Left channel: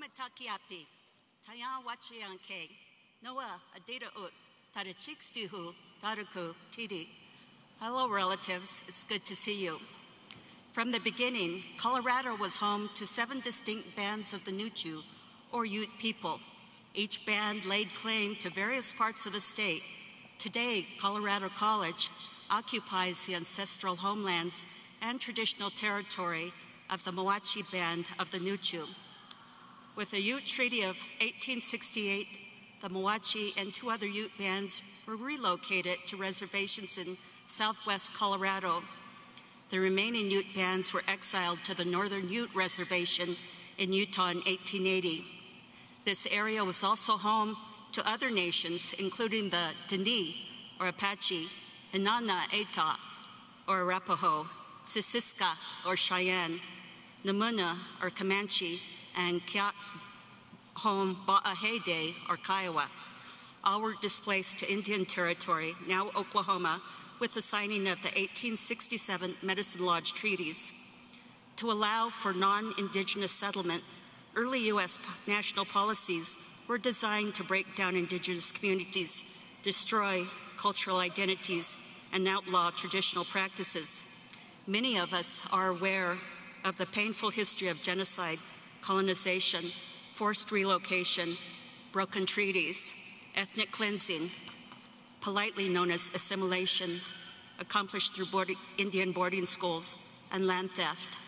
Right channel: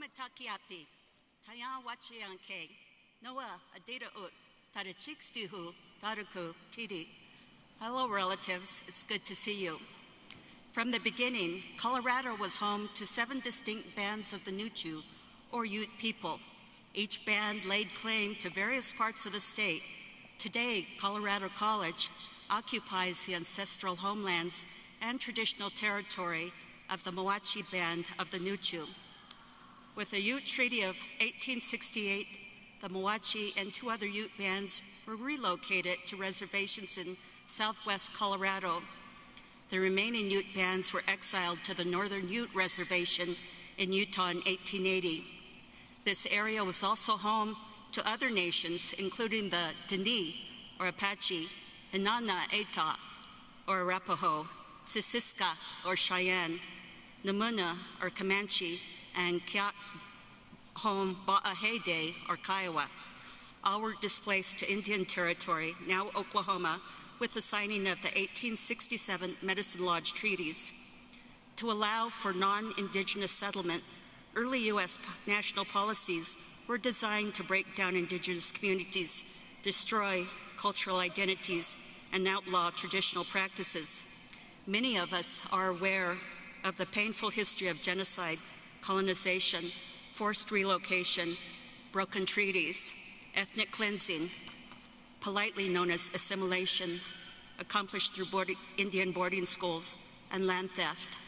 Hamatakiapi, Taya Wachianke, Noah Adita Ut, Tadachikstihu, Tadaku, Tidi. Hello, relatives. It's good to see you. From the beginning, Colorado was home to 7 distinct bands of the Nuchu, or Ute people. Each band laid claim to various parts of the state. Today, Colorado College occupies the ancestral homelands and traditional territory of the Moachi Band of the Nuchu. With the Ute Treaty of 1868, the Moachi and 2 other Ute bands were relocated to reservations in southwest Colorado. The remaining Ute bands were exiled to the Northern Ute Reservation in Utah in 1880. This area was also home to other nations, including the Dene, or Apache, Inanna Eta, or Arapaho, Sissiska, or Cheyenne, Namuna, or Comanche, and Kiak Home Ba'ahede, or Kiowa. All were displaced to Indian Territory, now Oklahoma, with the signing of the 1867 Medicine Lodge treaties. To allow for non-Indigenous settlement, early U.S. national policies were designed to break down Indigenous communities, destroy cultural identities, and outlaw traditional practices. Many of us are aware of the painful history of genocide, colonization, forced relocation, broken treaties, ethnic cleansing, politely known as assimilation, accomplished through Indian boarding schools, and land theft.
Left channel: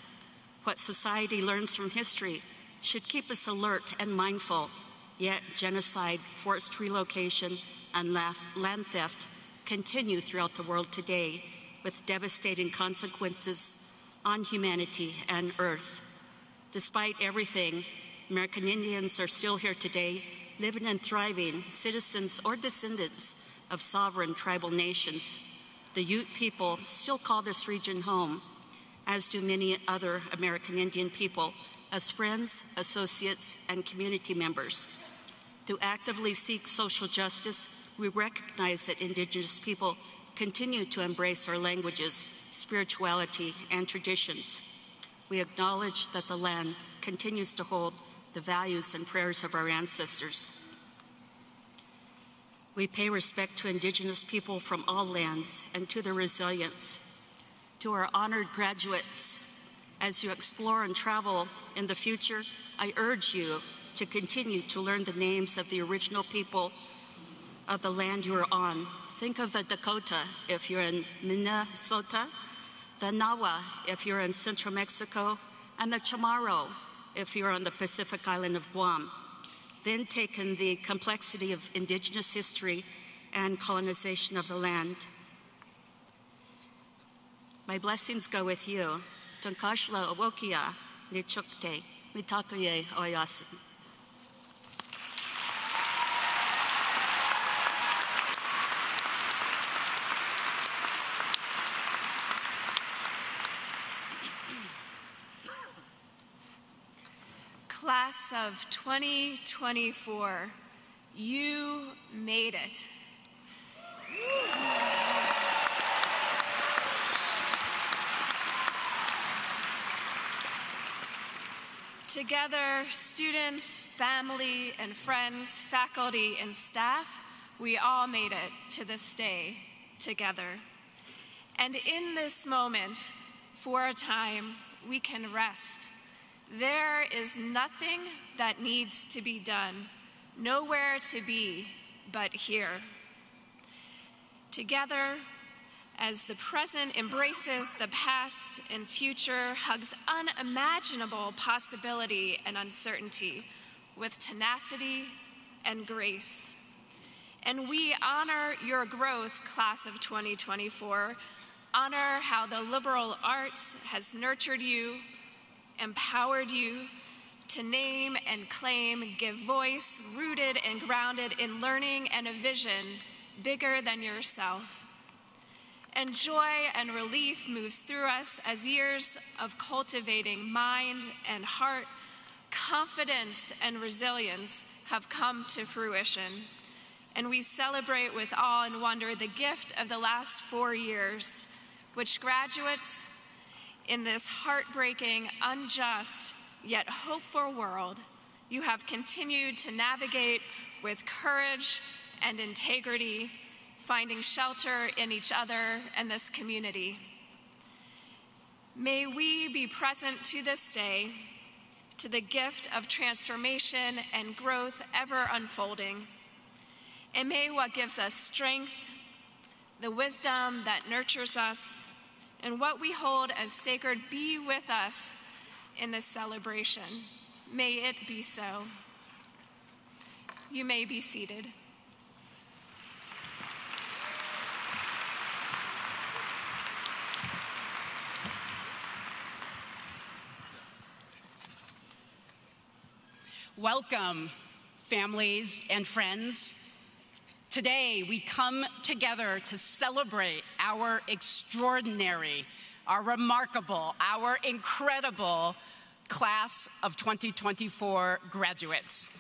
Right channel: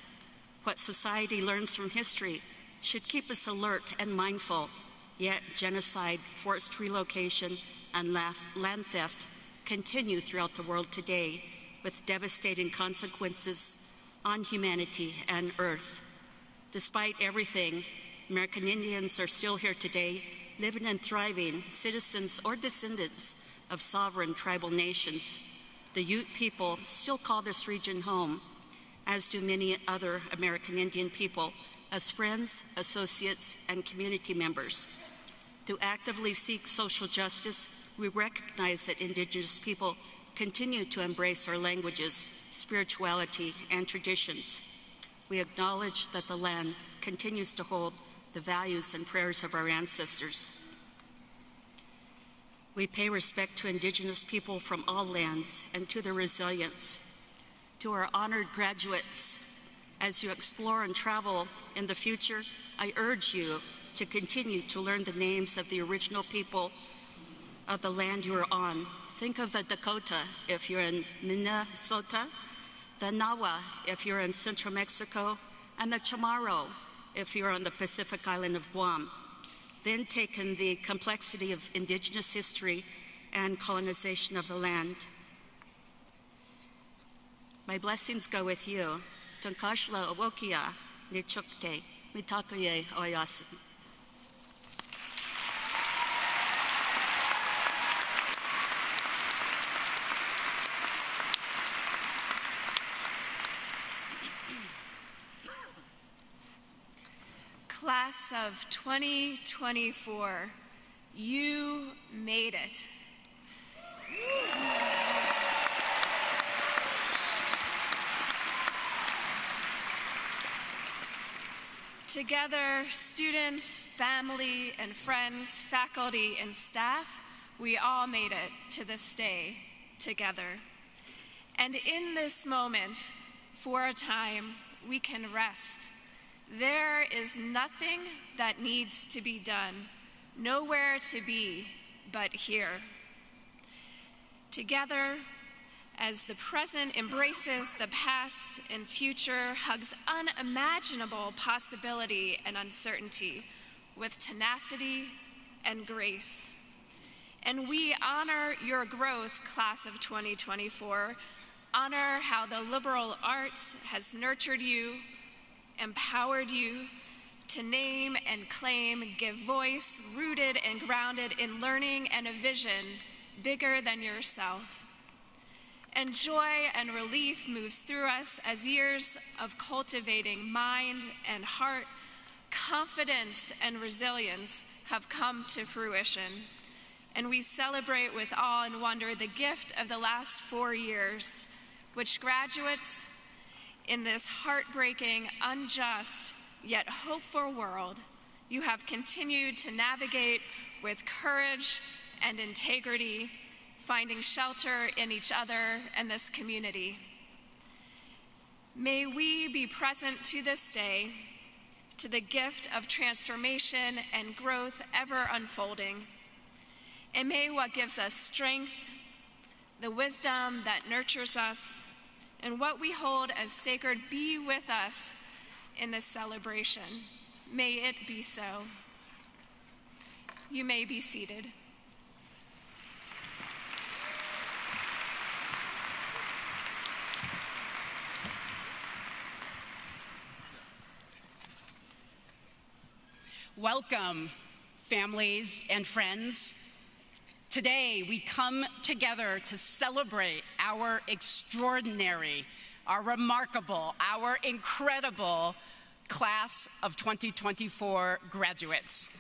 What society learns from history should keep us alert and mindful, yet genocide, forced relocation, and land theft continue throughout the world today with devastating consequences on humanity and Earth. Despite everything, American Indians are still here today, living and thriving, citizens or descendants of sovereign tribal nations. The Ute people still call this region home, as do many other American Indian people, as friends, associates, and community members. To actively seek social justice, we recognize that Indigenous people continue to embrace our languages, spirituality, and traditions. We acknowledge that the land continues to hold the values and prayers of our ancestors. We pay respect to Indigenous people from all lands and to their resilience. To our honored graduates, as you explore and travel in the future, I urge you to continue to learn the names of the original people of the land you are on. Think of the Dakota if you're in Minnesota, the Nawa if you're in central Mexico, and the Chamorro if you're on the Pacific island of Guam. Then take in the complexity of Indigenous history and colonization of the land. My blessings go with you. Tunkashla Awokia Nichukte Mitakuye Oyasin. Class of 2024, you made it. Together, students, family, and friends, faculty, and staff, we all made it to this day together. And in this moment, for a time, we can rest. There is nothing that needs to be done, nowhere to be but here. Together, as the present embraces the past and future, hugs unimaginable possibility and uncertainty with tenacity and grace. And we honor your growth, class of 2024, honor how the liberal arts has nurtured you, empowered you to name and claim, give voice, rooted and grounded in learning and a vision bigger than yourself. And joy and relief moves through us as years of cultivating mind and heart, confidence and resilience have come to fruition. And we celebrate with awe and wonder the gift of the last 4 years, which graduates in this heartbreaking, unjust, yet hopeful world, you have continued to navigate with courage and integrity, finding shelter in each other and this community. May we be present to this day, to the gift of transformation and growth ever unfolding. And may what gives us strength, the wisdom that nurtures us, and what we hold as sacred be with us in this celebration. May it be so. You may be seated. Welcome, families and friends. Today, we come together to celebrate our extraordinary, our remarkable, our incredible class of 2024 graduates.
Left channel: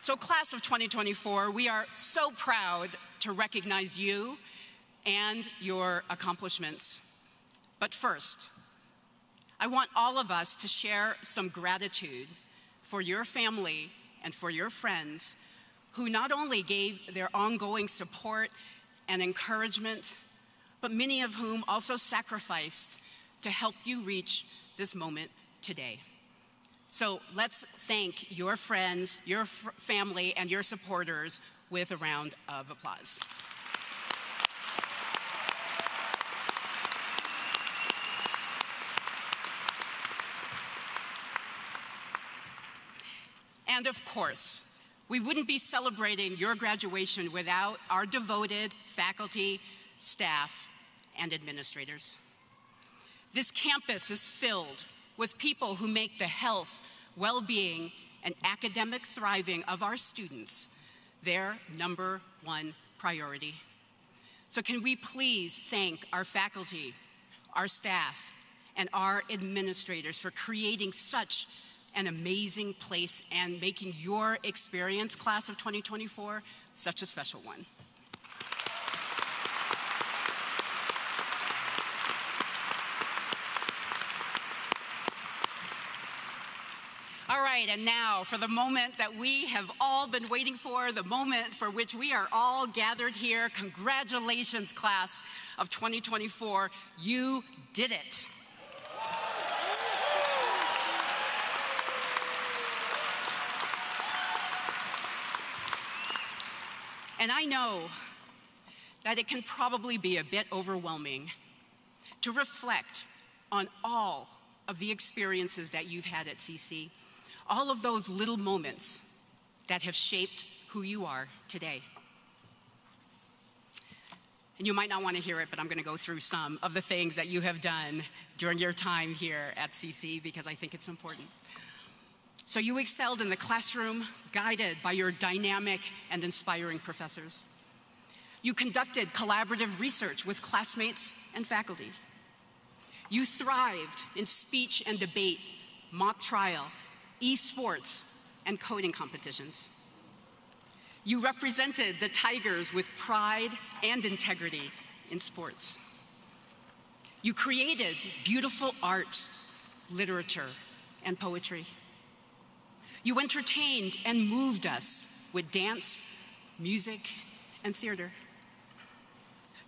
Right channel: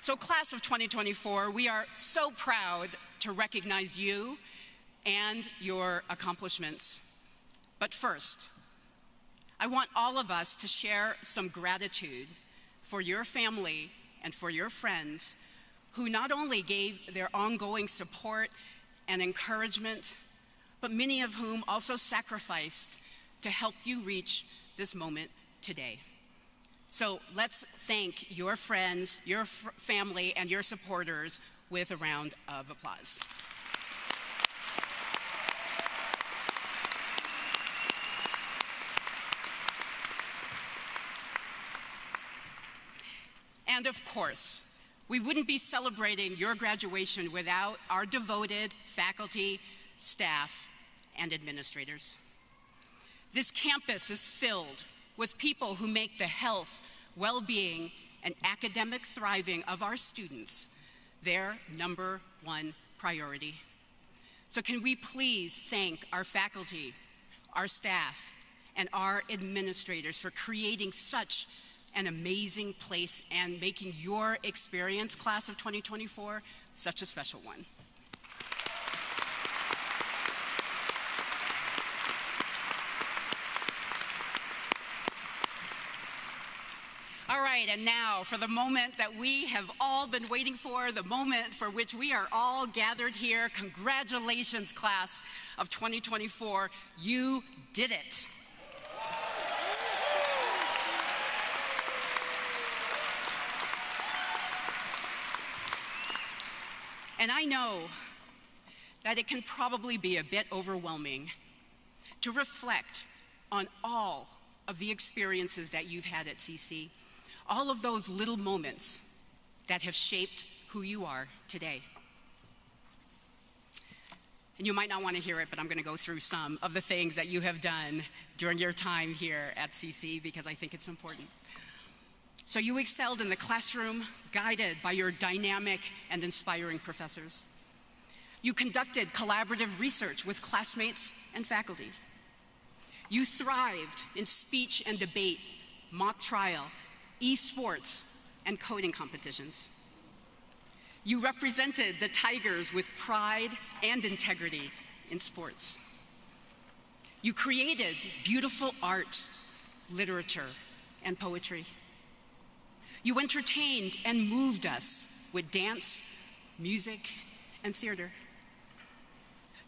So, class of 2024, we are so proud to recognize you and your accomplishments. But first, I want all of us to share some gratitude for your family and for your friends who not only gave their ongoing support and encouragement, but many of whom also sacrificed to help you reach this moment today. So let's thank your friends, your family, and your supporters with a round of applause. And of course, we wouldn't be celebrating your graduation without our devoted faculty, staff, and administrators. This campus is filled with people who make the health, well-being, and academic thriving of our students their #1 priority. So can we please thank our faculty, our staff, and our administrators for creating such an amazing place and making your experience, class of 2024, such a special one. And now, for the moment that we have all been waiting for, the moment for which we are all gathered here, congratulations, class of 2024. You did it. And I know that it can probably be a bit overwhelming to reflect on all of the experiences that you've had at CC. All of those little moments that have shaped who you are today. And you might not want to hear it, but I'm going to go through some of the things that you have done during your time here at CC because I think it's important. So you excelled in the classroom, guided by your dynamic and inspiring professors. You conducted collaborative research with classmates and faculty. You thrived in speech and debate, mock trial, esports, and coding competitions. You represented the Tigers with pride and integrity in sports. You created beautiful art, literature, and poetry. You entertained and moved us with dance, music, and theater.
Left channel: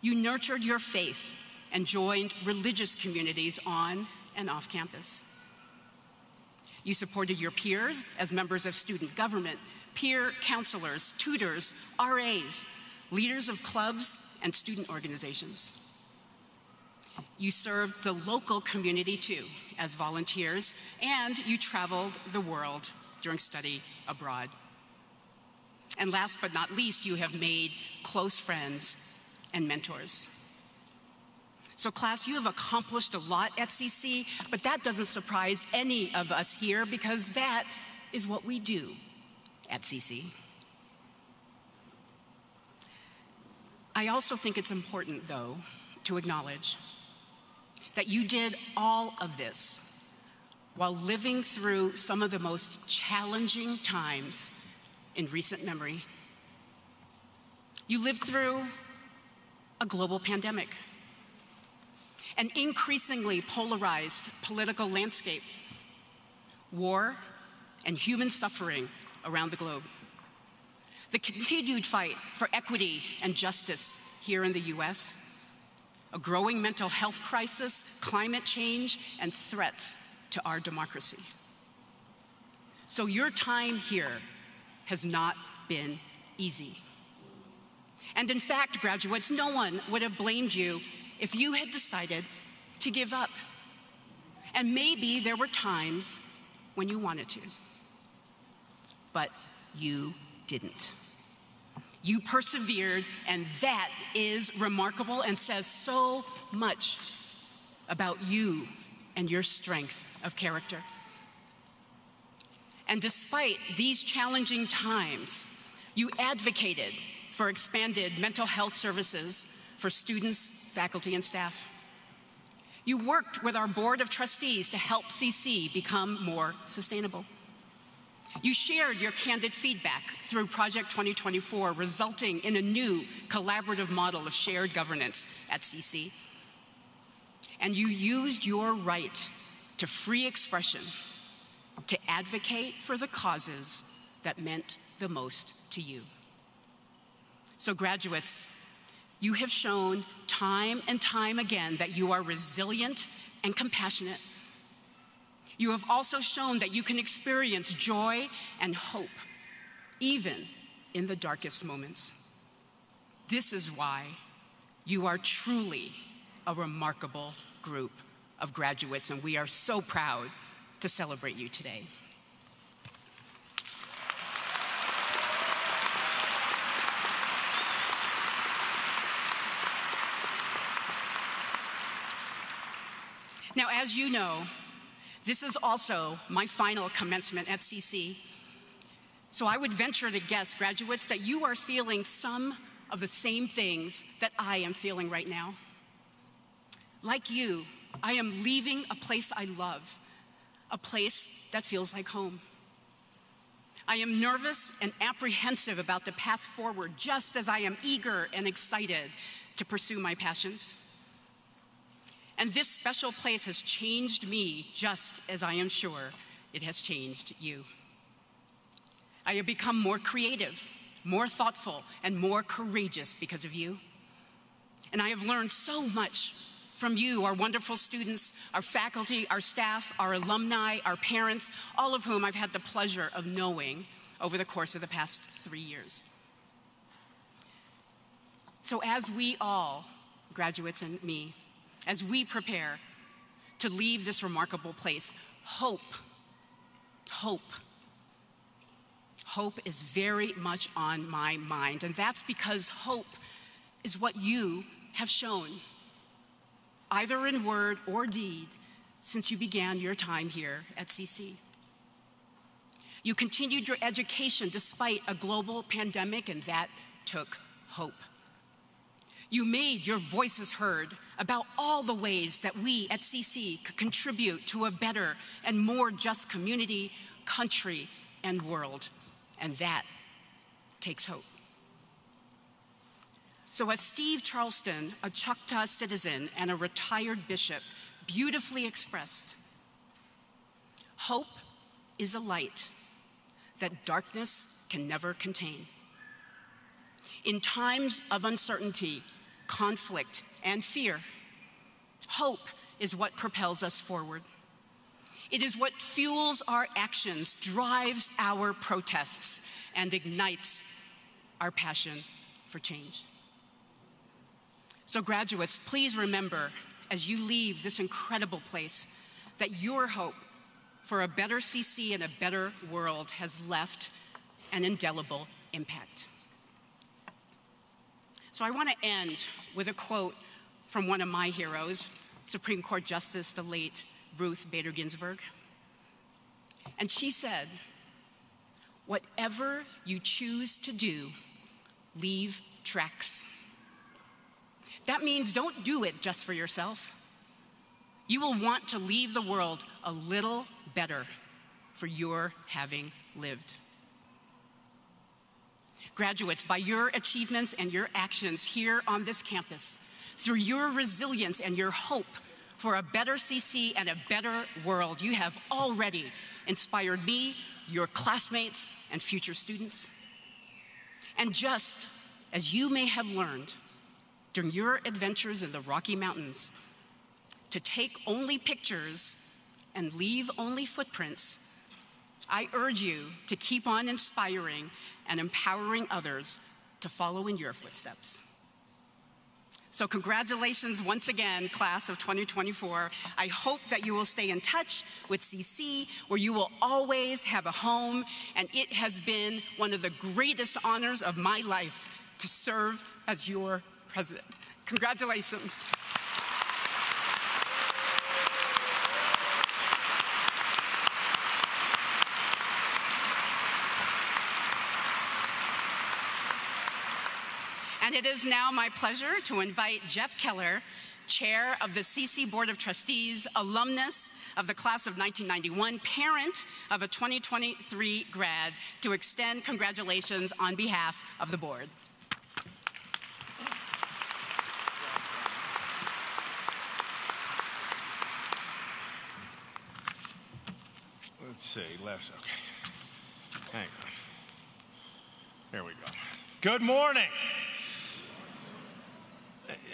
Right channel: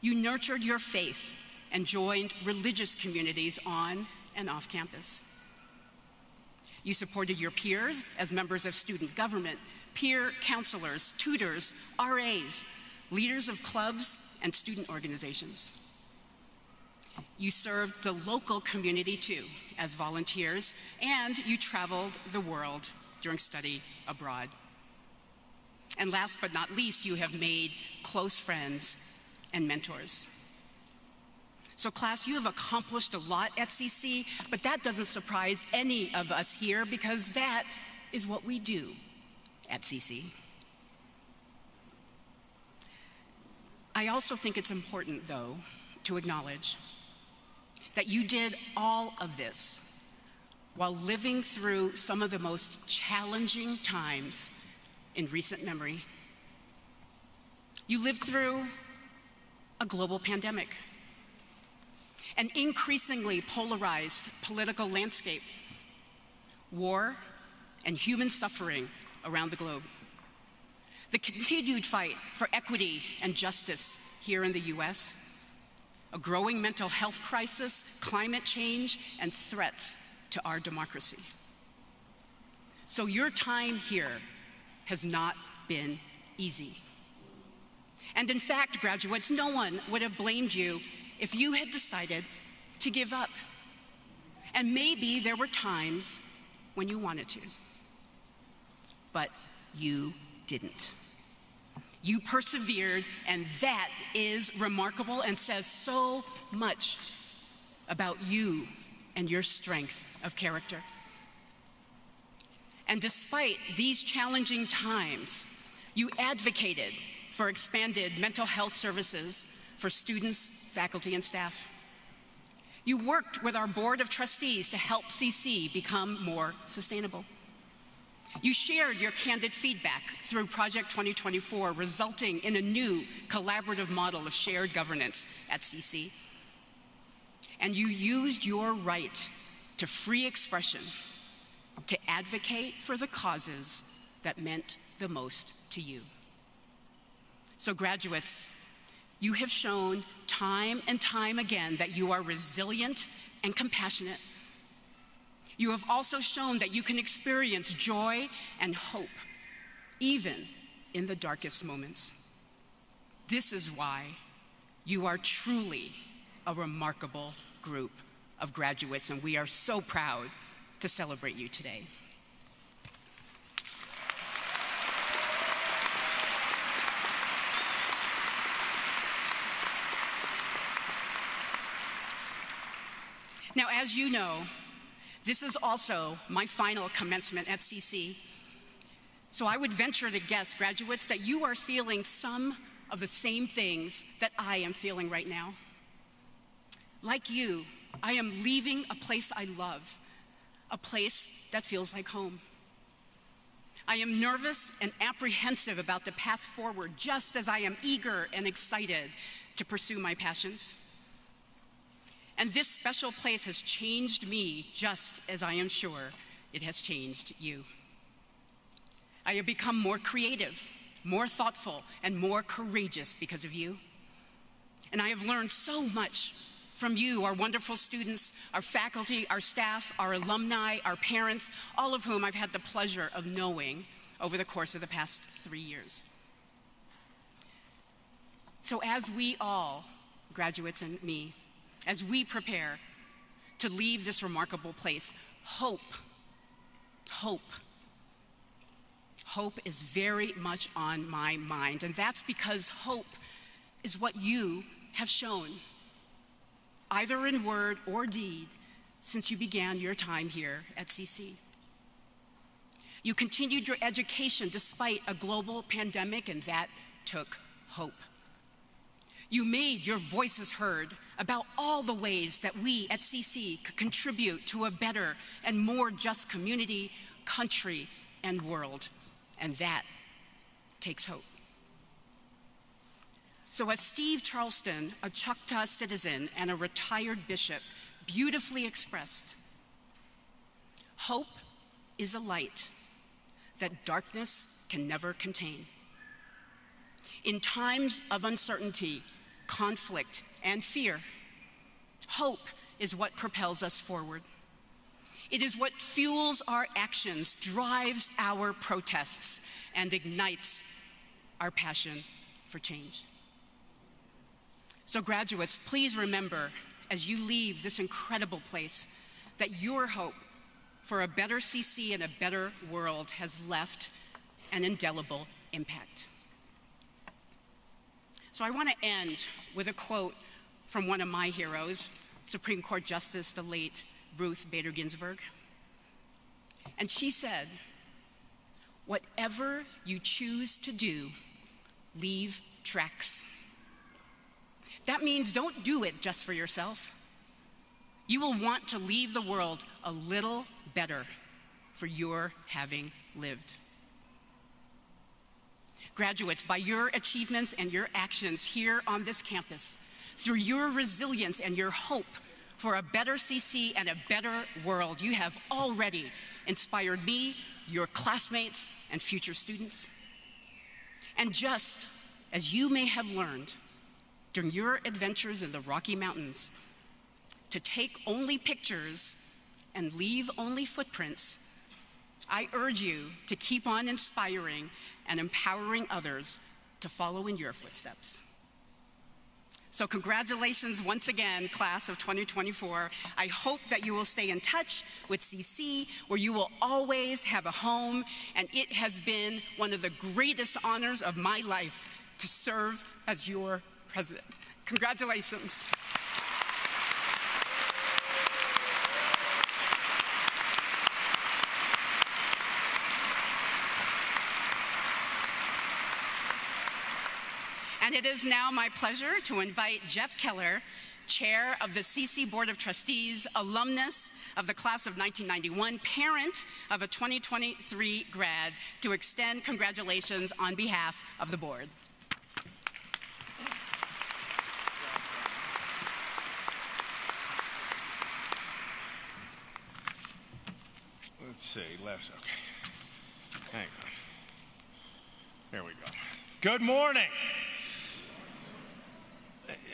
You nurtured your faith and joined religious communities on and off campus. You supported your peers as members of student government, peer counselors, tutors, RAs, leaders of clubs and student organizations. You served the local community too as volunteers, and you traveled the world during study abroad. And last but not least, you have made close friends and mentors. So class, you have accomplished a lot at CC, but that doesn't surprise any of us here because that is what we do at CC. I also think it's important, though, to acknowledge that you did all of this while living through some of the most challenging times in recent memory. You lived through a global pandemic, an increasingly polarized political landscape, war, and human suffering around the globe. The continued fight for equity and justice here in the US, a growing mental health crisis, climate change, and threats to our democracy. So your time here has not been easy. And in fact, graduates, no one would have blamed you if you had decided to give up. And maybe there were times when you wanted to, but you didn't. You persevered, and that is remarkable and says so much about you and your strength of character. And despite these challenging times, you advocated for expanded mental health services for students, faculty, and staff. You worked with our board of trustees to help CC become more sustainable. You shared your candid feedback through Project 2024, resulting in a new collaborative model of shared governance at CC. And you used your right to free expression to advocate for the causes that meant the most to you. So graduates, you have shown time and time again that you are resilient and compassionate. You have also shown that you can experience joy and hope, even in the darkest moments. This is why you are truly a remarkable group of graduates, and we are so proud to celebrate you today. Now, as you know, this is also my final commencement at CC. So I would venture to guess, graduates, that you are feeling some of the same things that I am feeling right now. Like you, I am leaving a place I love, a place that feels like home. I am nervous and apprehensive about the path forward, just as I am eager and excited to pursue my passions. And this special place has changed me just as I am sure it has changed you. I have become more creative, more thoughtful, and more courageous because of you. And I have learned so much from you, our wonderful students, our faculty, our staff, our alumni, our parents, all of whom I've had the pleasure of knowing over the course of the past 3 years. So as we all, graduates and me, as we prepare to leave this remarkable place, hope is very much on my mind. And that's because hope is what you have shown, either in word or deed, since you began your time here at CC. You continued your education despite a global pandemic, and that took hope. You made your voices heard about all the ways that we at CC could contribute to a better and more just community, country, and world, and that takes hope. So as Steve Charleston, a Choctaw citizen and a retired bishop, beautifully expressed, hope is a light that darkness can never contain. In times of uncertainty, conflict, and fear, hope is what propels us forward. It is what fuels our actions, drives our protests, and ignites our passion for change. So graduates, please remember as you leave this incredible place that your hope for a better CC and a better world has left an indelible impact. So I want to end with a quote from one of my heroes, Supreme Court Justice, the late Ruth Bader Ginsburg. And she said, "Whatever you choose to do, leave tracks." That means don't do it just for yourself. You will want to leave the world a little better for your having lived. Graduates, by your achievements and your actions here on this campus, through your resilience and your hope for a better CC and a better world, you have already inspired me, your classmates, and future students. And just as you may have learned during your adventures in the Rocky Mountains to take only pictures and leave only footprints, I urge you to keep on inspiring and empowering others to follow in your footsteps. So congratulations once again, class of 2024. I hope that you will stay in touch with CC, where you will always have a home, and it has been one of the greatest honors of my life to serve as your president. Congratulations. And it is now my pleasure to invite Jeff Keller, Chair of the CC Board of Trustees, alumnus of the class of 1991, parent of a 2023 grad, to extend congratulations on behalf of the board. Let's see, left, okay. Hang on. There we go. Good morning.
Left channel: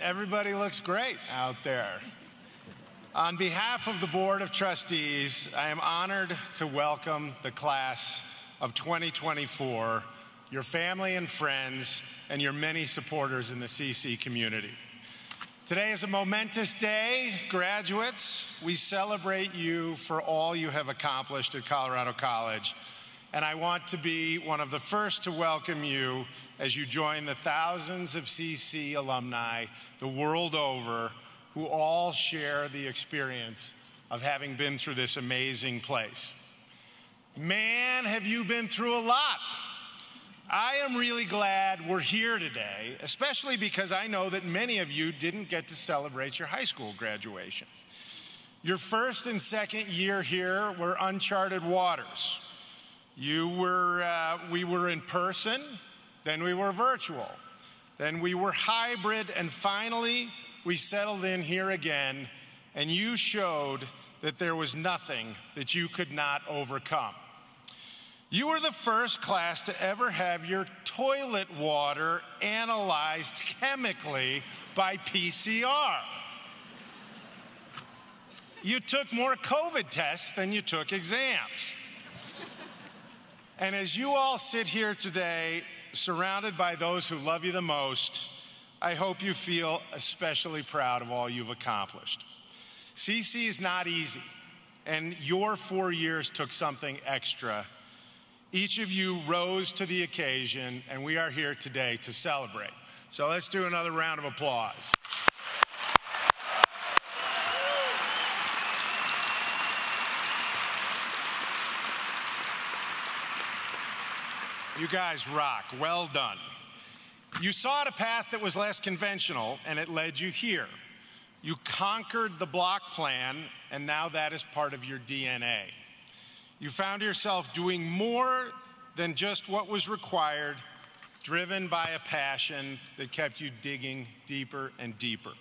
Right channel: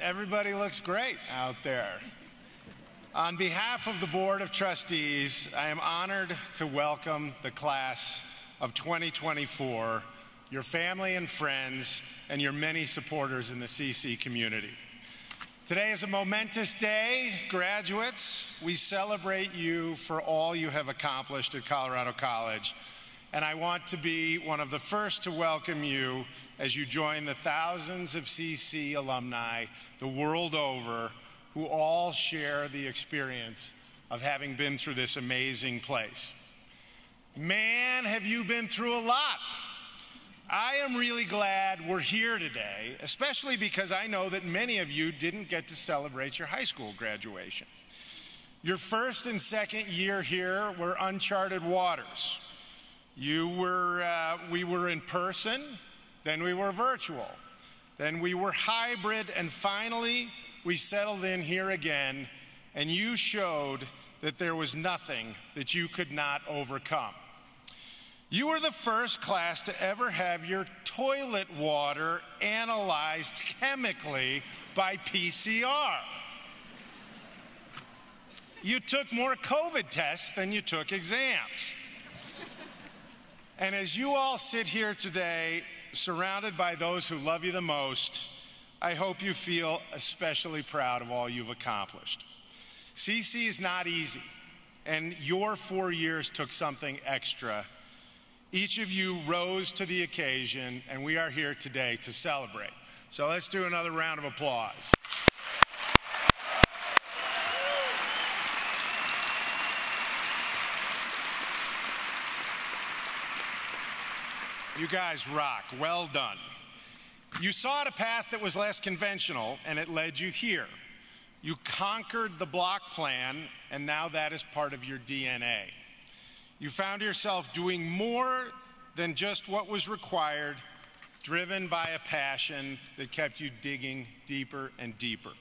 Everybody looks great out there. On behalf of the Board of Trustees, I am honored to welcome the class of 2024, your family and friends, and your many supporters in the CC community. Today is a momentous day, graduates. We celebrate you for all you have accomplished at Colorado College, and I want to be one of the first to welcome you as you join the thousands of CC alumni the world over who all share the experience of having been through this amazing place. Man, have you been through a lot. I am really glad we're here today, especially because I know that many of you didn't get to celebrate your high school graduation. Your first and second year here were uncharted waters. We were in person, then we were virtual, then we were hybrid, and finally we settled in here again, and you showed that there was nothing that you could not overcome. You were the first class to ever have your toilet water analyzed chemically by PCR. You took more COVID tests than you took exams. And as you all sit here today, surrounded by those who love you the most, I hope you feel especially proud of all you've accomplished. CC is not easy, and your 4 years took something extra. Each of you rose to the occasion, and we are here today to celebrate. So let's do another round of applause. You guys rock. Well done. You sought a path that was less conventional, and it led you here. You conquered the block plan, and now that is part of your DNA. You found yourself doing more than just what was required, driven by a passion that kept you digging deeper and deeper.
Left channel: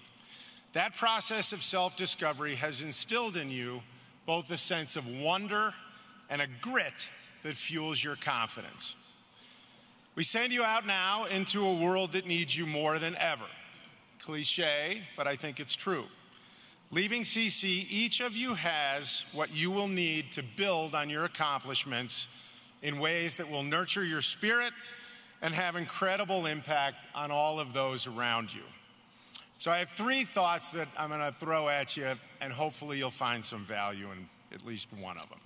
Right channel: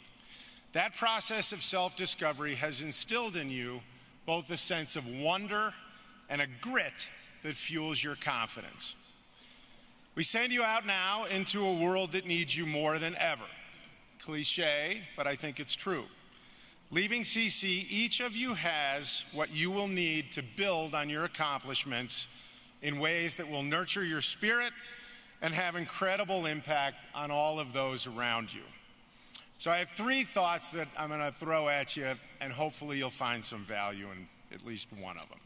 That process of self-discovery has instilled in you both a sense of wonder and a grit that fuels your confidence. We send you out now into a world that needs you more than ever. Cliche, but I think it's true. Leaving CC, each of you has what you will need to build on your accomplishments in ways that will nurture your spirit and have incredible impact on all of those around you. So I have 3 thoughts that I'm going to throw at you, and hopefully you'll find some value in at least one of them,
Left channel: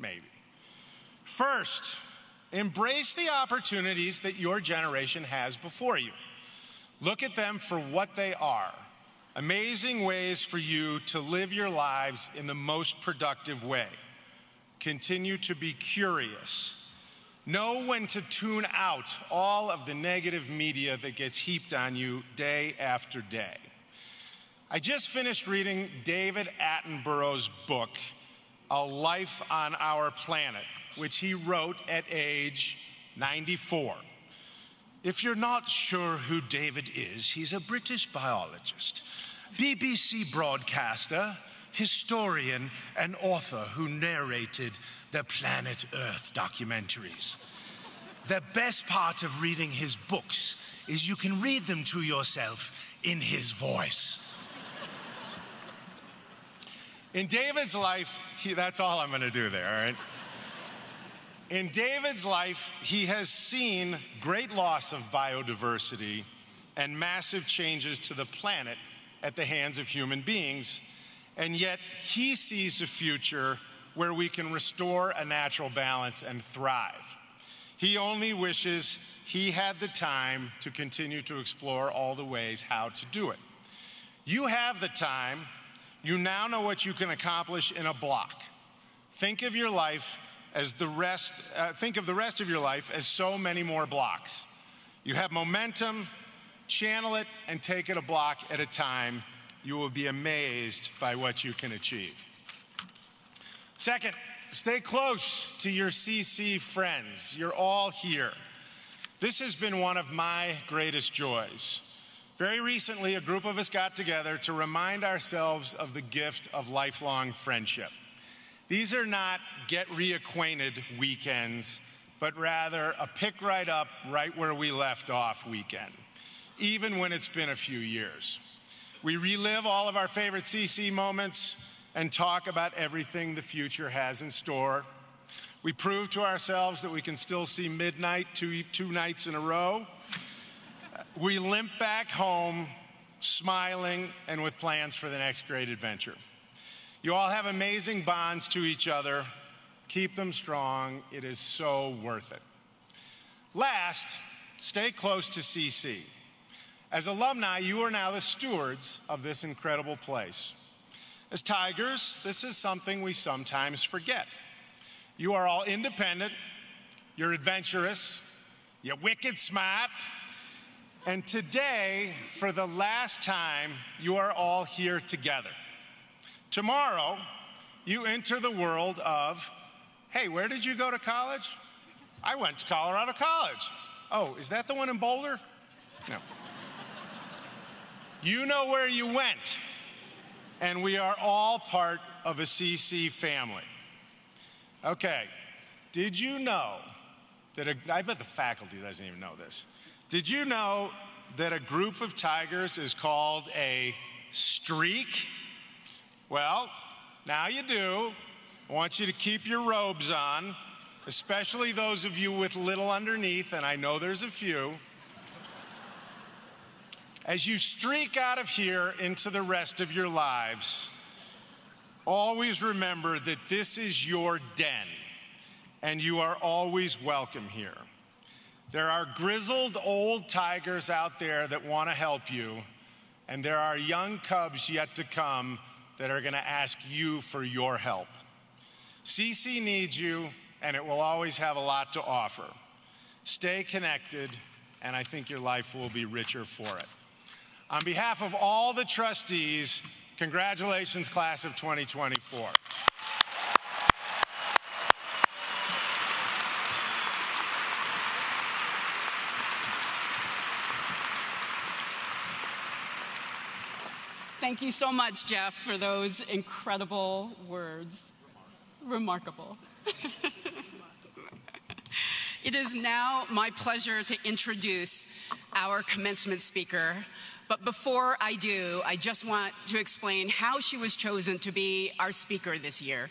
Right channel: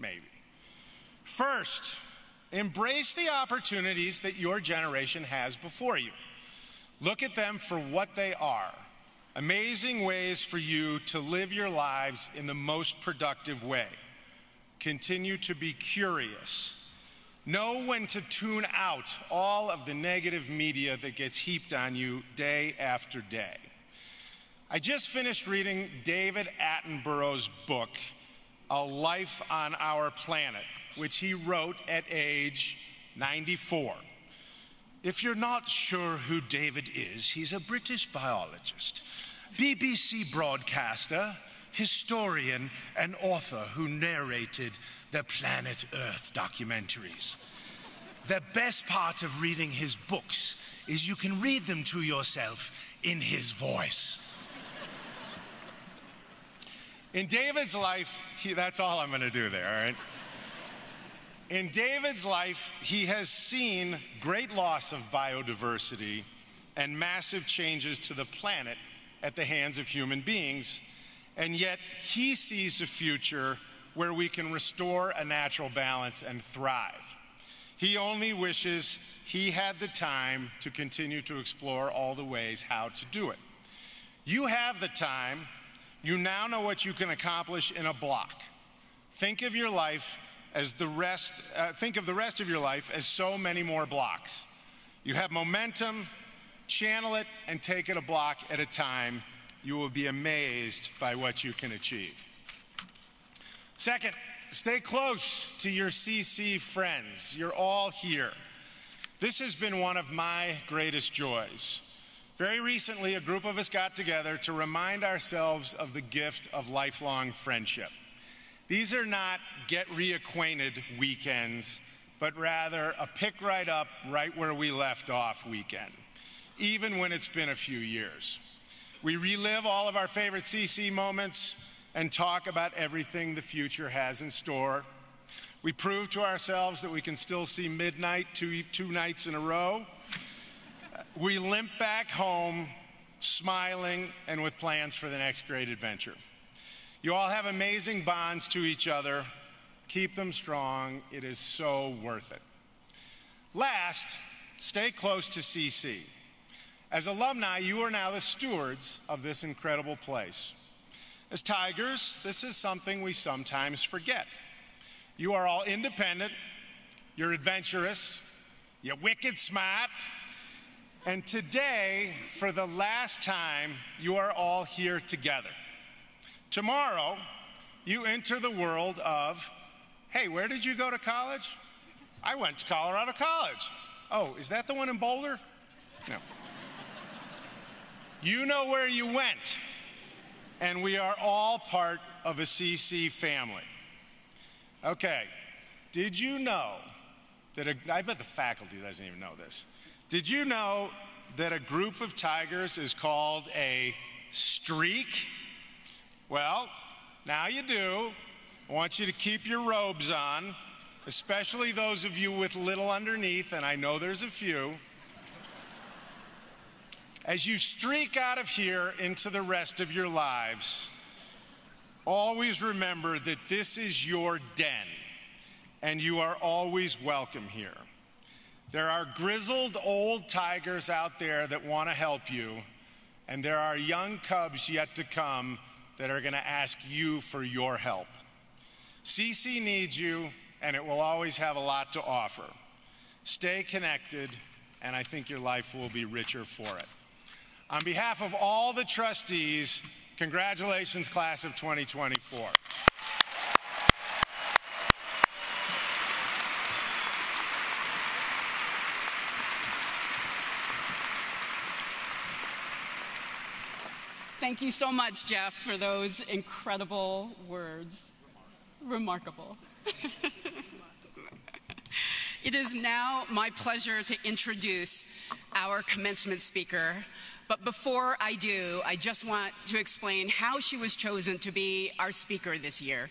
maybe. First, embrace the opportunities that your generation has before you. Look at them for what they are. Amazing ways for you to live your lives in the most productive way. Continue to be curious. Know when to tune out all of the negative media that gets heaped on you day after day. I just finished reading David Attenborough's book, A Life on Our Planet, which he wrote at age 94. If you're not sure who David is, he's a British biologist, BBC broadcaster, historian, and author who narrated the Planet Earth documentaries. The best part of reading his books is you can read them to yourself in his voice. In David's life, that's all I'm going to do there, all right? In David's life, he has seen great loss of biodiversity and massive changes to the planet at the hands of human beings, and yet he sees a future where we can restore a natural balance and thrive. He only wishes he had the time to continue to explore all the ways how to do it. You have the time. You now know what you can accomplish in a block. Think of your life as think of the rest of your life as so many more blocks. You have momentum, channel it, and take it a block at a time. You will be amazed by what you can achieve. Second, stay close to your CC friends. You're all here. This has been one of my greatest joys. Very recently, a group of us got together to remind ourselves of the gift of lifelong friendship. These are not get reacquainted weekends, but rather a pick right up, right where we left off weekend, even when it's been a few years. We relive all of our favorite CC moments and talk about everything the future has in store. We prove to ourselves that we can still see midnight two nights in a row. We limp back home, smiling and with plans for the next great adventure. You all have amazing bonds to each other. Keep them strong. It is so worth it. Last, stay close to CC. As alumni, you are now the stewards of this incredible place. As Tigers, this is something we sometimes forget. You are all independent, you're adventurous, you're wicked smart, and today, for the last time, you are all here together. Tomorrow, you enter the world of, hey, where did you go to college? I went to Colorado College. Oh, is that the one in Boulder? No. You know where you went, and we are all part of a CC family. Okay, did you know that I bet the faculty doesn't even know this. Did you know that a group of tigers is called a streak? Well, now you do. I want you to keep your robes on, especially those of you with little underneath, and I know there's a few. As you streak out of here into the rest of your lives, always remember that this is your den, and you are always welcome here. There are grizzled old tigers out there that want to help you, and there are young cubs yet to come that are going to ask you for your help. CC needs you, and it will always have a lot to offer. Stay connected, and I think your life will be richer for it. On behalf of all the trustees, congratulations, class of 2024. Thank you so much, Jeff, for those incredible words. Remarkable. It is now my pleasure to introduce our commencement speaker. But before I do, I just want to explain how she was chosen to be our speaker this year.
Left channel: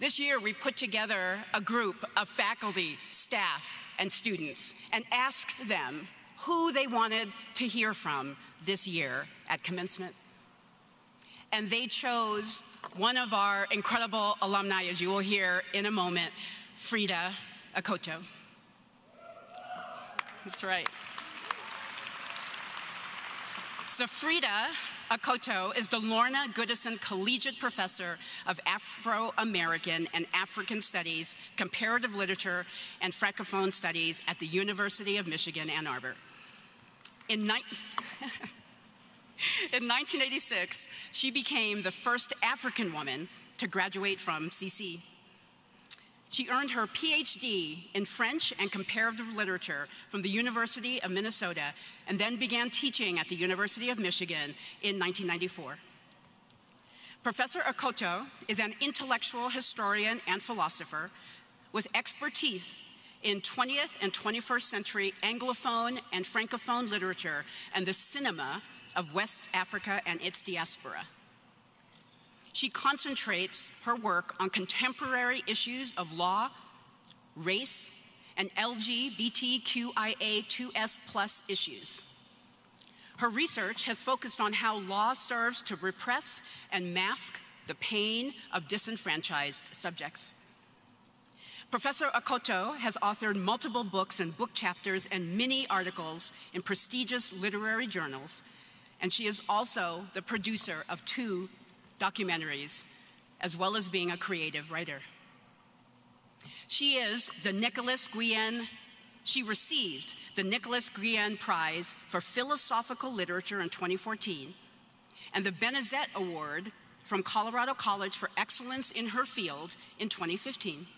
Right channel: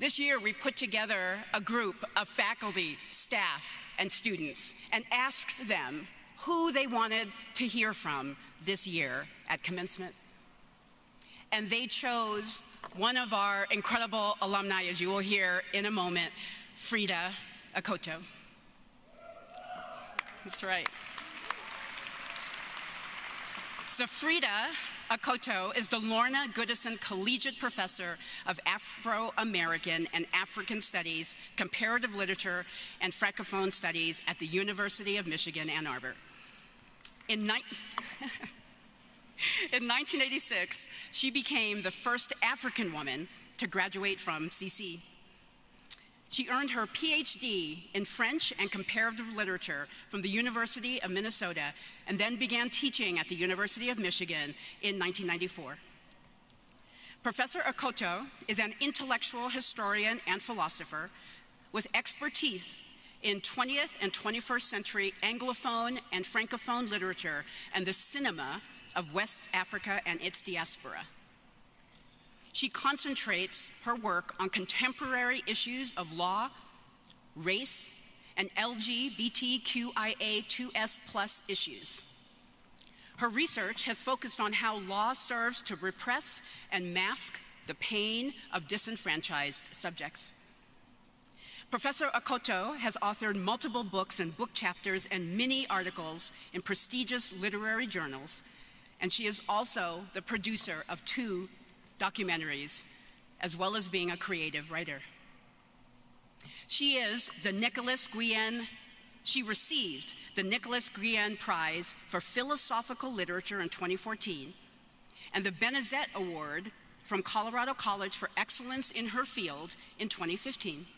This year, we put together a group of faculty, staff, and students and asked them who they wanted to hear from this year at commencement. And they chose one of our incredible alumni, as you will hear in a moment, Frida Akoto. That's right. So Frida Akoto is the Lorna Goodison Collegiate Professor of Afro-American and African Studies, Comparative Literature, and Francophone Studies at the University of Michigan, Ann Arbor. In 1986, she became the first African woman to graduate from CC. She earned her PhD in French and Comparative Literature from the University of Minnesota and then began teaching at the University of Michigan in 1994. Professor Akoto is an intellectual historian and philosopher with expertise in 20th and 21st century Anglophone and Francophone literature and the cinema of West Africa and its diaspora. She concentrates her work on contemporary issues of law, race, and LGBTQIA2S+ issues. Her research has focused on how law serves to repress and mask the pain of disenfranchised subjects. Professor Akoto has authored multiple books and book chapters and many articles in prestigious literary journals, and she is also the producer of 2 documentaries, as well as being a creative writer. She received the Nicholas Guillen Prize for Philosophical Literature in 2014, and the Benezet Award from Colorado College for Excellence in her field in 2015.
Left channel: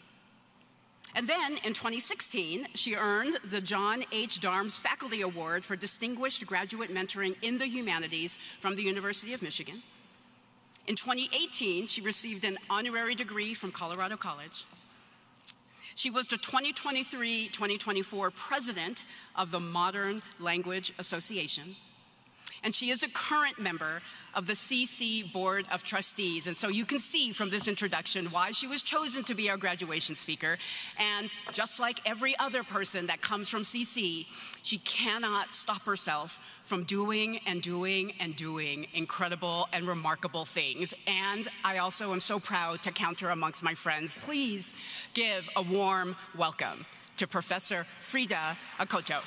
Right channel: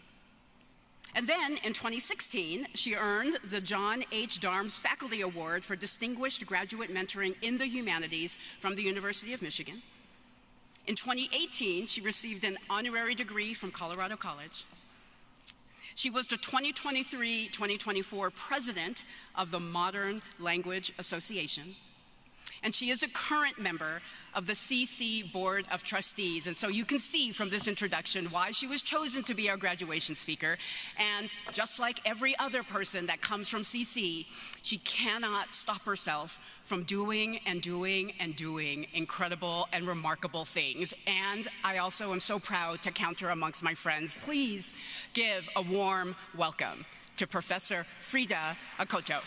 And then, in 2016, she earned the John H. Darms Faculty Award for Distinguished Graduate Mentoring in the Humanities from the University of Michigan. In 2018, she received an honorary degree from Colorado College. She was the 2023-2024 president of the Modern Language Association. And she is a current member of the CC Board of Trustees. And so you can see from this introduction why she was chosen to be our graduation speaker. And just like every other person that comes from CC, she cannot stop herself from doing and doing and doing incredible and remarkable things. And I also am so proud to count her amongst my friends. Please give a warm welcome to Professor Frida Akoto.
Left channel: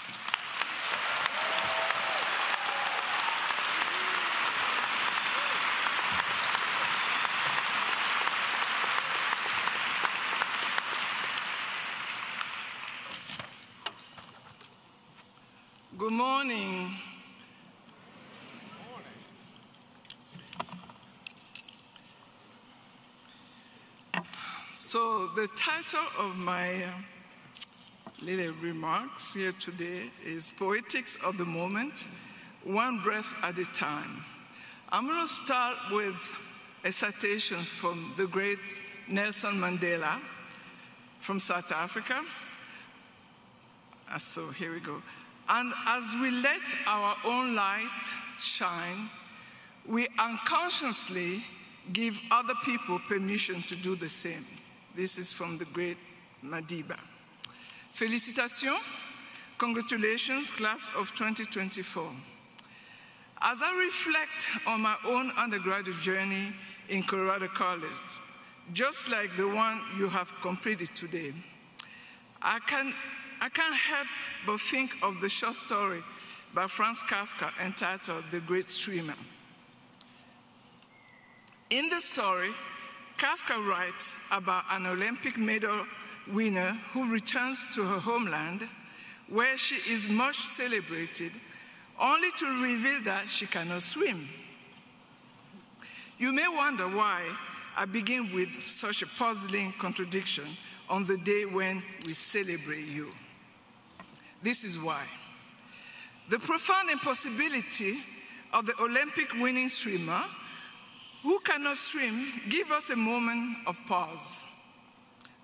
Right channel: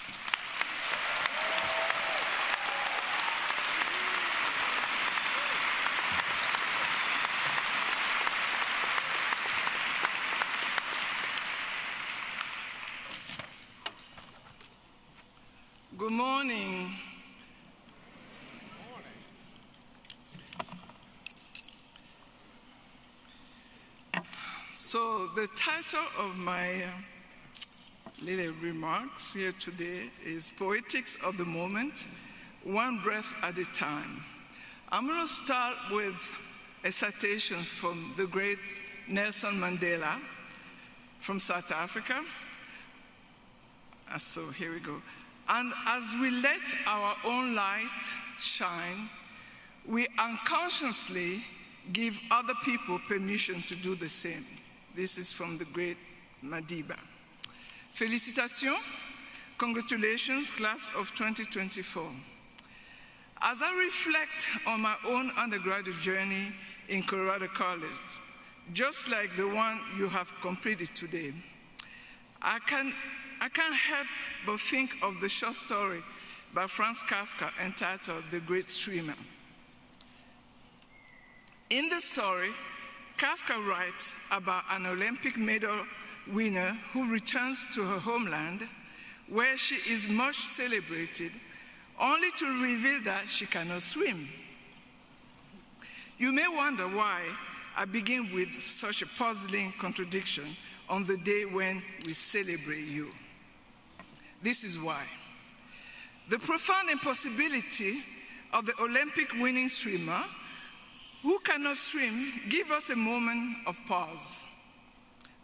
Good morning. So the title of my little remarks here today is Poetics of the Moment, One Breath at a Time. I'm going to start with a citation from the great Nelson Mandela from South Africa. So here we go. And as we let our own light shine, we unconsciously give other people permission to do the same. This is from the great Madiba. Félicitations, congratulations, class of 2024. As I reflect on my own undergraduate journey in Colorado College, just like the one you have completed today, I can't help but think of the short story by Franz Kafka entitled The Great Swimmer. In the story, Kafka writes about an Olympic medal winner who returns to her homeland, where she is much celebrated, only to reveal that she cannot swim. You may wonder why I begin with such a puzzling contradiction on the day when we celebrate you. This is why. The profound impossibility of the Olympic winning swimmer who cannot swim gives us a moment of pause.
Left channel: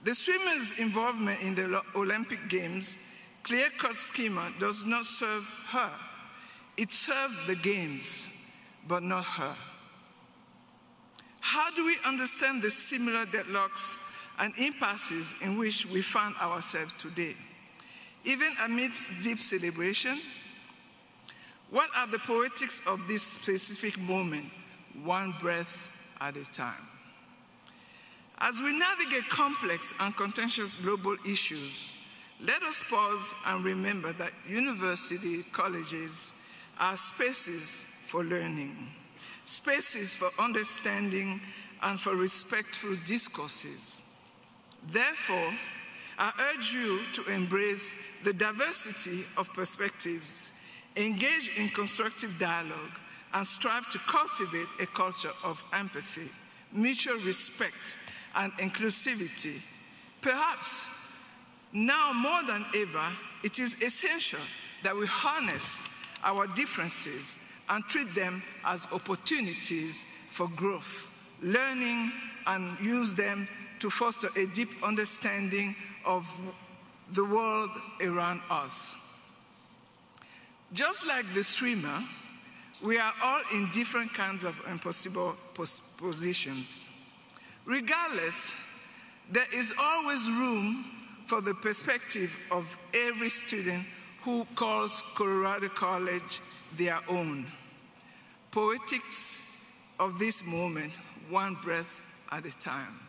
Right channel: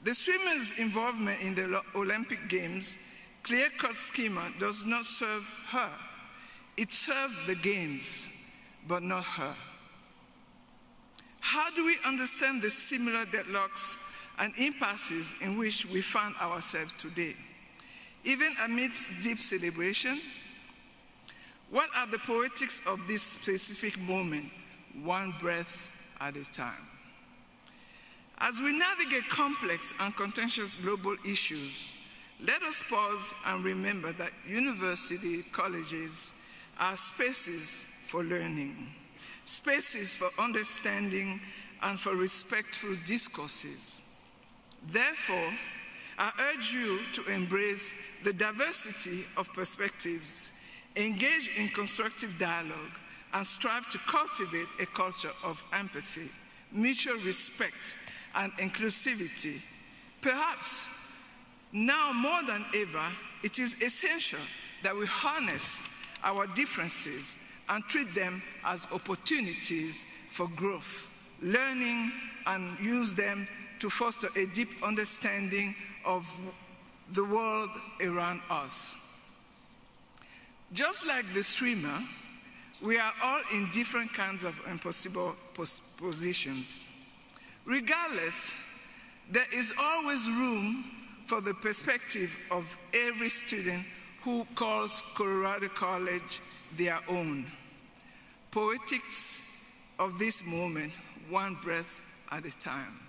The swimmer's involvement in the Olympic Games, clear-cut schema, does not serve her. It serves the games, but not her. How do we understand the similar deadlocks and impasses in which we find ourselves today? Even amidst deep celebration, what are the poetics of this specific moment, one breath at a time? As we navigate complex and contentious global issues, let us pause and remember that university colleges are spaces for learning, spaces for understanding and for respectful discourses. Therefore, I urge you to embrace the diversity of perspectives, engage in constructive dialogue, and strive to cultivate a culture of empathy, mutual respect, and inclusivity. Perhaps now more than ever, it is essential that we harness our differences and treat them as opportunities for growth, learning, and use them to foster a deep understanding of the world around us. Just like the swimmer, we are all in different kinds of impossible positions. Regardless, there is always room for the perspective of every student who calls Colorado College their own. Poetics of this moment, one breath at a time.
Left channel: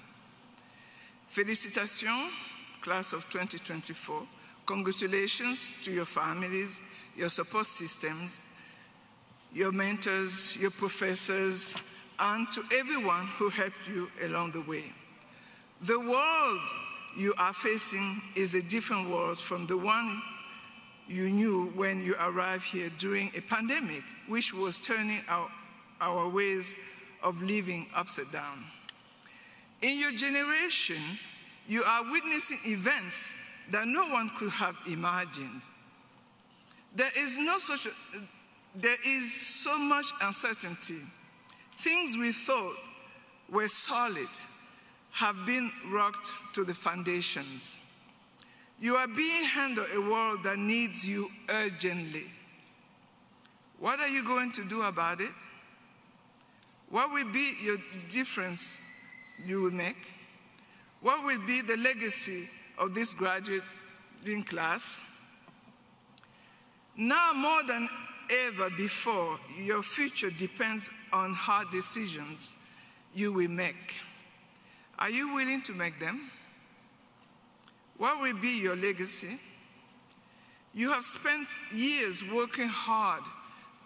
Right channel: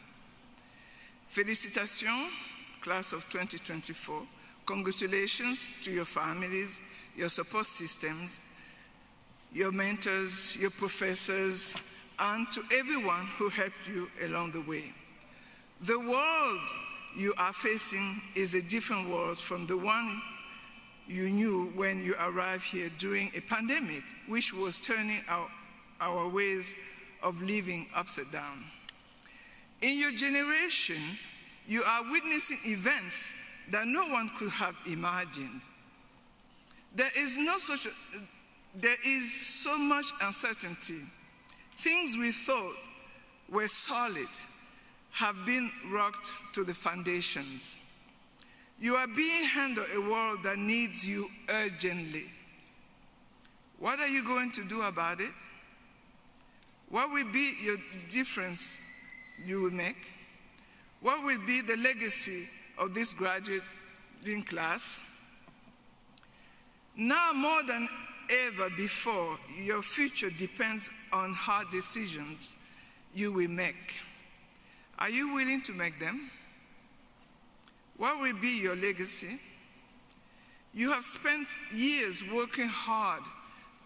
Félicitations, class of 2024. Congratulations to your families, your support systems, your mentors, your professors, and to everyone who helped you along the way. The world you are facing is a different world from the one you knew when you arrived here during a pandemic, which was turning our ways of living upside down. In your generation, you are witnessing events that no one could have imagined. There is so much uncertainty. Things we thought were solid have been rocked to the foundations. You are being handed a world that needs you urgently. What are you going to do about it? What will be your difference you will make? What will be the legacy of this graduating class? Now more than ever before, your future depends on hard decisions you will make. Are you willing to make them? What will be your legacy? You have spent years working hard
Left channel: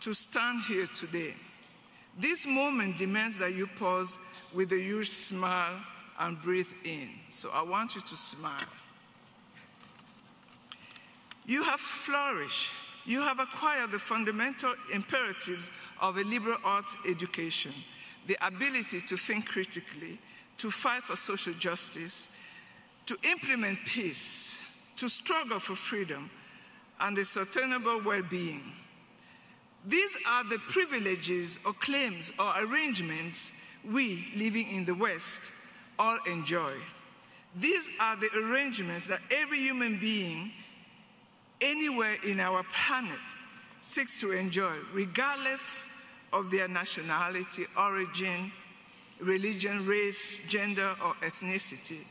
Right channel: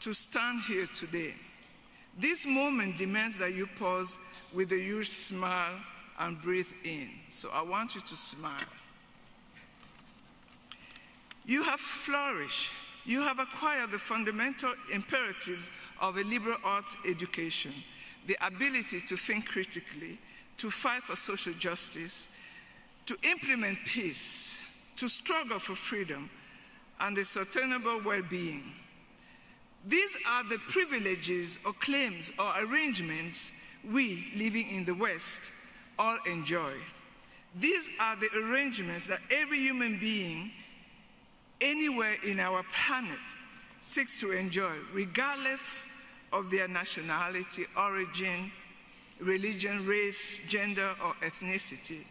to stand here today. This moment demands that you pause with a huge smile and breathe in. So I want you to smile. You have flourished. You have acquired the fundamental imperatives of a liberal arts education, the ability to think critically, to fight for social justice, to implement peace, to struggle for freedom and a sustainable well-being. These are the privileges or claims or arrangements we living in the West all enjoy. These are the arrangements that every human being anywhere in our planet seeks to enjoy, regardless of their nationality, origin, religion, race, gender, or ethnicity.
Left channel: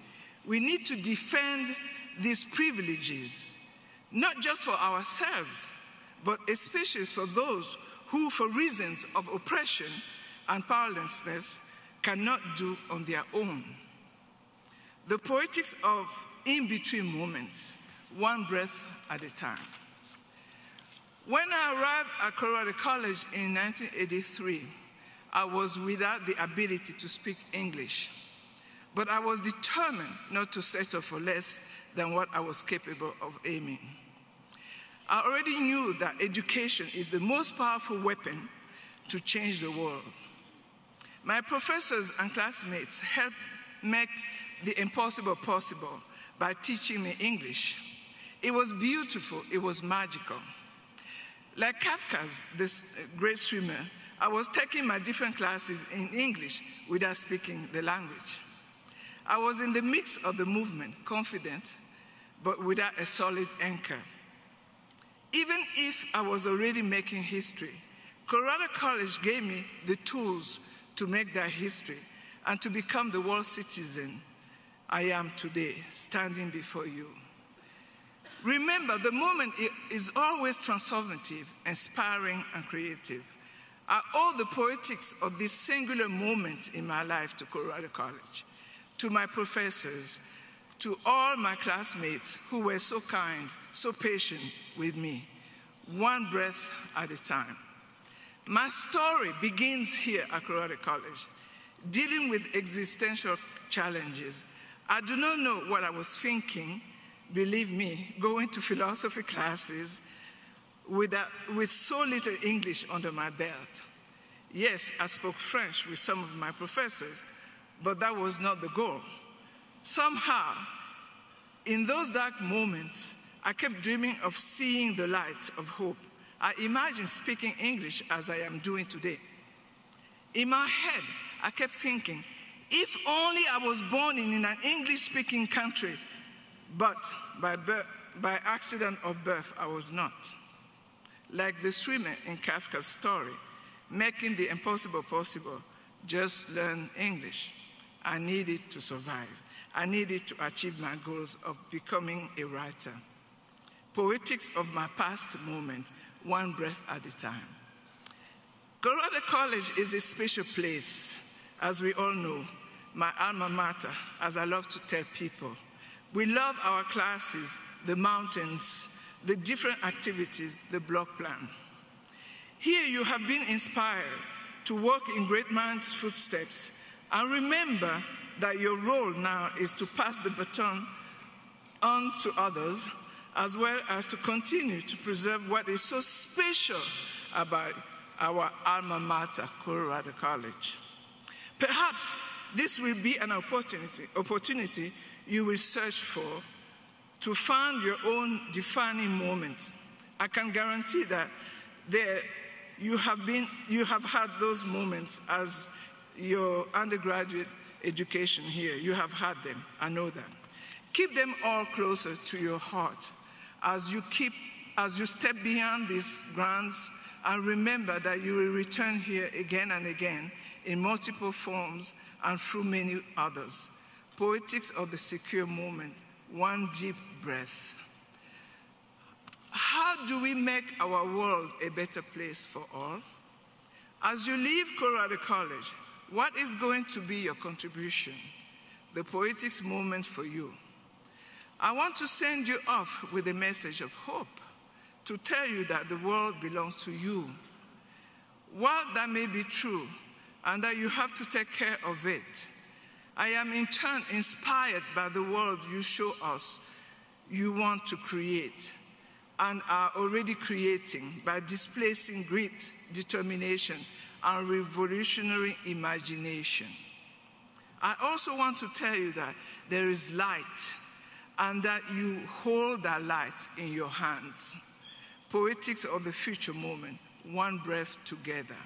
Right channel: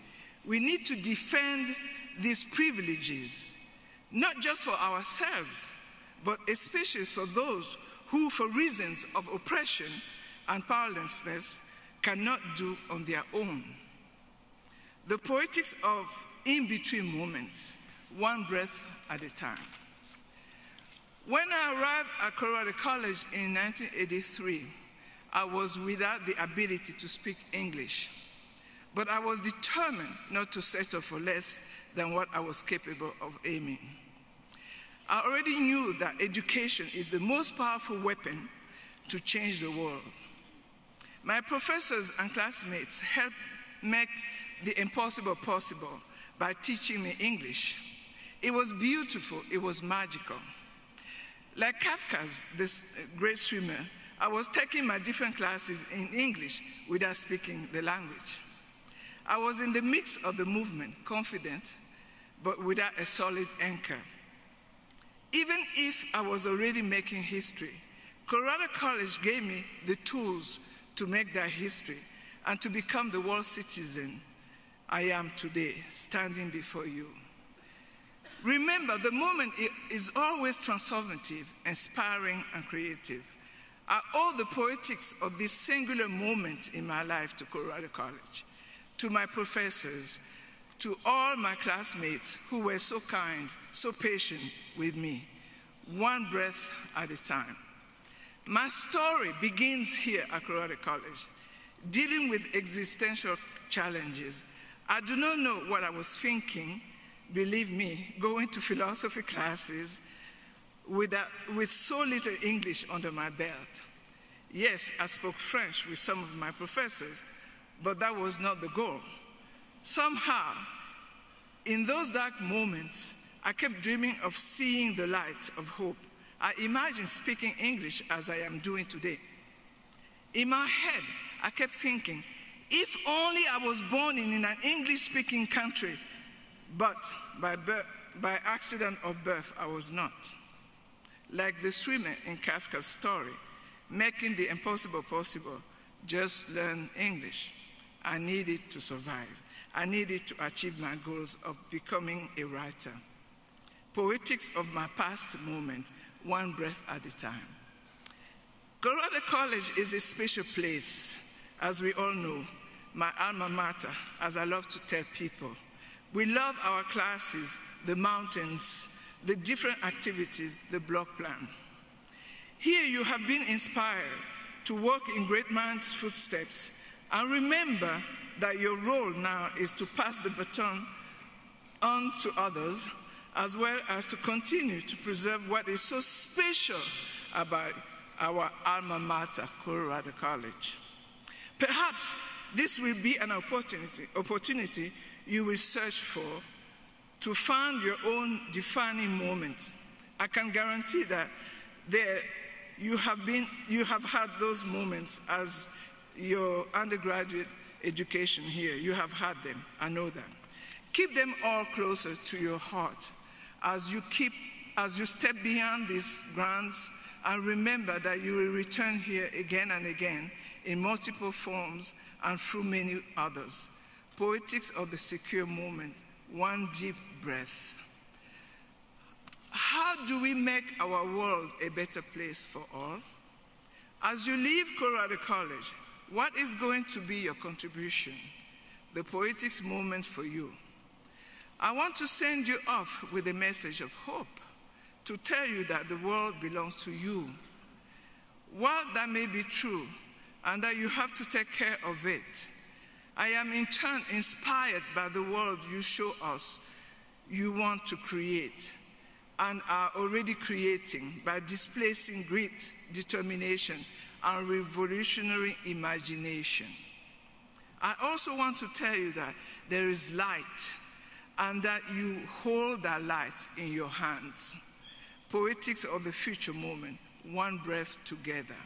We need to defend these privileges, not just for ourselves, but especially for those who, for reasons of oppression and powerlessness, cannot do on their own. The poetics of in-between moments, one breath at a time. When I arrived at Colorado College in 1983, I was without the ability to speak English, but I was determined not to settle for less than what I was capable of aiming. I already knew that education is the most powerful weapon to change the world. My professors and classmates helped make the impossible possible by teaching me English. It was beautiful, it was magical. Like Kafka's, this great swimmer, I was taking my different classes in English without speaking the language. I was in the midst of the movement, confident, but without a solid anchor. Even if I was already making history, Colorado College gave me the tools to make that history and to become the world citizen I am today, standing before you. Remember, the moment is always transformative, inspiring, and creative. I owe the poetics of this singular moment in my life to Colorado College, to my professors, to all my classmates who were so kind, so patient with me, one breath at a time. My story begins here at Colorado College, dealing with existential challenges. I do not know what I was thinking, believe me, going to philosophy classes with so little English under my belt. Yes, I spoke French with some of my professors, but that was not the goal. Somehow, in those dark moments, I kept dreaming of seeing the light of hope. I imagined speaking English as I am doing today. In my head, I kept thinking, if only I was born in an English-speaking country, but by accident of birth, I was not. Like the swimmer in Kafka's story, making the impossible possible, just learn English. I needed to survive. I needed to achieve my goals of becoming a writer. Poetics of my past moment, one breath at a time. Colorado College is a special place, as we all know, my alma mater, as I love to tell people. We love our classes, the mountains, the different activities, the block plan. Here you have been inspired to walk in great man's footsteps, and remember that your role now is to pass the baton on to others, as well as to continue to preserve what is so special about our alma mater, Colorado College. Perhaps this will be an opportunity you will search for to find your own defining moment. I can guarantee that you have had those moments as your undergraduate education here. You have had them, I know that. Keep them all closer to your heart as you step beyond these grounds, and remember that you will return here again and again in multiple forms and through many others. Poetics of the secure moment, one deep breath. How do we make our world a better place for all? As you leave Colorado College, what is going to be your contribution? The poetics moment for you. I want to send you off with a message of hope, to tell you that the world belongs to you. While that may be true, and that you have to take care of it, I am in turn inspired by the world you show us you want to create and are already creating by displacing grit, determination, and revolutionary imagination. I also want to tell you that there is light and that you hold that light in your hands. Poetics of the future moment, one breath together.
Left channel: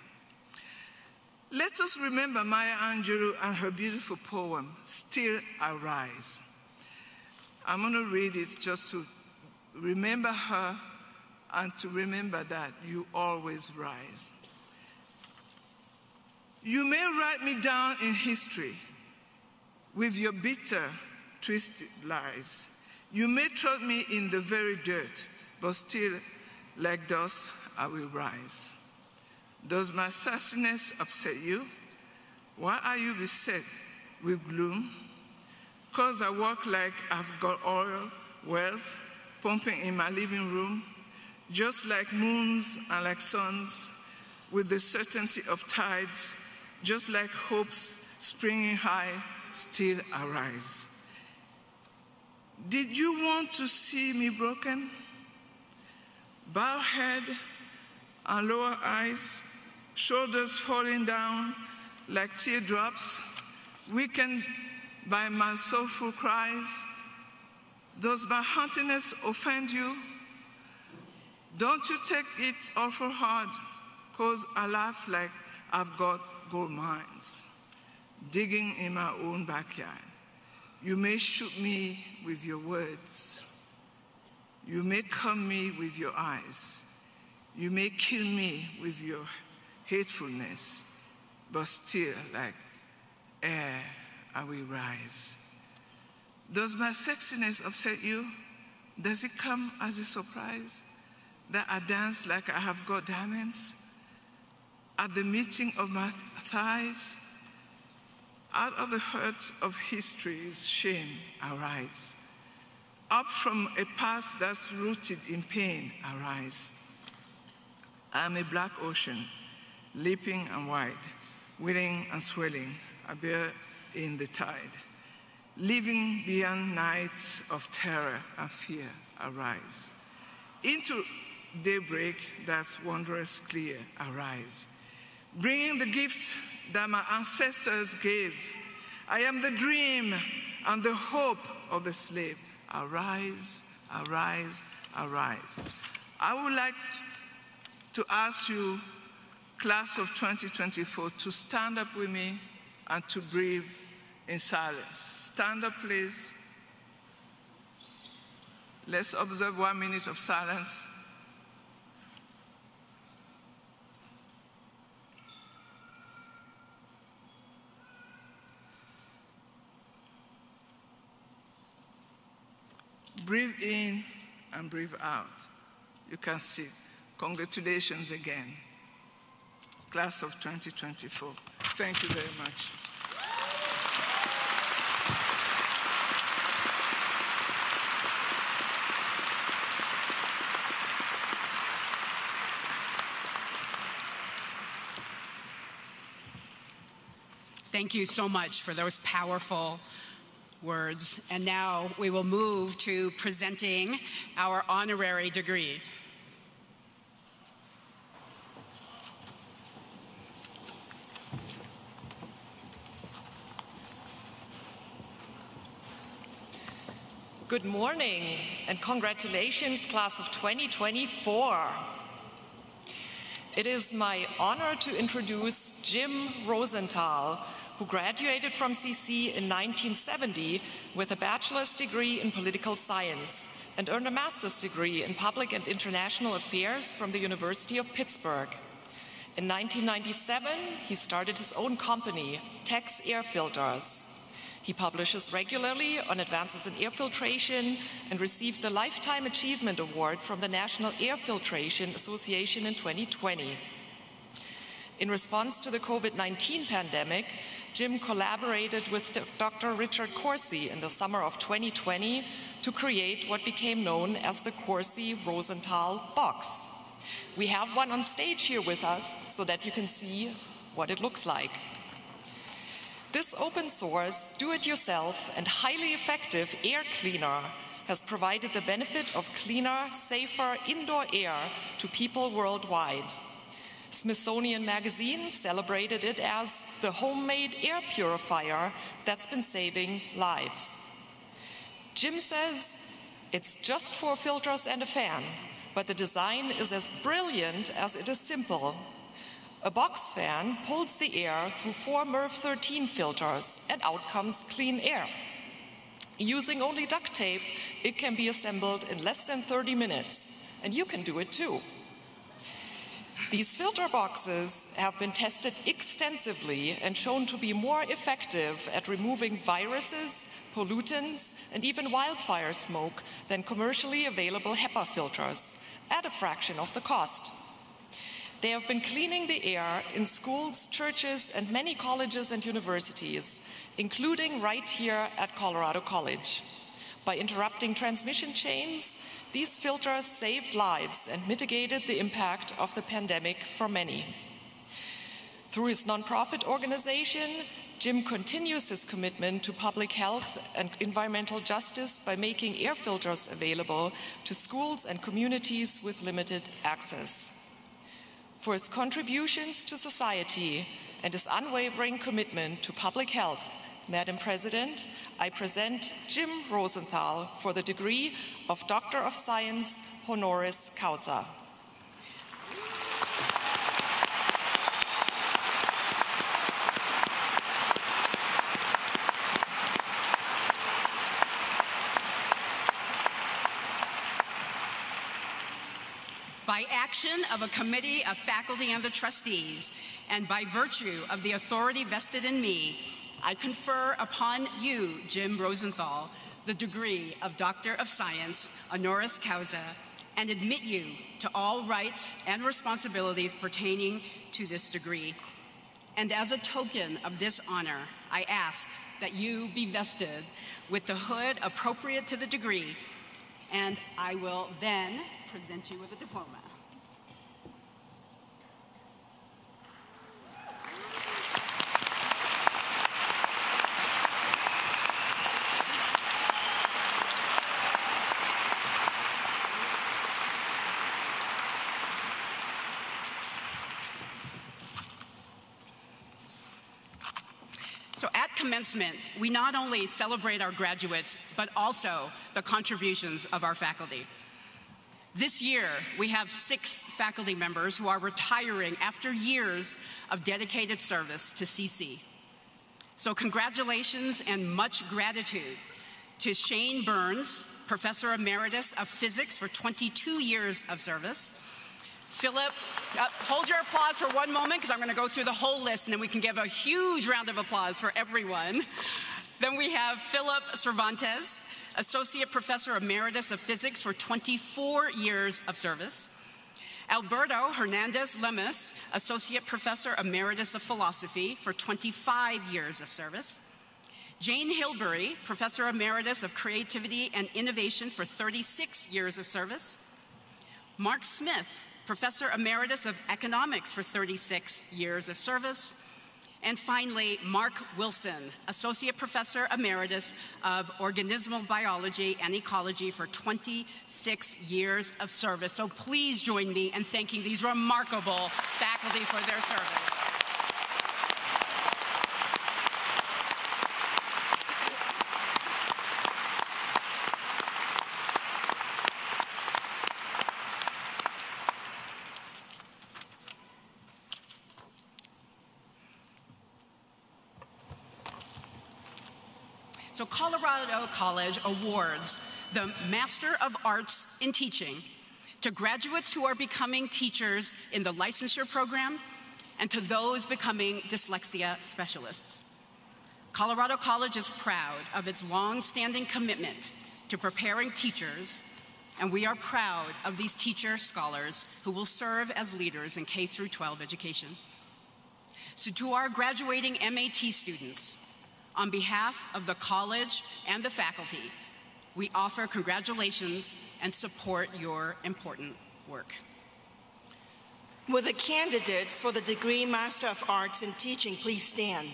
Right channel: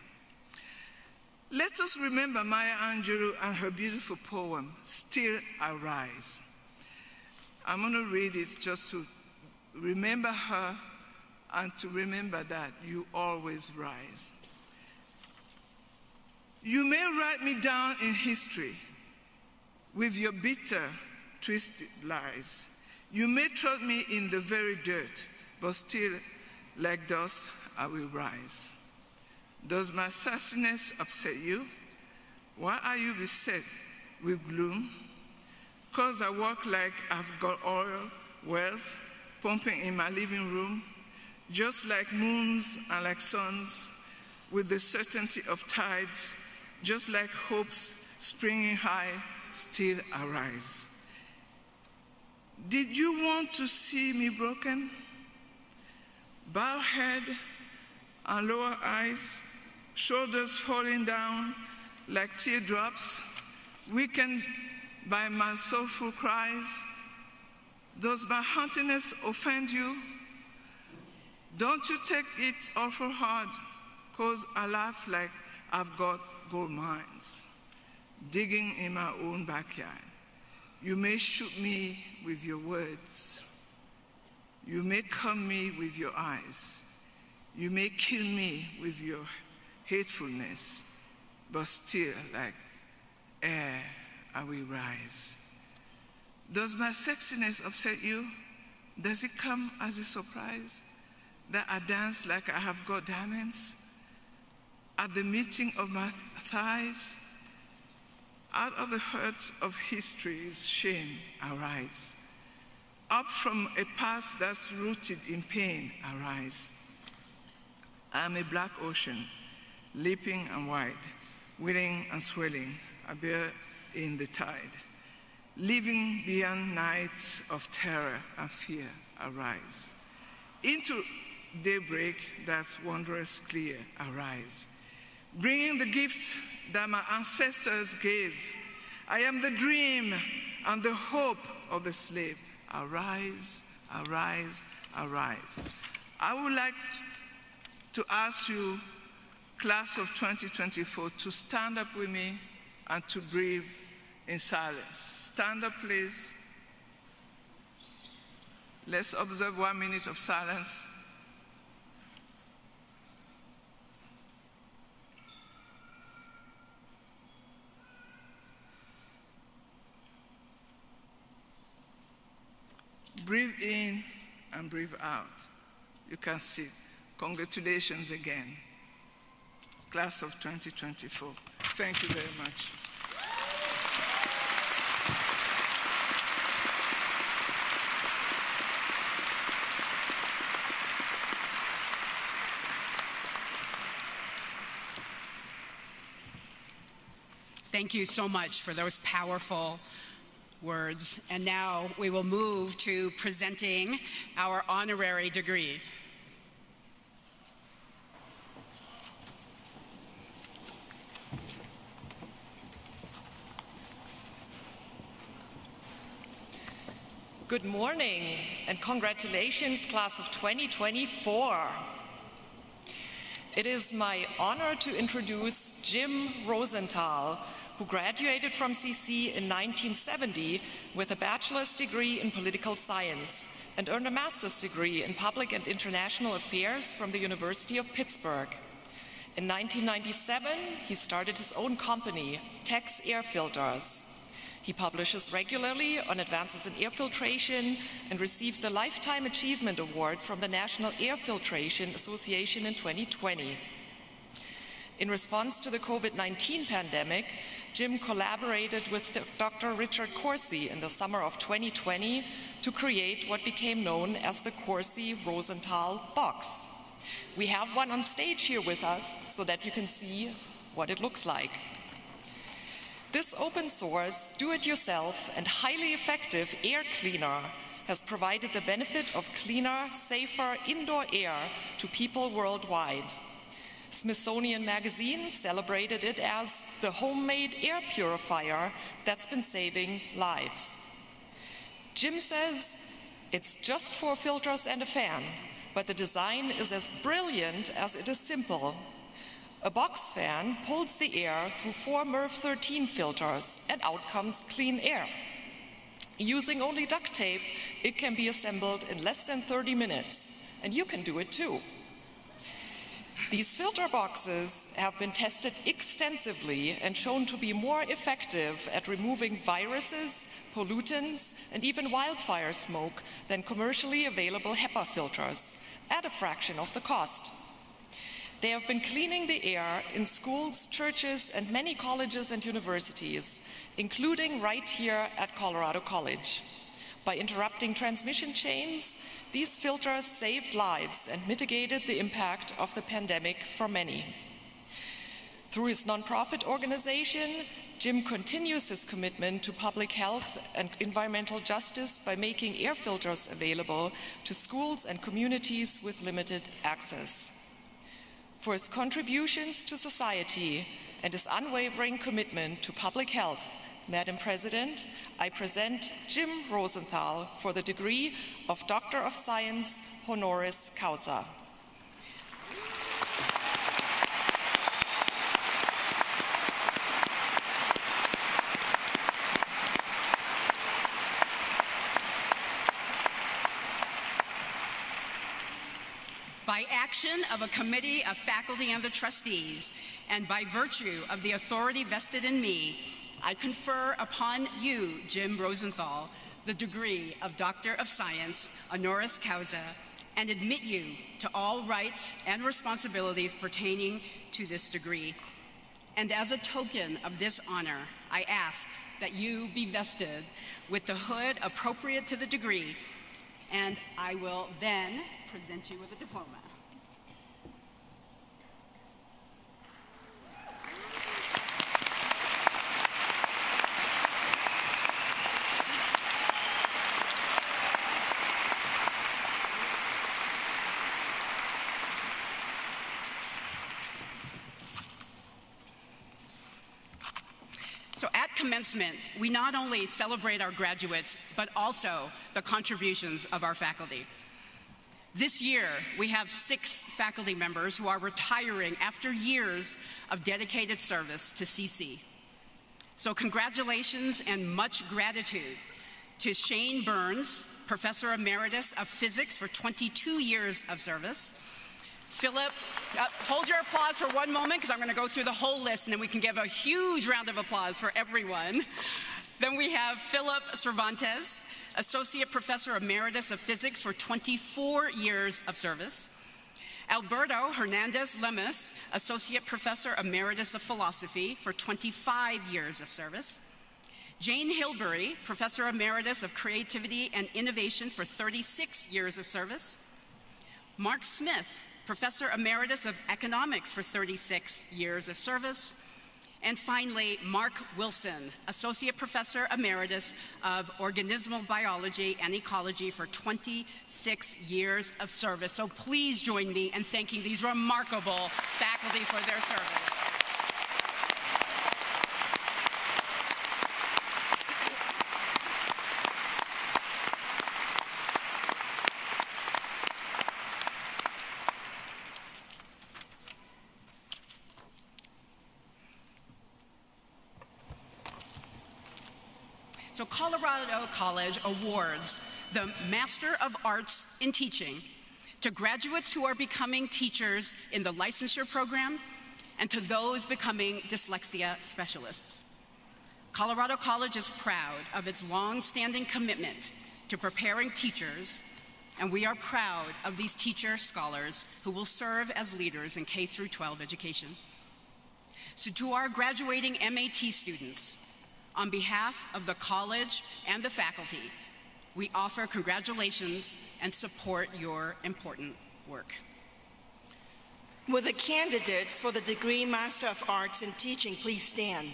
Let us remember Maya Angelou and her beautiful poem, Still I Rise. I'm going to read it just to remember her and to remember that you always rise. You may write me down in history with your bitter, twisted lies. You may trod me in the very dirt, but still, like dust, I will rise. Does my sassiness upset you? Why are you beset with gloom? 'Cause I walk like I've got oil wells pumping in my living room, just like moons and like suns, with the certainty of tides, just like hopes springing high, still arise. Did you want to see me broken? Bowed head and lower eyes, shoulders falling down like teardrops, weakened by my soulful cries. Does my haughtiness offend you? Don't you take it awful hard, 'cause I laugh like I've got gold mines, digging in my own backyard. You may shoot me with your words. You may come me with your eyes. You may kill me with your hatefulness, but still, like air, I will rise. Does my sexiness upset you? Does it come as a surprise that I dance like I have got diamonds at the meeting of my thighs? Out of the hurts of history's shame, I rise. Up from a past that's rooted in pain, I rise. I am a black ocean, leaping and wide, willing and swelling, I bear in the tide. Living beyond nights of terror and fear, I rise. Into daybreak that's wondrous clear, I rise. Bringing the gifts that my ancestors gave. I am the dream and the hope of the slave. I rise, I rise, I rise. I would like to ask you, class of 2024, to stand up with me and to breathe in silence. Stand up, please. Let's observe 1 minute of silence. Breathe in and breathe out. You can sit. Congratulations again, class of 2024. Thank you very much. Thank you so much for those powerful words. And now we will move to presenting our honorary degrees. Good morning and congratulations, class of 2024. It is my honor to introduce Jim Rosenthal, who graduated from CC in 1970 with a bachelor's degree in political science and earned a master's degree in public and international affairs from the University of Pittsburgh. In 1997, he started his own company, Tex Air Filters. He publishes regularly on advances in air filtration and received the Lifetime Achievement Award from the National Air Filtration Association in 2020. In response to the COVID-19 pandemic, Jim collaborated with Dr. Richard Corsi in the summer of 2020 to create what became known as the Corsi-Rosenthal box. We have one on stage here with us so that you can see what it looks like. This open source, do-it-yourself, and highly effective air cleaner has provided the benefit of cleaner, safer indoor air to people worldwide. Smithsonian Magazine celebrated it as the homemade air purifier that's been saving lives. Jim says it's just 4 filters and a fan, but the design is as brilliant as it is simple. A box fan pulls the air through 4 MERV 13 filters, and out comes clean air. Using only duct tape, it can be assembled in less than 30 minutes, and you can do it too. These filter boxes have been tested extensively and shown to be more effective at removing viruses, pollutants, and even wildfire smoke than commercially available HEPA filters, at a fraction of the cost. They have been cleaning the air in schools, churches, and many colleges and universities, including right here at Colorado College. By interrupting transmission chains, these filters saved lives and mitigated the impact of the pandemic for many. Through his nonprofit organization, Jim continues his commitment to public health and environmental justice by making air filters available to schools and communities with limited access. For his contributions to society and his unwavering commitment to public health, Madam President, I present Jim Rosenthal for the degree of Doctor of Science, honoris causa. By action of a committee of faculty and the trustees, and by virtue of the authority vested in me, I confer upon you, Jim Rosenthal, the degree of Doctor of Science, honoris causa, and admit you to all rights and responsibilities pertaining to this degree. And as a token of this honor, I ask that you be vested with the hood appropriate to the degree, and I will then present you with a diploma. So at commencement, we not only celebrate our graduates, but also the contributions of our faculty. This year, we have 6 faculty members who are retiring after years of dedicated service to CC. So congratulations and much gratitude to Shane Burns, Professor Emeritus of Physics for 22 years of service. Philip, hold your applause for one moment because I'm going to go through the whole list and then we can give a huge round of applause for everyone. Then we have Philip Cervantes, Associate Professor Emeritus of Physics for 24 years of service. Alberto Hernandez Lemus, Associate Professor Emeritus of Philosophy for 25 years of service. Jane Hilbury, Professor Emeritus of Creativity and Innovation for 36 years of service. Mark Smith, Professor Emeritus of Economics for 36 years of service. And finally, Mark Wilson, Associate Professor Emeritus of Organismal Biology and Ecology for 26 years of service. So please join me in thanking these remarkable faculty for their service. So Colorado College awards the Master of Arts in Teaching to graduates who are becoming teachers in the licensure program and to those becoming dyslexia specialists. Colorado College is proud of its long-standing commitment to preparing teachers, and we are proud of these teacher scholars who will serve as leaders in K-12 education. So to our graduating MAT students, on behalf of the college and the faculty, we offer congratulations and support your important work. Will the candidates for the degree Master of Arts in Teaching please stand?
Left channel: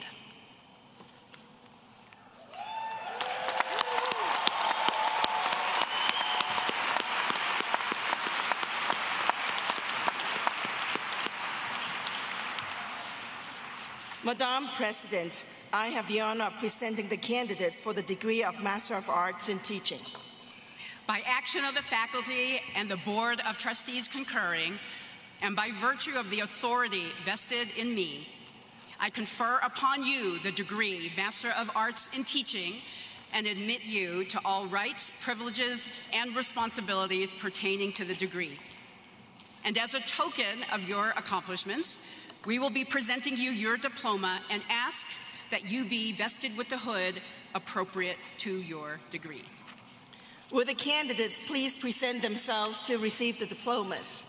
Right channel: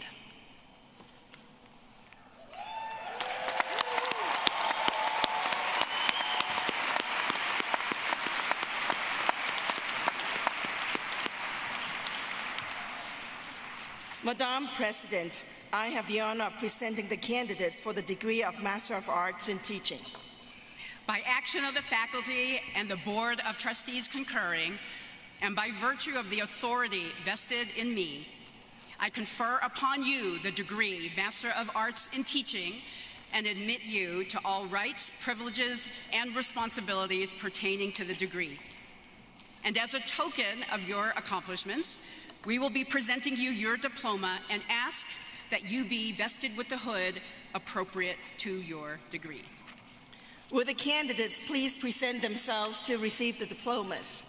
Madam President, I have the honor of presenting the candidates for the degree of Master of Arts in Teaching. By action of the faculty and the Board of Trustees concurring, and by virtue of the authority vested in me, I confer upon you the degree Master of Arts in Teaching and admit you to all rights, privileges, and responsibilities pertaining to the degree. And as a token of your accomplishments, we will be presenting you your diploma and ask that you be vested with the hood appropriate to your degree. Will the candidates please present themselves to receive the diplomas?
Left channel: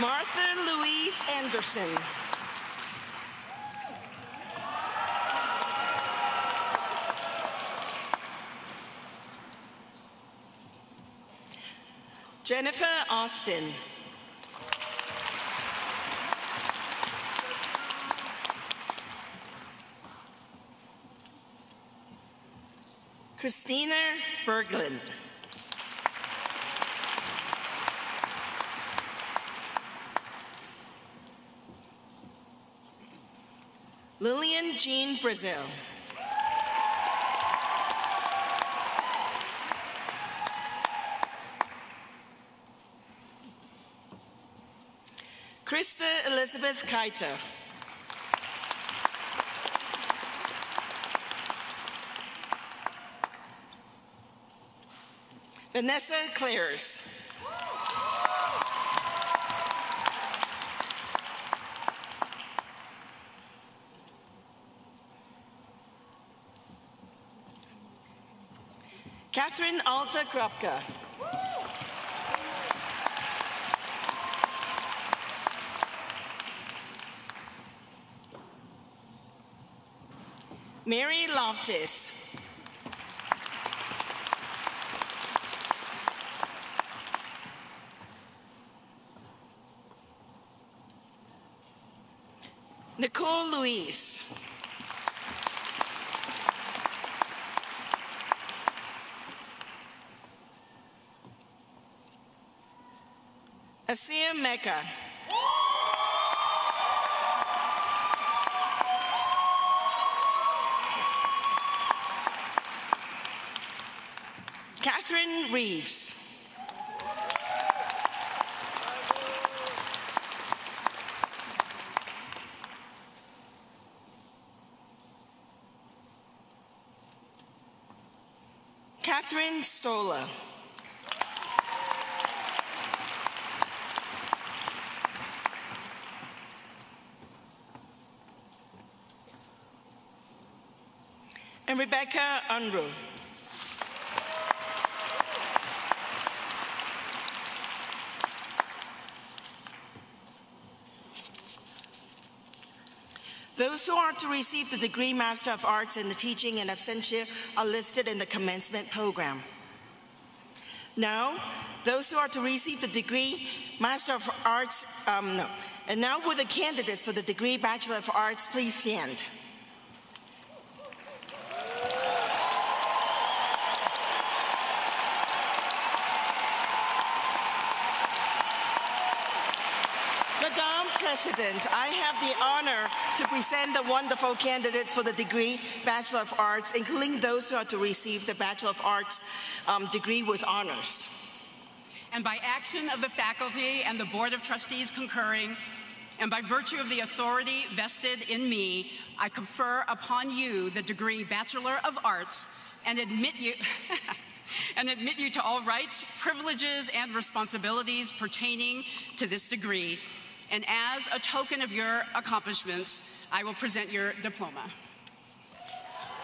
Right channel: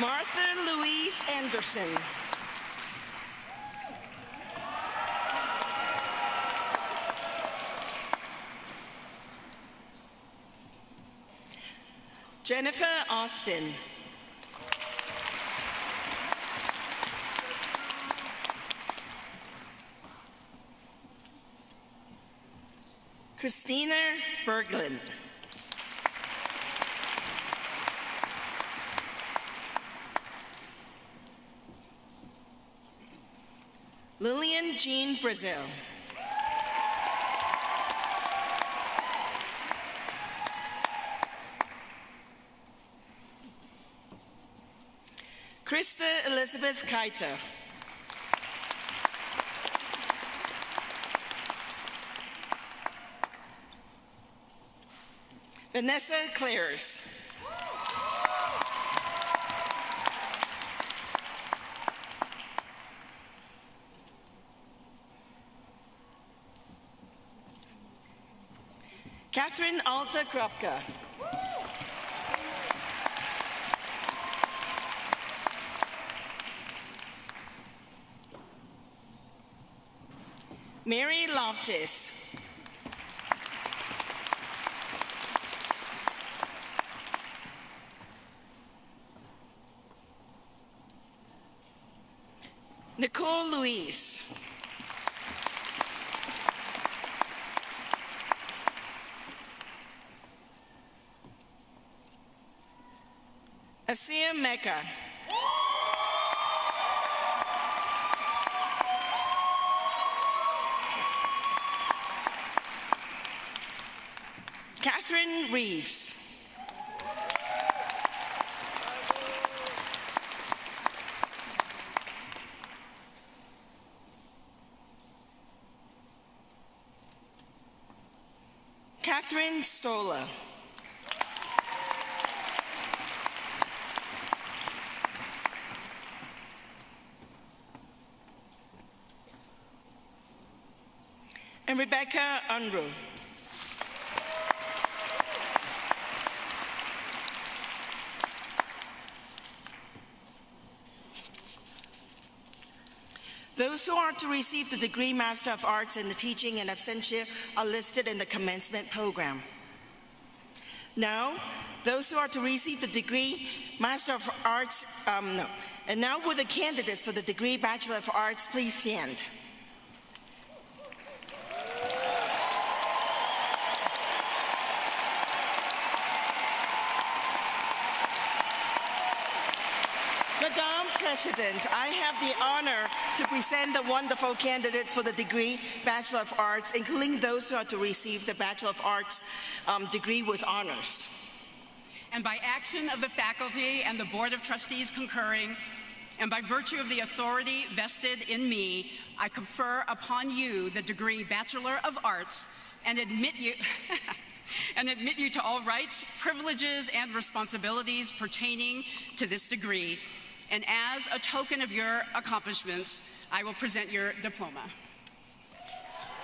Martha Louise Anderson. Jennifer Austin. Christina Berglund. Lillian Jean Brazil. Krista Elizabeth Kaita. Vanessa Clares. Catherine Alta Krupka. Mary Loftus. Nicole Louise. Asia Mecca. Catherine Reeves. Catherine Stola. And Rebecca Unruh. Those who are to receive the degree Master of Arts in the Teaching in absentia are listed in the commencement program. Now, those who are to receive the degree Master of Arts, and now will the candidates for the degree Bachelor of Arts please stand. President, I have the honor to present the wonderful candidates for the degree Bachelor of Arts, including those who are to receive the Bachelor of Arts degree with honors. And by action of the faculty and the Board of Trustees concurring, and by virtue of the authority vested in me, I confer upon you the degree Bachelor of Arts and admit you to all rights, privileges, and responsibilities pertaining to this degree. And as a token of your accomplishments, I will present your diploma.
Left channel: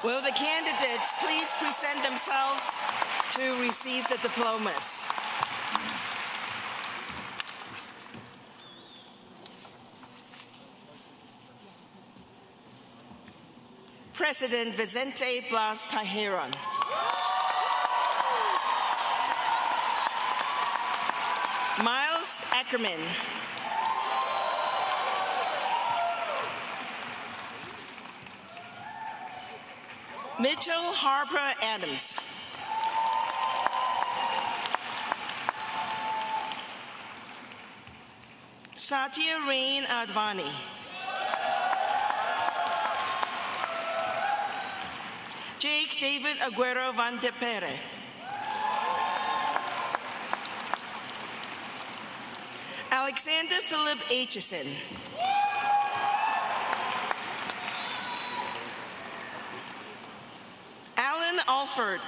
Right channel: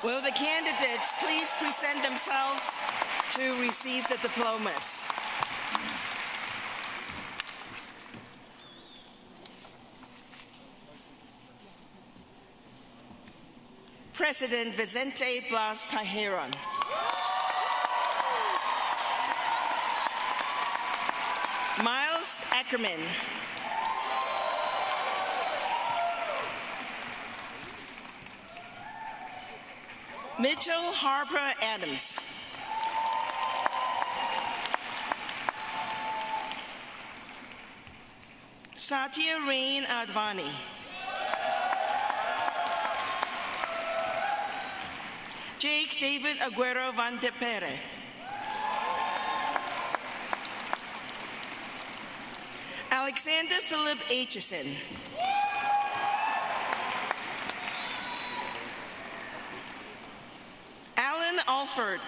Will the candidates please present themselves to receive the diplomas? President Vicente Blas Tajeron. Miles Ackerman. Mitchell Harper Adams. Satya Rain Advani. Jake David Aguero Van de Pere. Alexander Philip Aitchison. Alan Alford.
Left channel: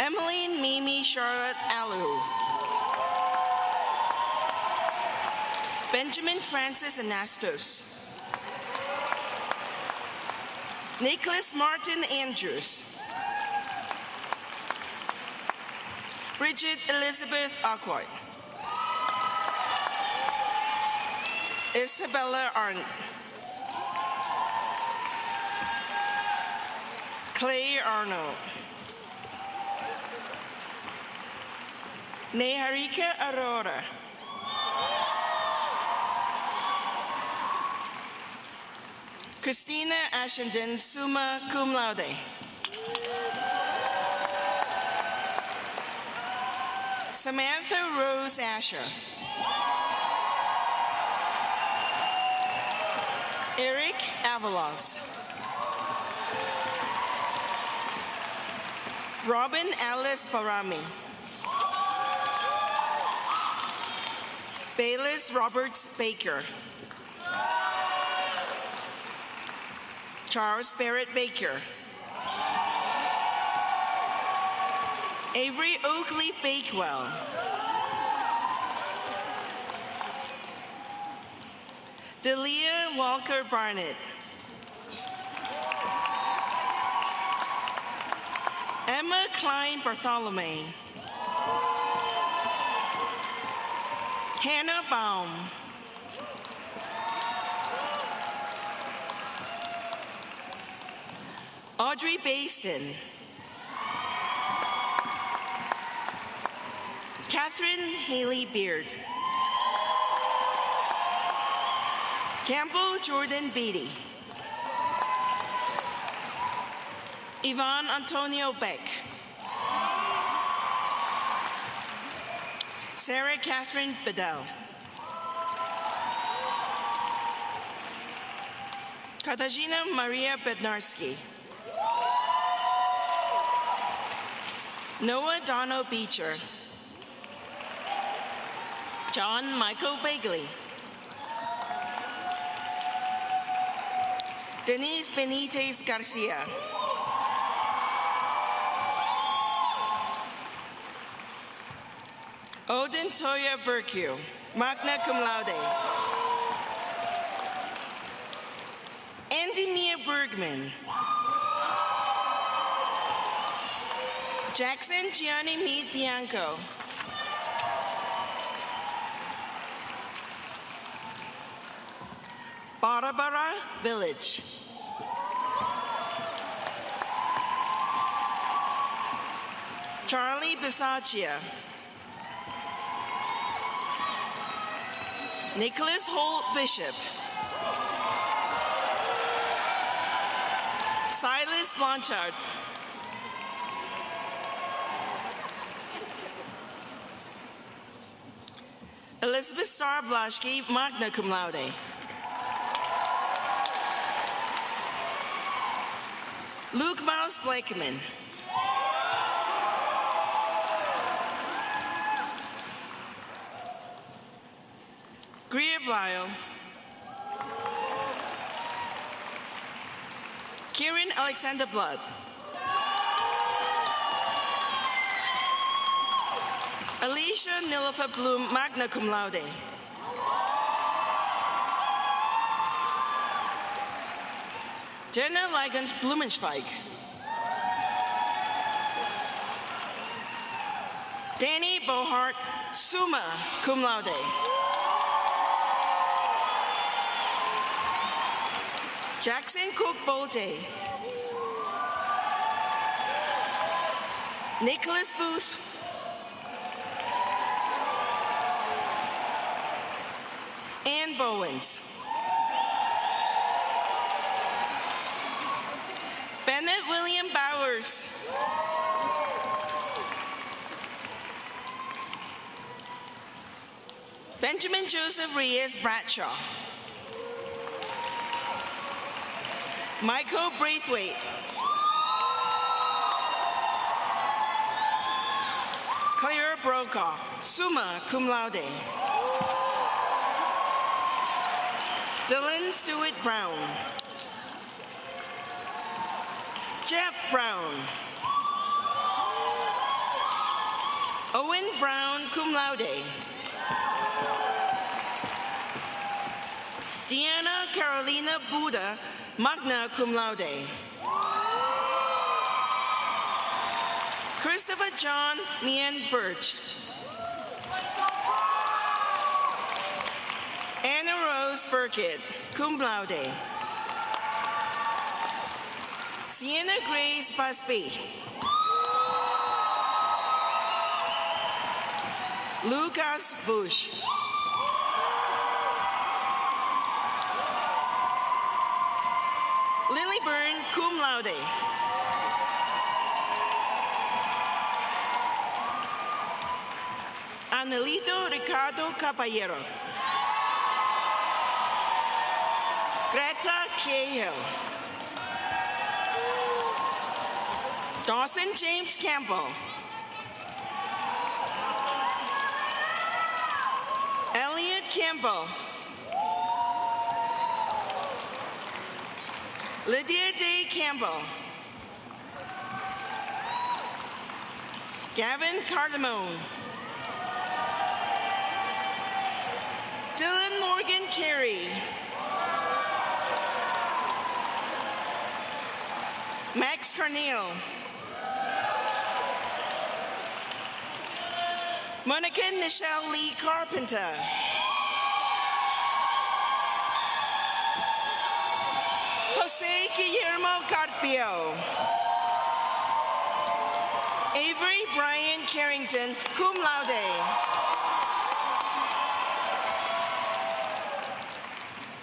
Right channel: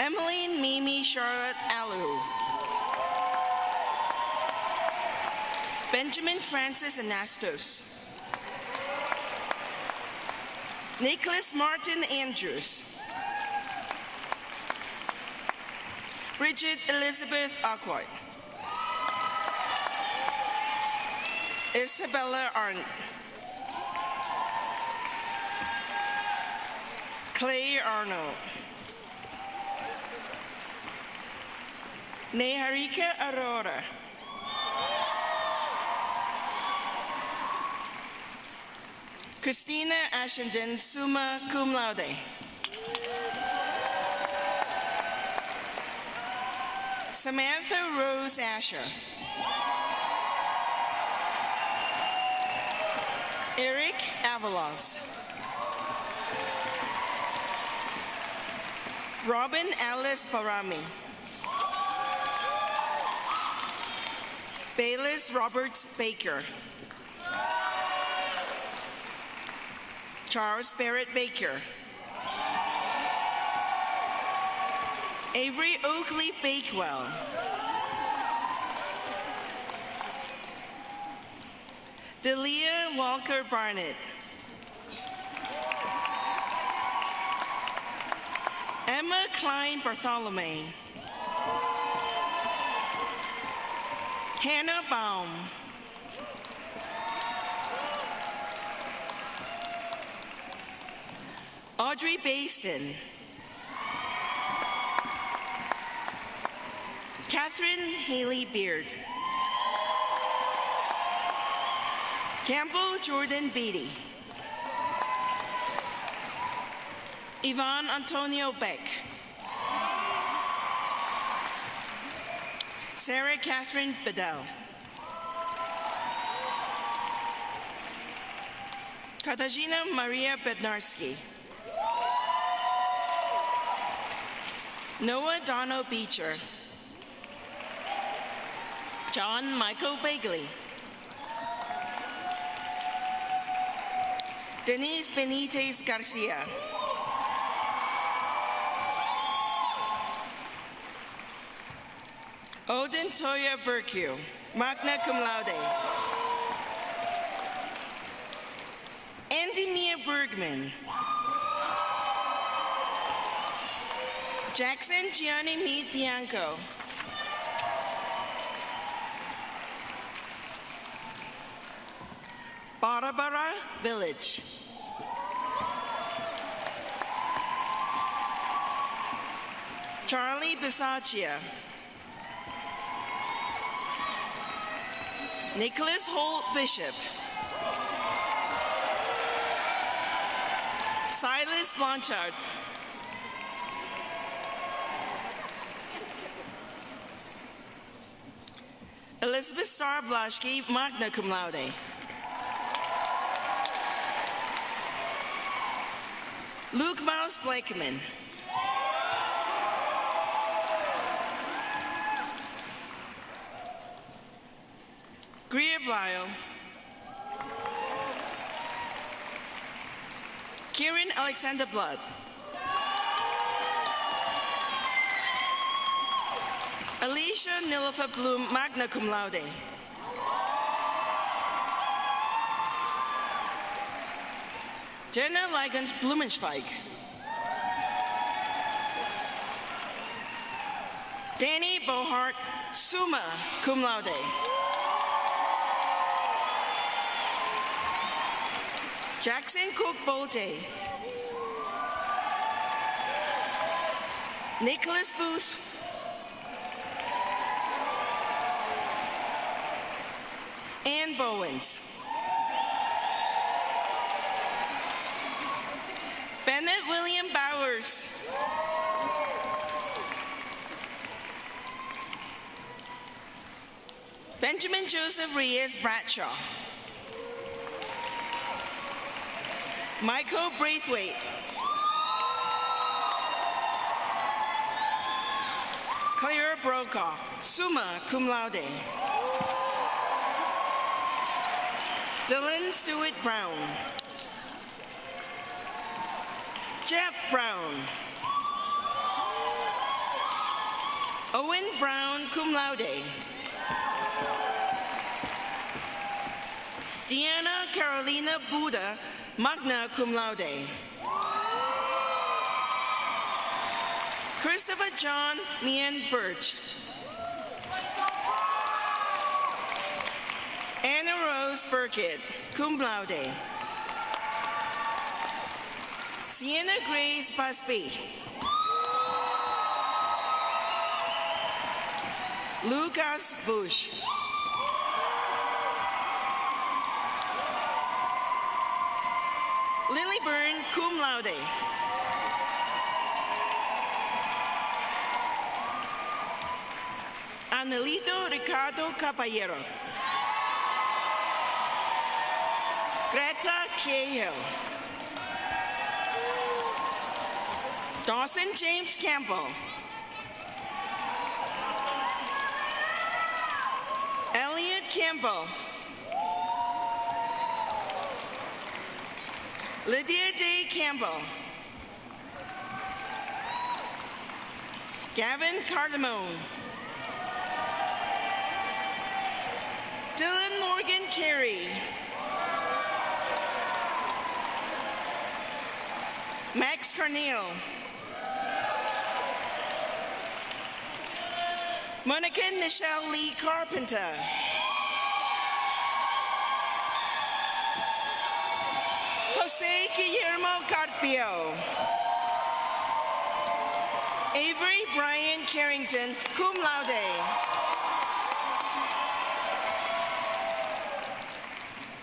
Emmeline Mimi Charlotte Alu. Benjamin Francis Anastos. Nicholas Martin Andrews. Bridget Elizabeth Arquart. Isabella Arndt. Clay Arnold. Neharika Aurora. Christina Ashenden, summa cum laude. Samantha Rose Asher. Eric Avalos. Robin Alice Barami. Bayless Robert Baker. Charles Barrett Baker. Avery Oakleaf Bakewell. Delia Walker Barnett. Emma Klein Bartholomew. Hannah Baum. Audrey Baston. Catherine Haley Beard. Campbell Jordan Beatty. Yvonne Antonio Beck. Sarah Catherine Bedell. Katarzyna Maria Bednarski. Noah Dono Beecher. John Michael Bagley. Denise Benitez Garcia. Odin Toya Berkue, magna cum laude. Andy Mia Bergman. Jackson Gianni Meade Bianco. Barbara Village. Charlie Bisaccia. Nicholas Holt Bishop. Silas Blanchard. Elizabeth Starr Blaschke, magna cum laude. Luke Miles Blakeman. Greer Blyle. Kieran Alexander Blood. Alicia Nilofer Bloom, magna cum laude. Jenna Ligon Blumenschweig. Danny Bohart, summa cum laude. Jackson Cook Bolte. Nicholas Booth. Ann Bowens. Bennett William Bowers. Joseph Reyes Bradshaw. Michael Braithwaite. Claire Brokaw, summa cum laude. Dylan Stewart Brown. Jeff Brown. Owen Brown, cum laude. Deanna Carolina Buda, magna cum laude. Christopher John Meehan Birch. Anna Rose Burkett, cum laude. Sienna Grace Busby. Lucas Bush. Lily Byrne, cum laude. Anelito Ricardo Caballero. Greta Cahill. Dawson James Campbell. Elliot Campbell. Lydia Day Campbell. Gavin Cardamone. Dylan Morgan Carey. Max Carneal. Monica Nichelle Lee Carpenter. Jose Guillermo Carpio. Avery Brian Carrington, cum laude.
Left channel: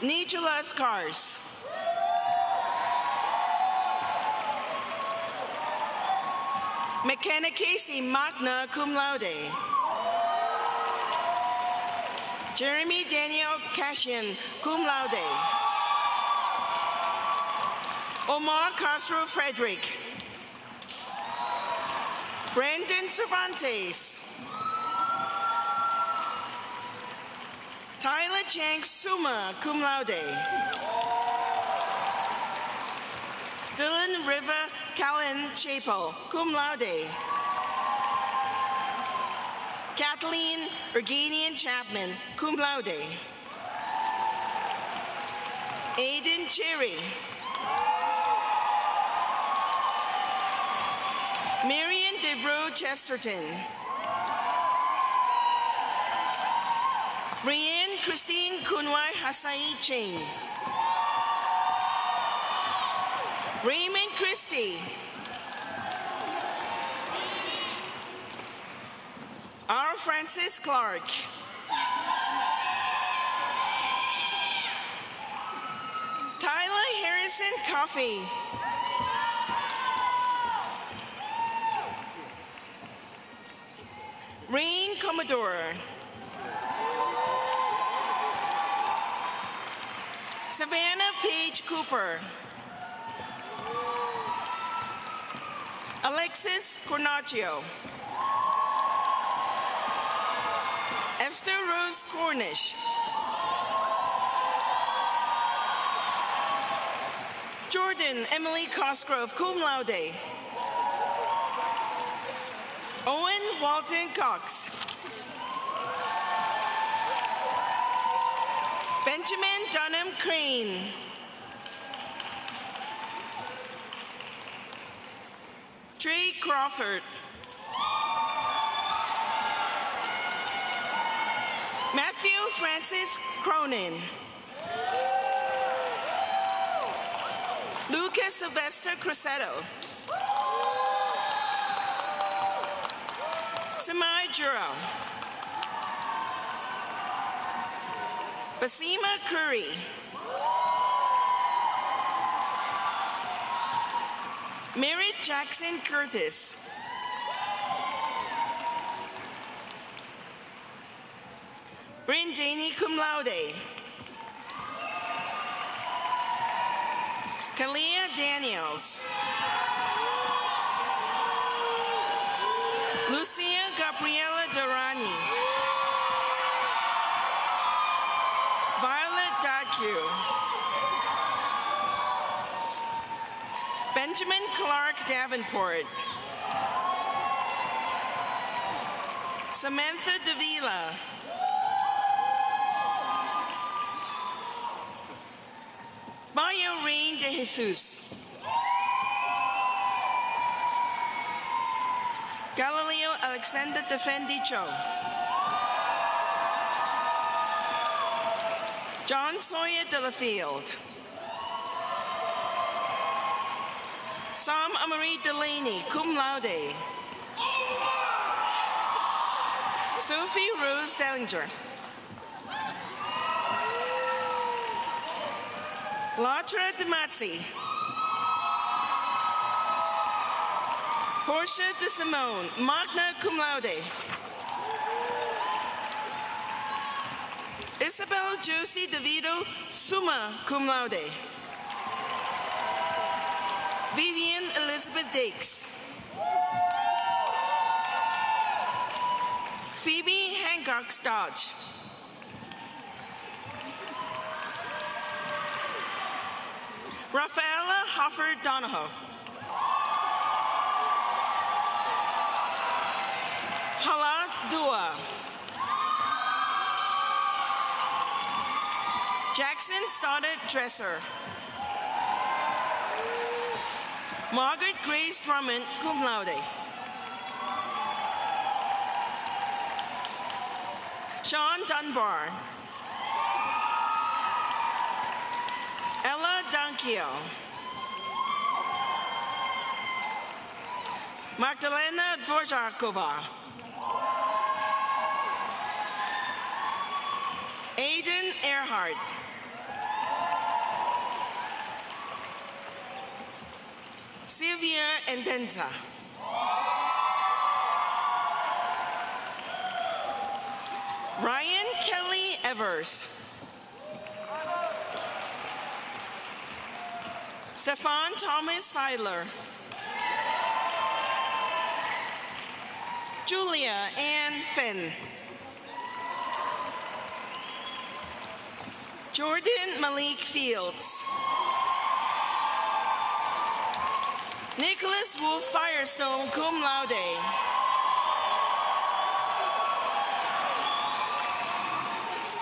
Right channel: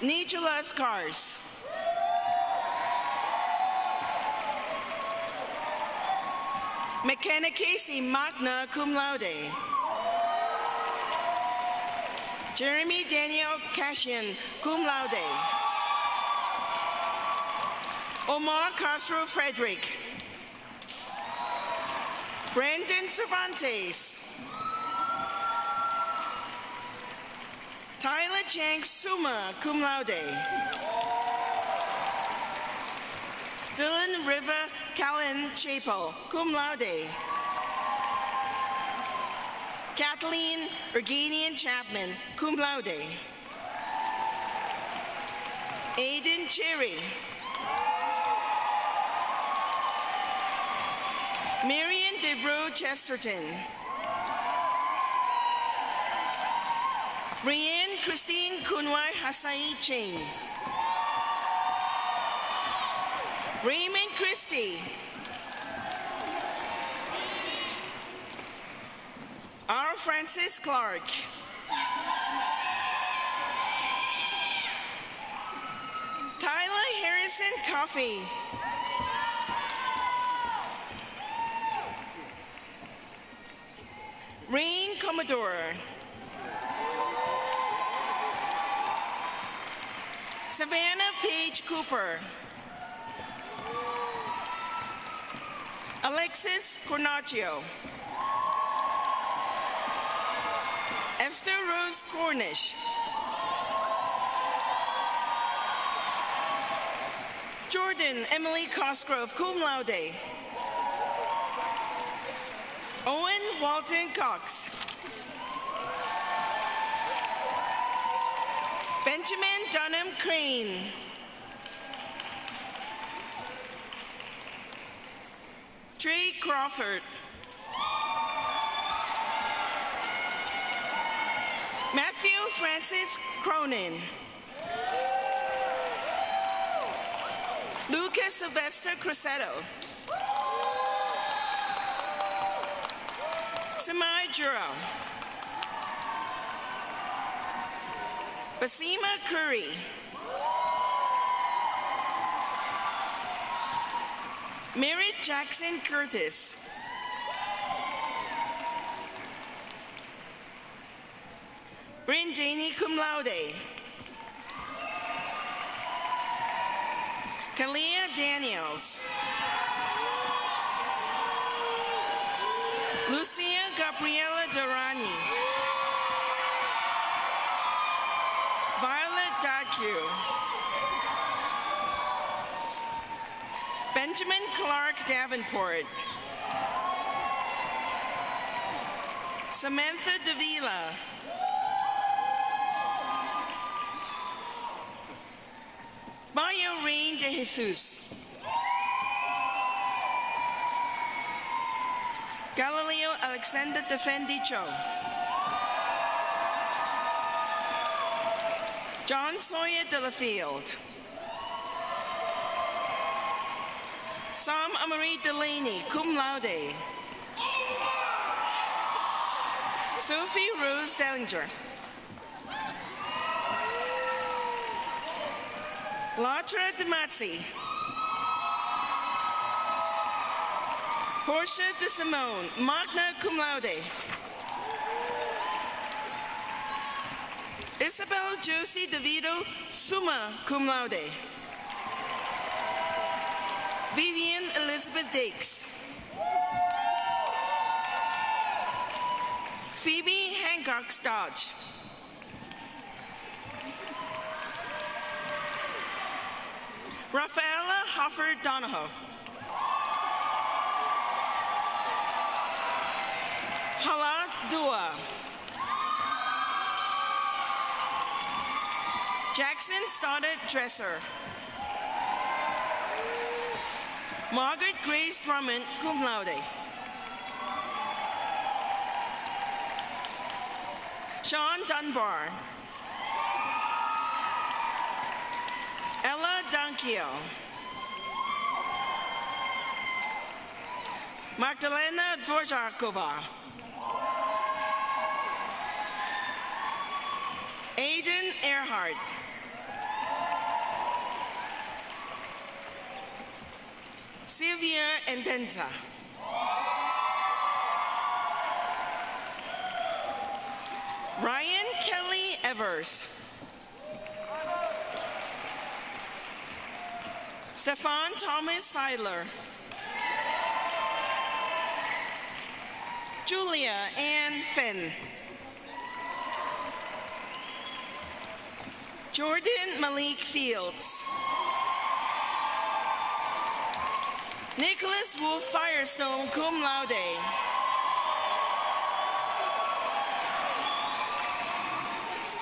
Nicholas Cars. McKenna Casey, magna cum laude. Jeremy Daniel Cashin, cum laude. Omar Castro Frederick. Brandon Cervantes. Tyler Chang, summa cum laude. Dylan River Callan Chapel, cum laude. Kathleen Erganian Chapman, cum laude. Aiden Cherry. Marion Devereaux Chesterton. Brienne Christine Kunwai Hasai Ching. Raymond Christie. R. Francis Clark. Tyler Harrison Coffey. Rain Commodore. Savannah Page Cooper. Alexis Cornacchio. Esther Rose Cornish. Jordan Emily Cosgrove, cum laude. Owen Walton Cox. Benjamin Dunham Crane. Trey Crawford. Matthew Francis Cronin. Lucas Sylvester Crusetto. Samai Juro. Basima Curry. Merritt Jackson Curtis. Brindani laude. Kalia Daniels. Lucia Gabriela Durani. Violet Dacu. Benjamin Clark Davenport. Samantha Davila. Mario Rain de Jesus. Galileo Alexander Defendicho. John Sawyer Delafield. Sam Amarie Delaney, cum laude. Sophie Rose Dellinger. Latra DeMazzi. Portia De Simone, magna cum laude. Isabel Josie DeVito, summa cum laude. Vivian Elizabeth Dakes. Phoebe Hancock Dodge. Rafaela Hoffer Donahoe. Hala Dua. Jackson Stoddard Dresser. Margaret Grace Drummond, cum laude. Sean Dunbar. Ella Dankio. Magdalena Dvorakova. Aiden Earhart. Sylvia Endenza. Ryan Kelly Evers. Stefan Thomas Feiler. Julia Ann Finn. Jordan Malik Fields. Nicholas Wolf Firestone, cum laude.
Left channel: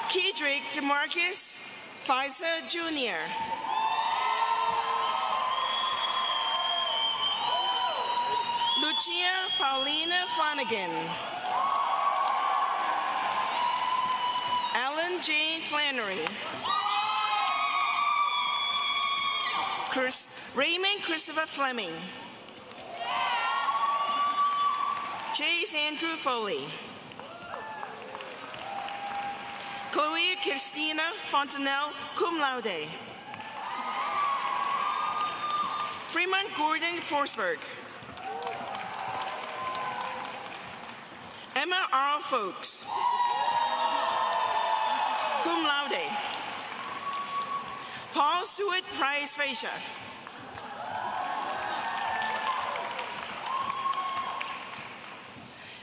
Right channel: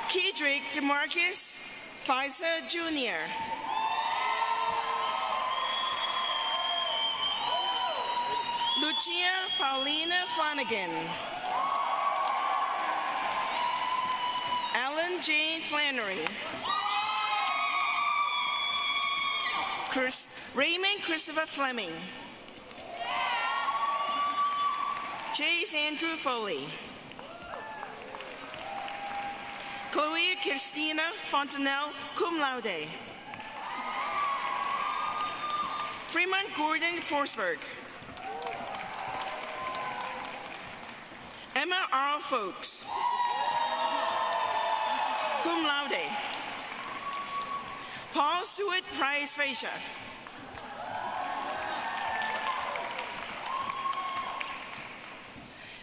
Kedrick DeMarcus Fisa Jr. Lucia Paulina Flanagan. Alan Jane Flannery. Raymond Christopher Fleming. Chase Andrew Foley. Chloe Christina Fontanelle, cum laude. Fremont Gordon Forsberg. Emma Arl Folks, cum laude. Paul Stewart Price Frazier.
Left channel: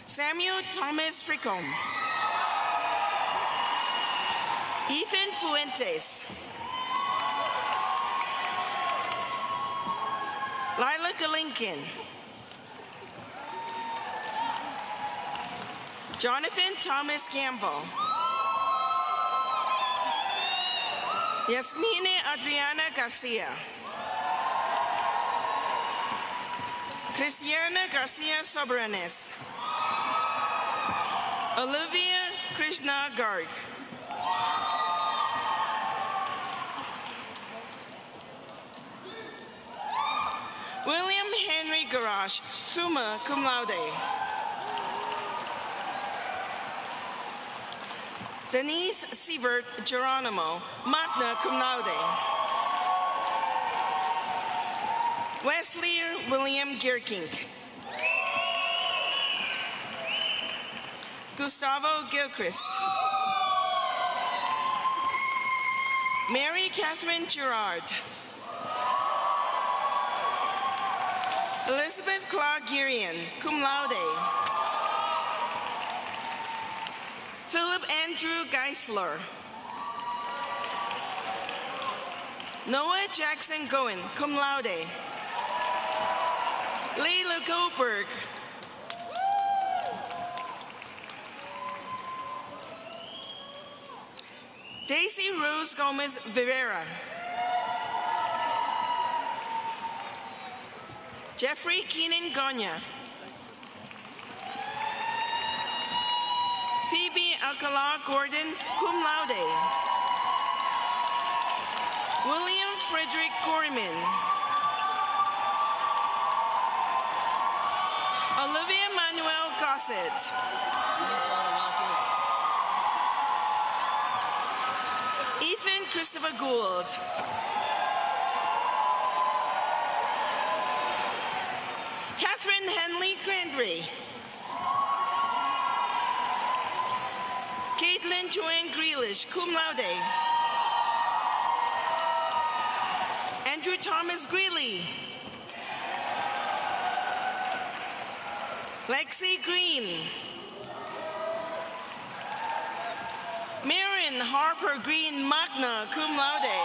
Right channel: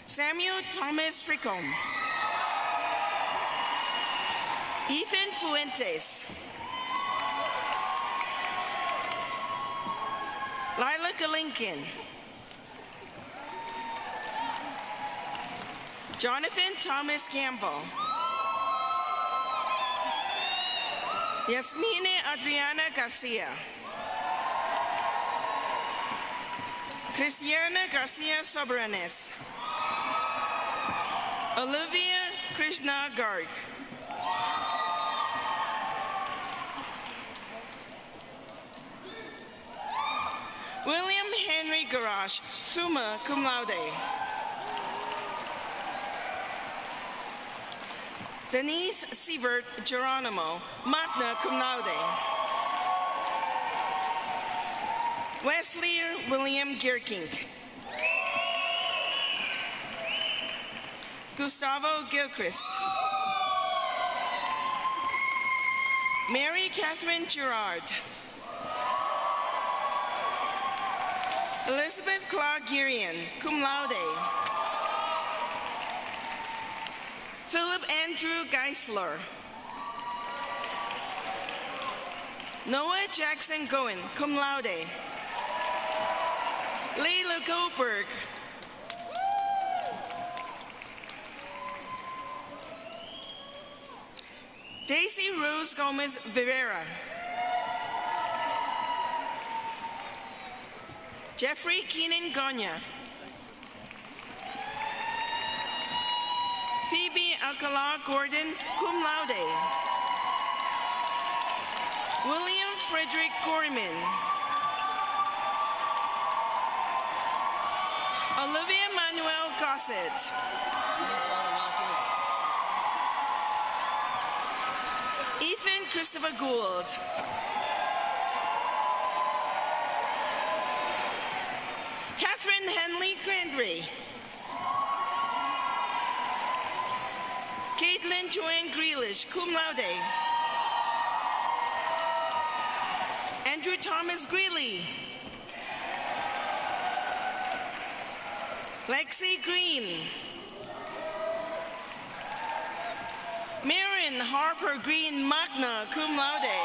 Samuel Thomas Fricom. Ethan Fuentes. Lila Lincoln. Jonathan Thomas Campbell. Yasmine Adriana Garcia. Cristiana Garcia Soberanes. Olivia Krishna Garg. William Henry Garage, summa cum laude. Denise Sievert Geronimo, magna cum laude. Wesley William Gierkink. Gustavo Gilchrist. Mary Catherine Gerard. Elizabeth Clark Girian, cum laude. Philip Andrew Geisler. Noah Jackson Goen, cum laude. Leila Goldberg. Daisy Rose Gomez Rivera. Jeffrey Keenan Gonya. Phoebe Alcala Gordon, cum laude. William Frederick Gorman. Olivia Manuel Gossett. Ethan Christopher Gould. Catherine Henley Grandry. Caitlin Joanne Grealish, cum laude. Andrew Thomas Greeley. Lexi Green. Marin Harper Green Magna, cum laude.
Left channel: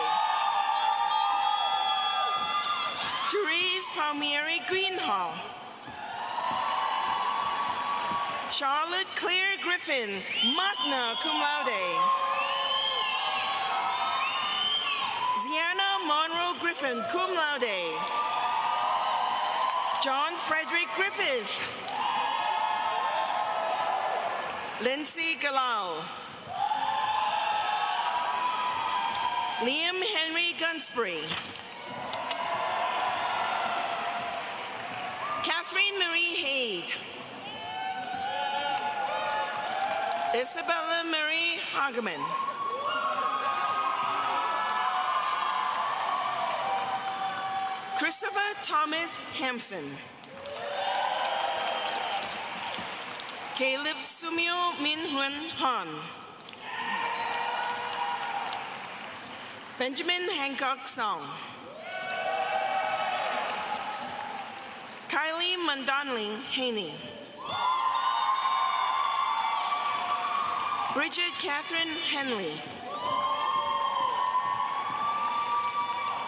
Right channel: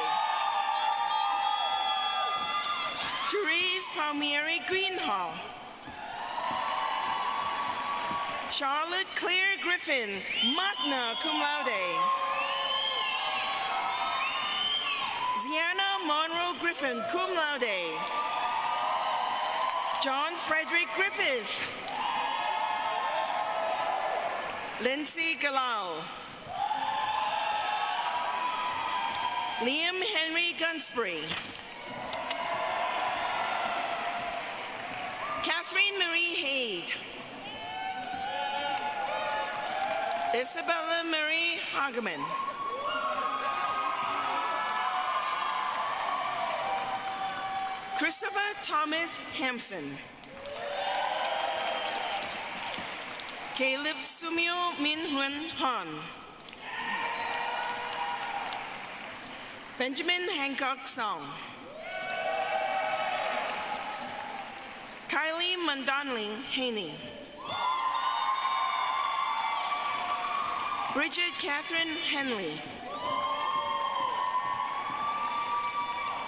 Therese Palmieri Greenhall. Charlotte Claire Griffin, magna cum laude. Ziana Monroe Griffin, cum laude. John Frederick Griffith. Lindsay Galal. Liam Henry Gunsbury. Catherine Marie Haid. Isabella Marie Hageman. Christopher Thomas Hampson. Caleb Sumio Minhun Han. Benjamin Hancock Song. Kylie Mundonling Haney. Bridget Catherine Henley.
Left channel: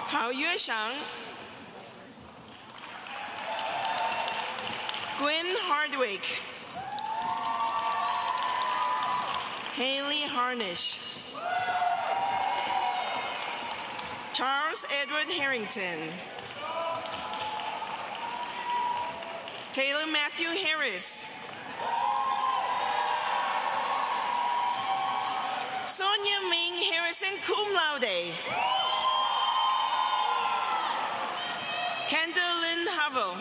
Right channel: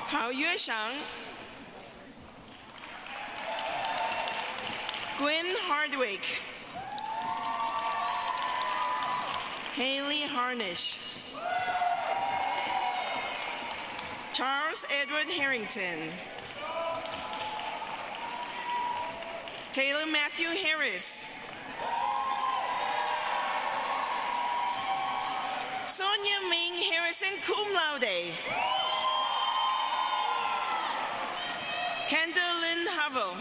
Hao Yue Shang. Gwen Hardwick. Haley Harnish. Charles Edward Harrington. Taylor Matthew Harris. Sonia Ming Harrison, cum laude. Kendall Lynn Havel.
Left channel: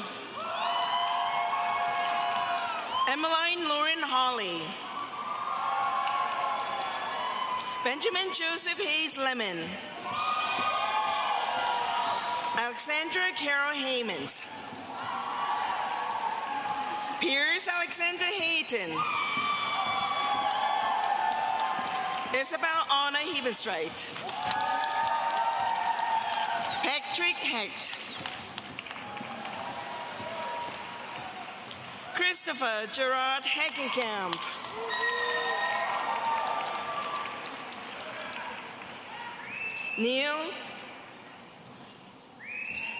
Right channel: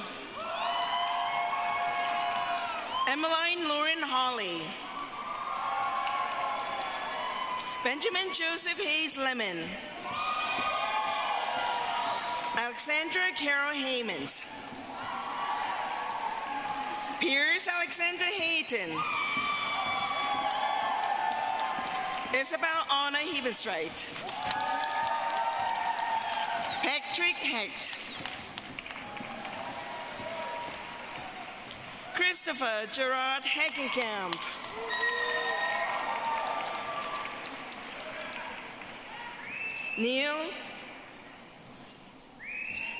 Emmeline Lauren Hawley. Benjamin Joseph Hayes Lemon. Alexandra Carol Haymans. Pierce Alexander Hayton. Isabel Anna Hebenstreit. Patrick Hecht. Christopher Gerard Hagenkamp.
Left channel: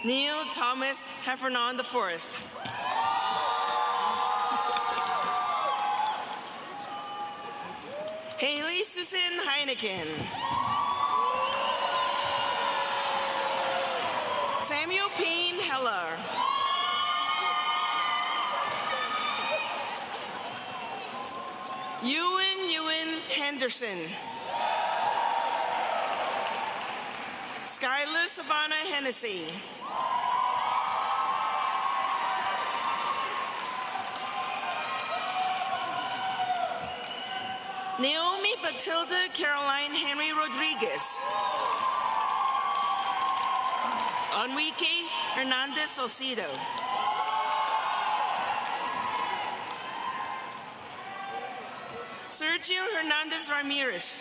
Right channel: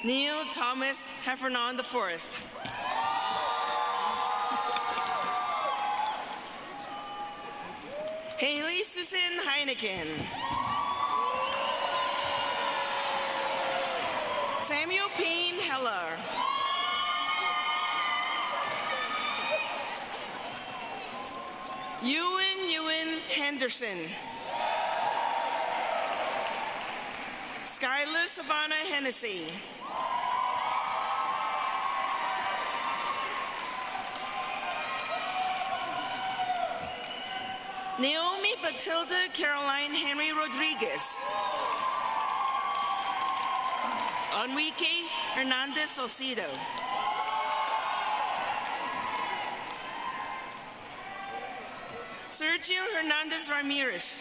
Neil Thomas Heffernan IV. Haley Susan Heineken. Samuel Payne Heller. Ewan Henderson. Skylar Savannah Hennessy. Naomi Matilda Caroline Henry Rodriguez. Enrique Hernandez Salcido. Sergio Hernandez Ramirez.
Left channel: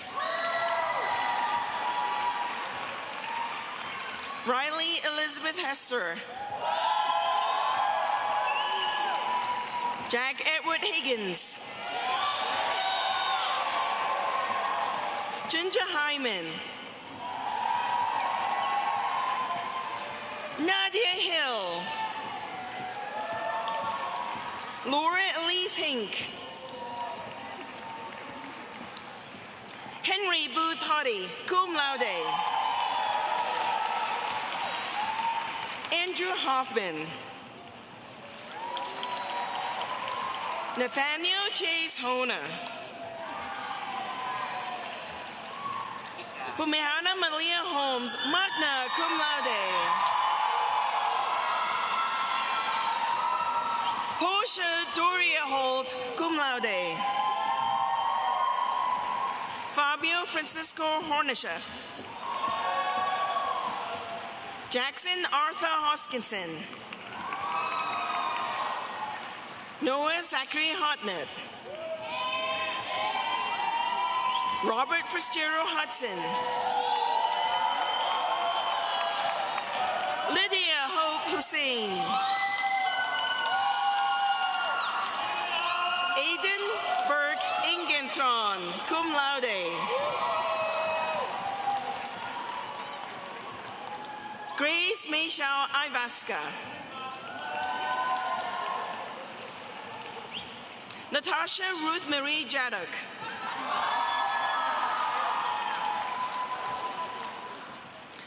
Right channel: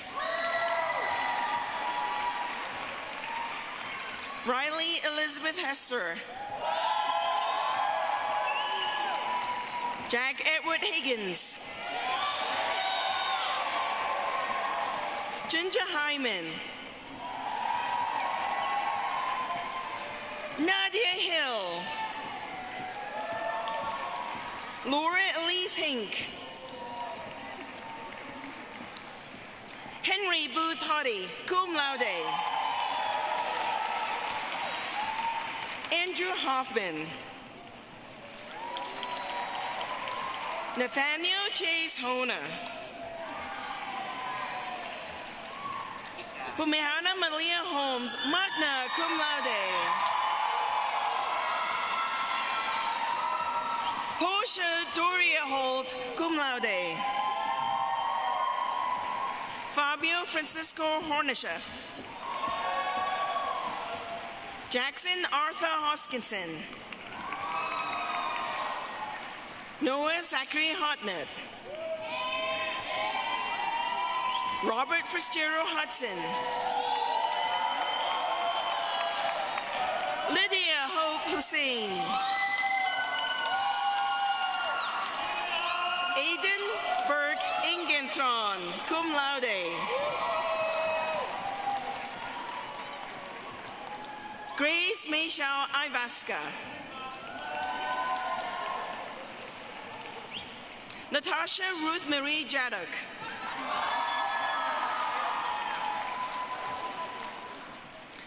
Riley Elizabeth Hesper. Jack Edward Higgins. Ginger Hyman. Nadia Hill. Laura Elise Hink. Henry Booth Hoddy, cum laude. Andrew Hoffman. Nathaniel Chase Hona. Pumehana Malia Holmes, magna cum laude. Portia Doria Holt, cum laude. Fabio Francisco Hornisha. Jackson Arthur Hoskinson. Noah Zachary Hotnett. Robert Fitzgerald Hudson. Lydia Hope Hussein. Aiden Burke Ingenthron, cum laude. Grace Michelle Ivaska. Natasha Ruth Marie Jadok.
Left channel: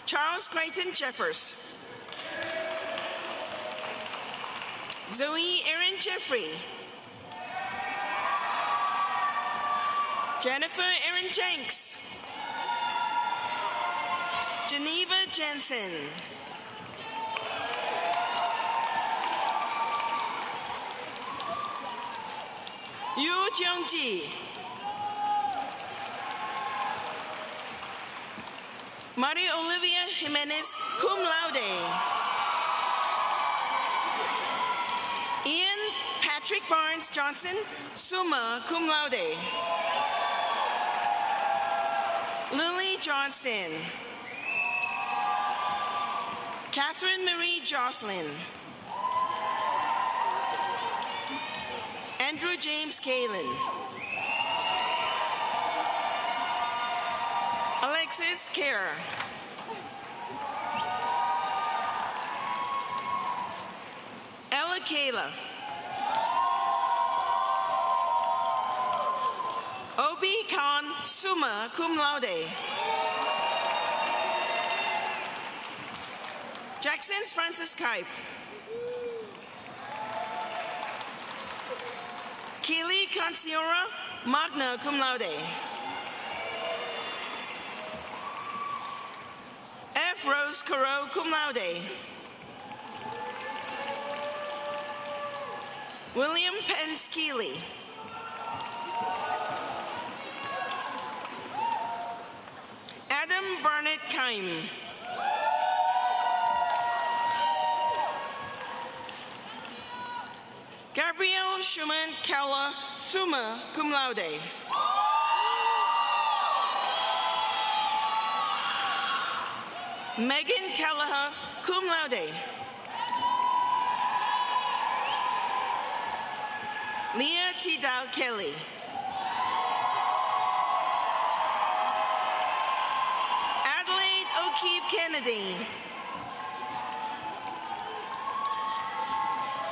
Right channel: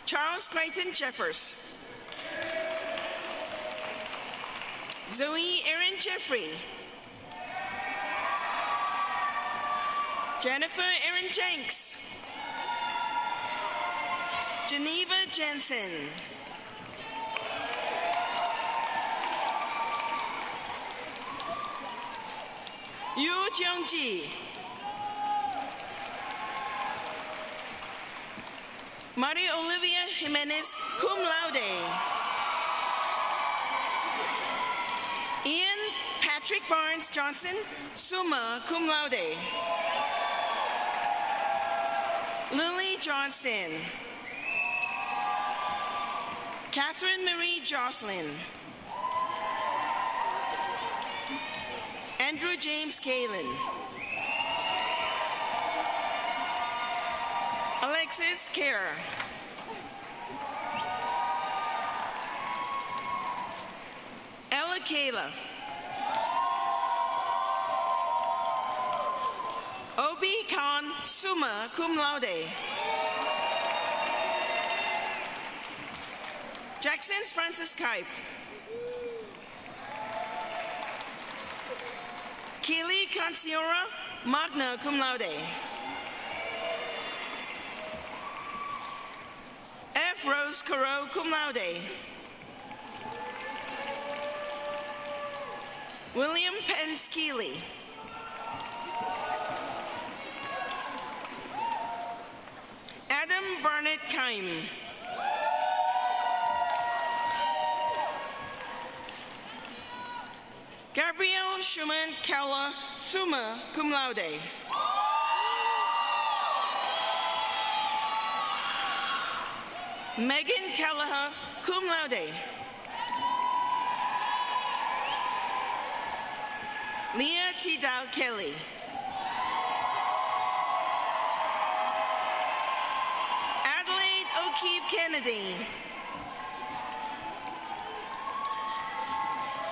Charles Creighton Jeffers. Zoe Erin Jeffrey. Jennifer Erin Jenks. Geneva Jensen. Yu Jeongji. Maria Olivia Jimenez, cum laude. Ian Patrick Barnes Johnson, summa cum laude. Lily Johnston. Catherine Marie Jocelyn. Andrew James Kalin. Alexis Kerr. Ella Kayla. Obi Khan, summa cum laude. Jackson's Francis Kipe. Keely Katsiora, magna cum laude. F. Rose Caro, cum laude. William Pence Keeley. Adam Barnett Keim. Gabrielle Schumann Kala, summa cum laude. Megan Kelleher, cum laude. Leah Tidal Kelly. Adelaide O'Keefe Kennedy.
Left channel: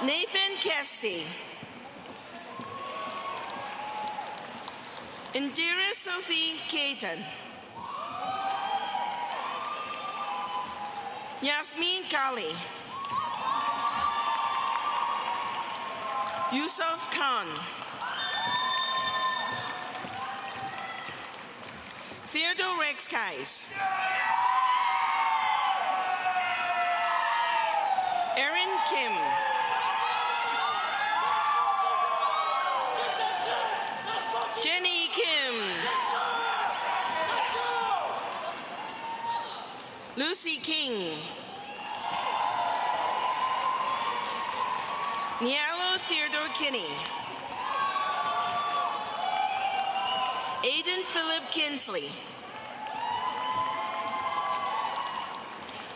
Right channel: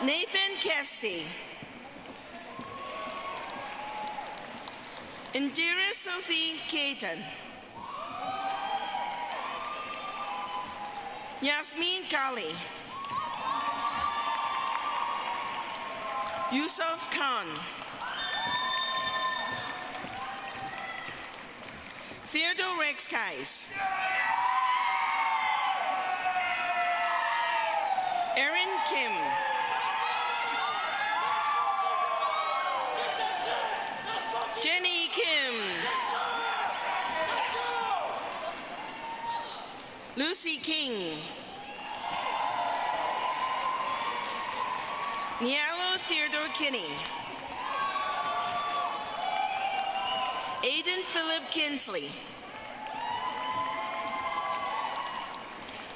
Nathan Kesty. Indira Sophie Caton. Yasmin Kali. Yusuf Khan. Theodore Rex Kais. Erin Kim. Jenny Kim. Lucy King. Nialo Theodore Kinney. Aiden Philip Kinsley.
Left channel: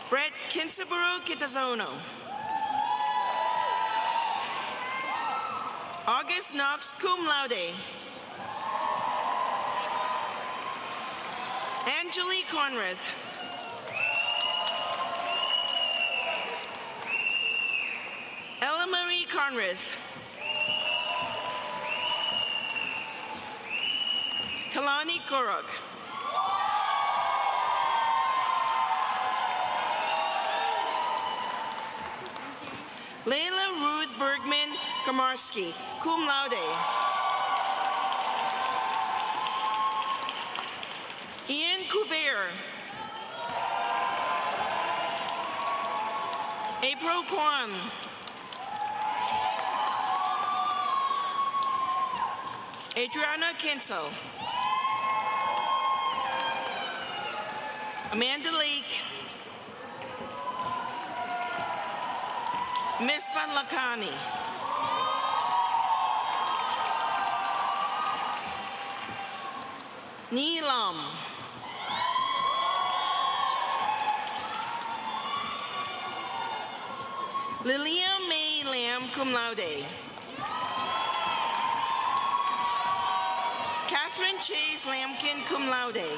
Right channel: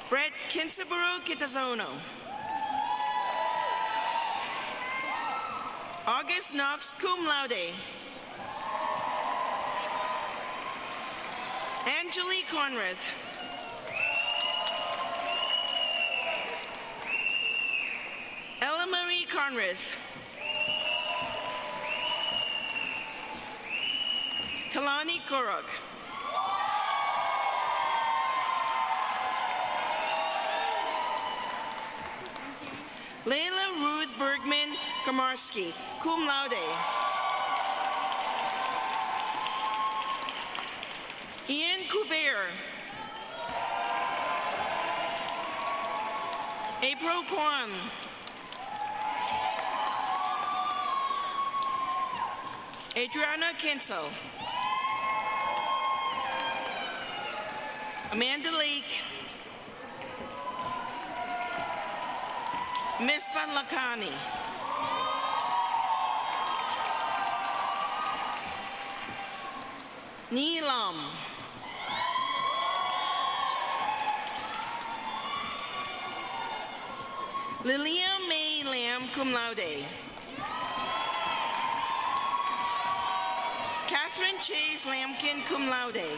Brett Kensaburo Kitazono. August Knox, cum laude. Angelique Conrath. Ella Marie Conrath. Kalani Korok. Layla Ruth Bergman Kamarski, cum laude. Ian Couvert. April Kwan. Adriana Kinsel. Amanda Lake. Mispan Lakani. Neelam. Lilia May Lam, cum laude. Catherine Chase Lamkin, cum laude.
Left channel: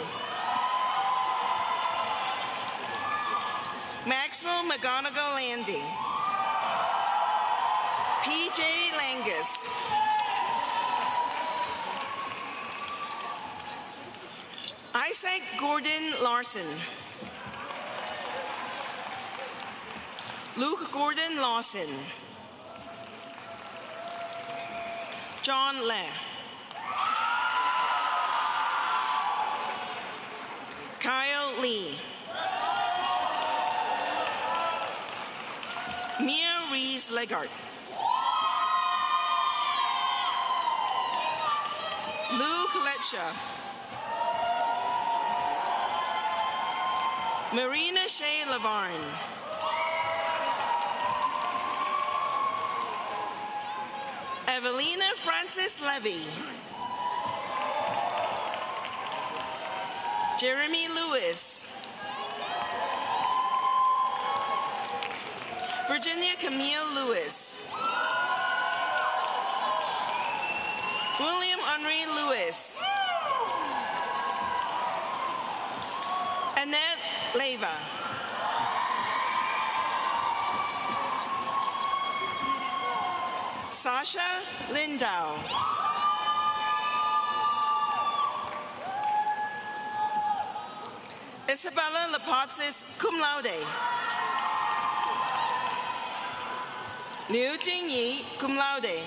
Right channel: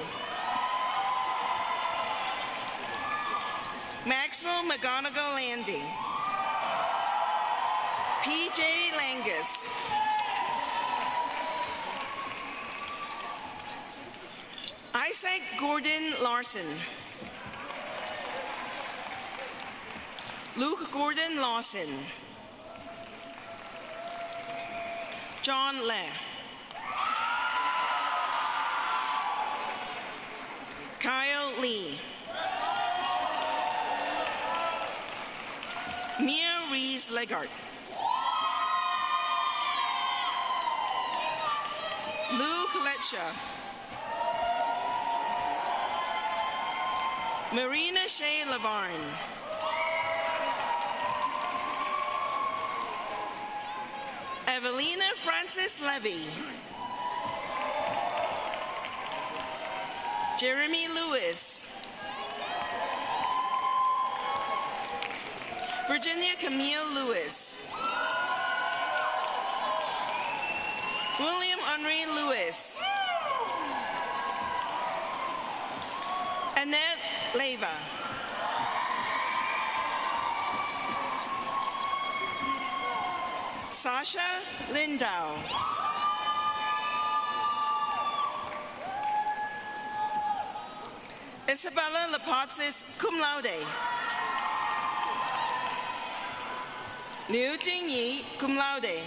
Maxwell McGonigal Landy. P.J. Langus. Isaac Gordon Larson. Luke Gordon Lawson. John Le. Kyle Lee. Mia Reese Legart. Luke Letcha. Marina Shea Lavarne. Evelina Francis Levy. Jeremy Lewis. Virginia Camille Lewis. William Henry Lewis. Annette Leva. Sasha Lindau. Isabella Lapatsis, cum laude. Liu Jingyi, cum laude.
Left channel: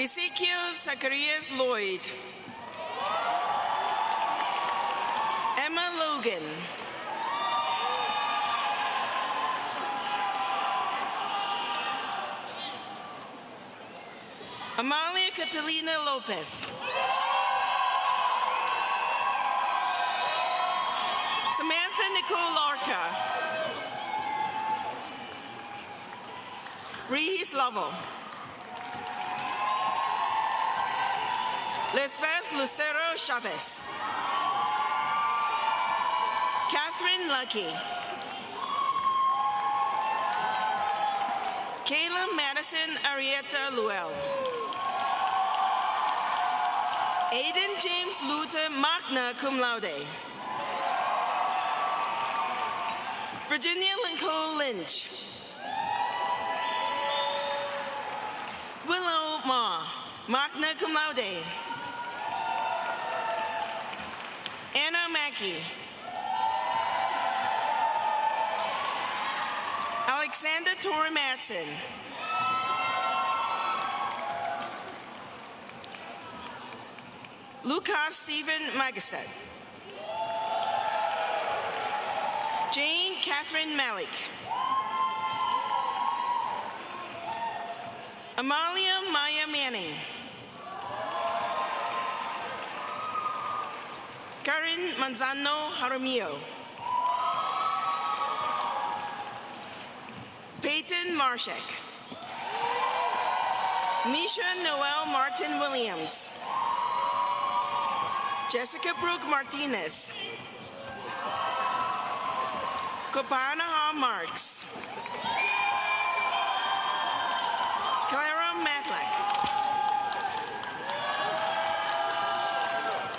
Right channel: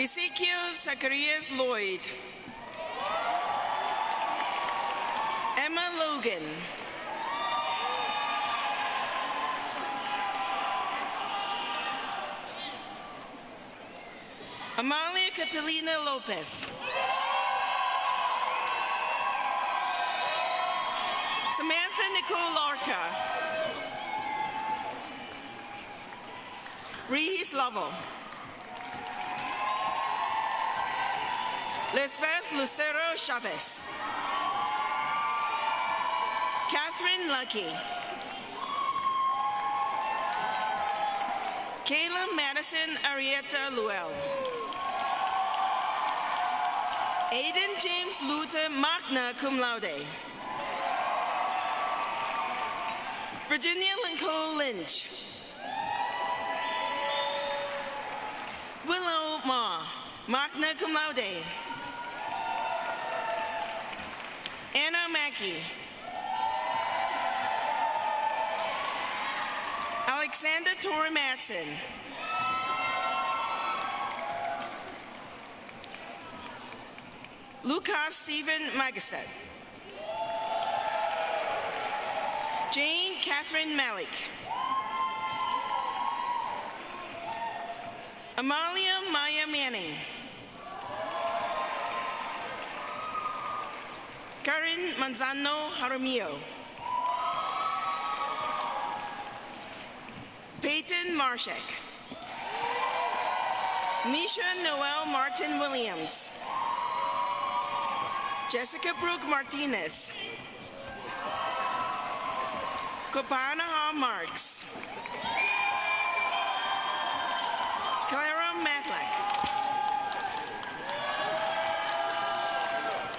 Ezekiel Zacharias Lloyd. Emma Logan. Amalia Catalina Lopez. Samantha Nicole Larca. Reese Lovell. Lisbeth Lucero Chavez. Catherine Lucky. Kayla Madison Arietta Luell. Aiden James Luta Magna cum laude. Virginia Lincoln Lynch. Willow Ma, magna cum laude. Anna Mackey. Alexander Tor Matson. Lucas Stephen Magister. Jane Catherine Malik. Amalia Maya Manning. Karen Manzano Jaramillo. Peyton Marshak. Misha Noel Martin Williams. Jessica Brooke Martinez. Kopanaha Marks. Clara Matlack.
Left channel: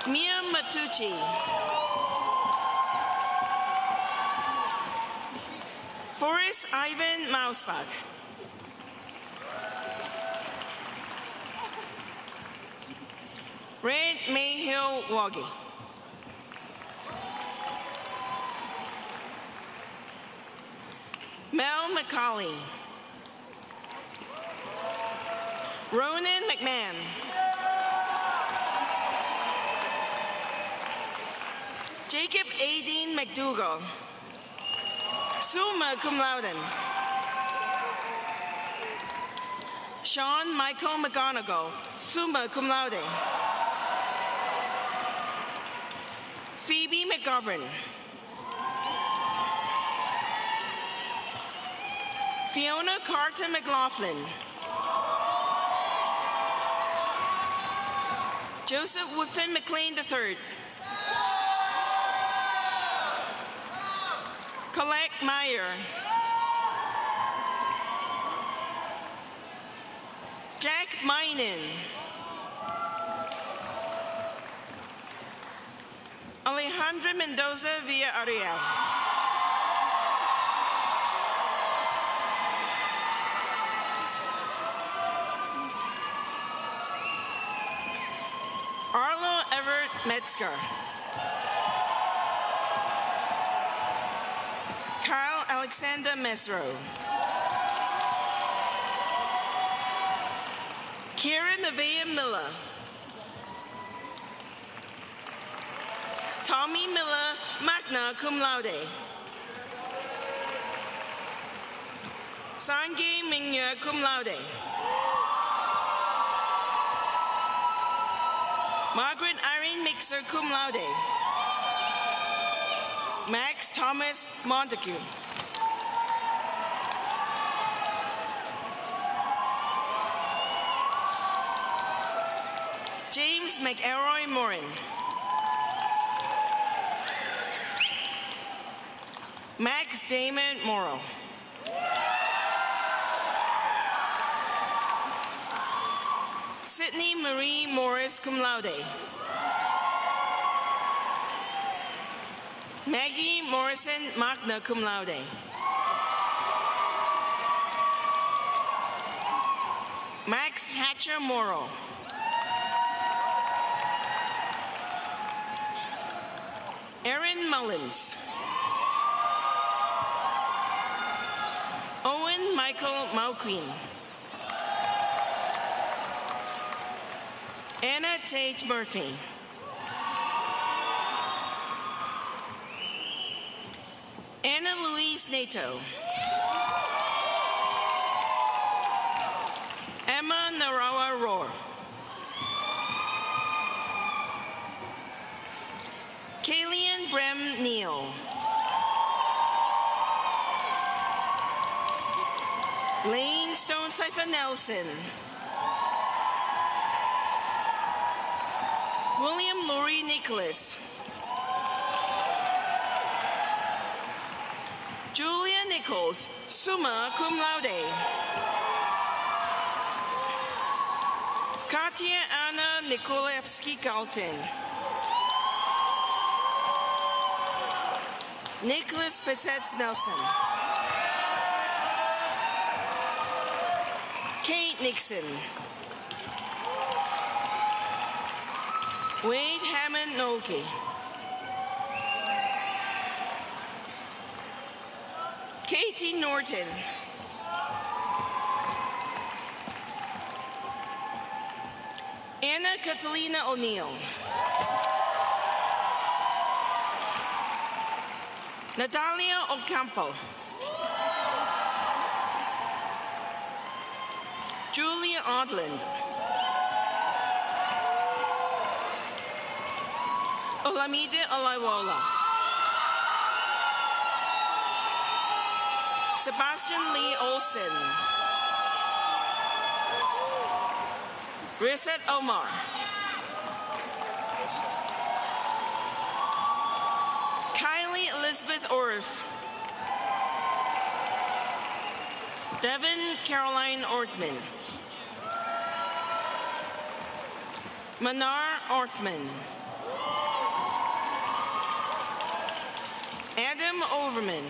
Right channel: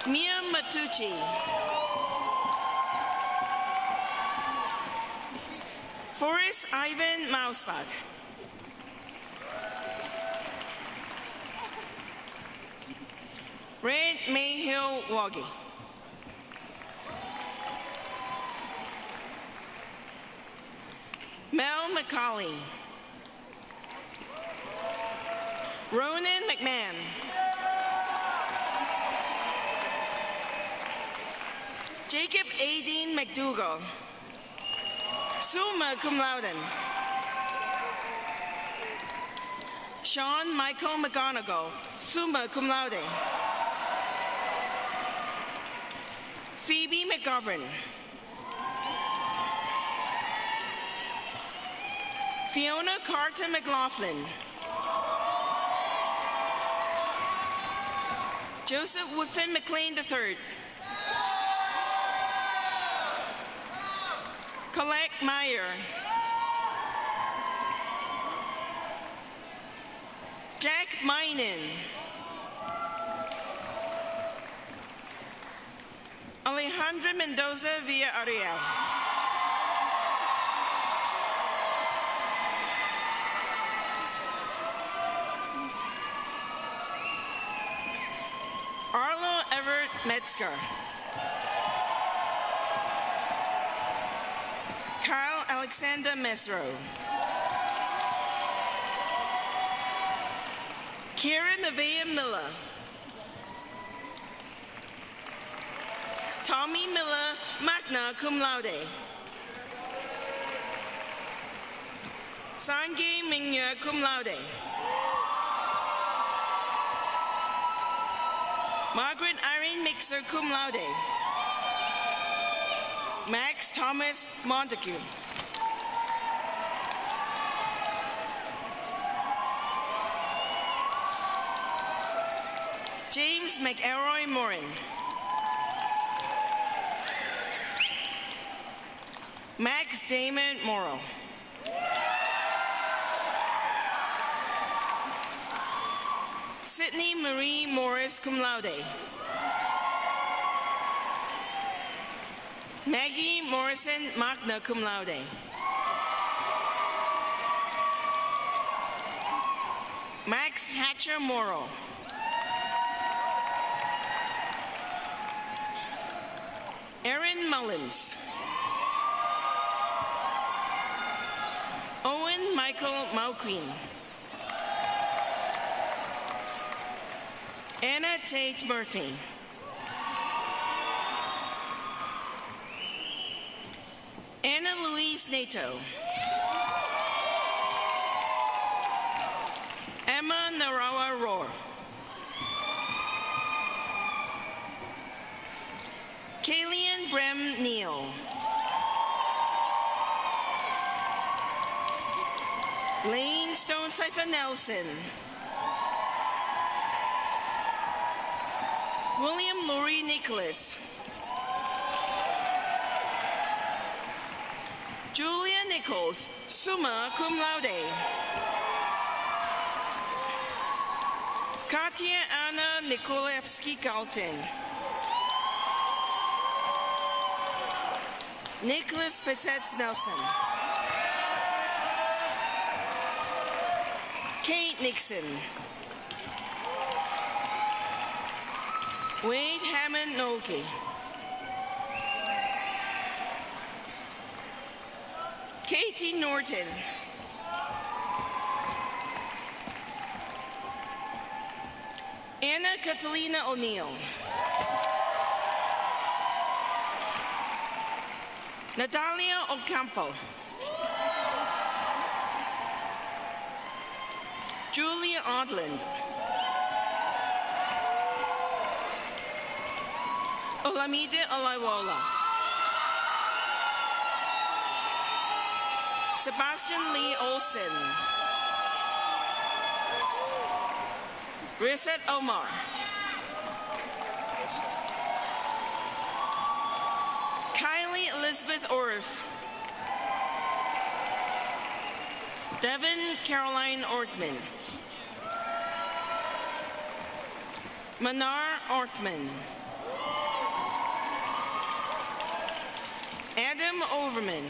Mia Matucci. Forrest Ivan Mausbach. Red Mayhill Woggy. Mel McCauley. Ronan McMahon. Jacob Aideen McDougall. Summa cum laude. Sean Michael McGonigal. Summa cum laude. Phoebe McGovern. Fiona Carter McLaughlin. Joseph Woodfin McLean III. Colette Meyer. Jack Minen. Alejandra Mendoza Villarreal. Arlo Everett Metzger. Kyle Alexander Mesro. Kieran Nevaeh Miller. Tommy Miller, magna cum laude. Sange Mingya cum laude. Margaret Irene Mixer cum laude. Max Thomas Montague. James McElroy Morin. Max Damon Morrow. Sydney Marie Morris cum laude. Maggie Morrison magna cum laude. Max Hatcher Morrow. Erin Mullins. Owen Michael Mauquin. Anna Tate Murphy. Anna Louise Nato. Emma Narawa Roar. Kalian Brem Neal. Lane Stone Cipher Nelson. William Laurie Nicholas. Julia Nichols, summa cum laude. Katia Anna Nikolevsky-Galton. Nicholas Bissett Nelson. Kate Nixon. Wade Hammond Nolke. Katie Norton. Anna Catalina O'Neill. Natalia Ocampo. Julia Odland. Olamide Olaiwola. Sebastian Lee Olsen. Reset Omar. Kylie Elizabeth Orff. Devin Caroline Orthman. Manar Orthman. Adam Overman.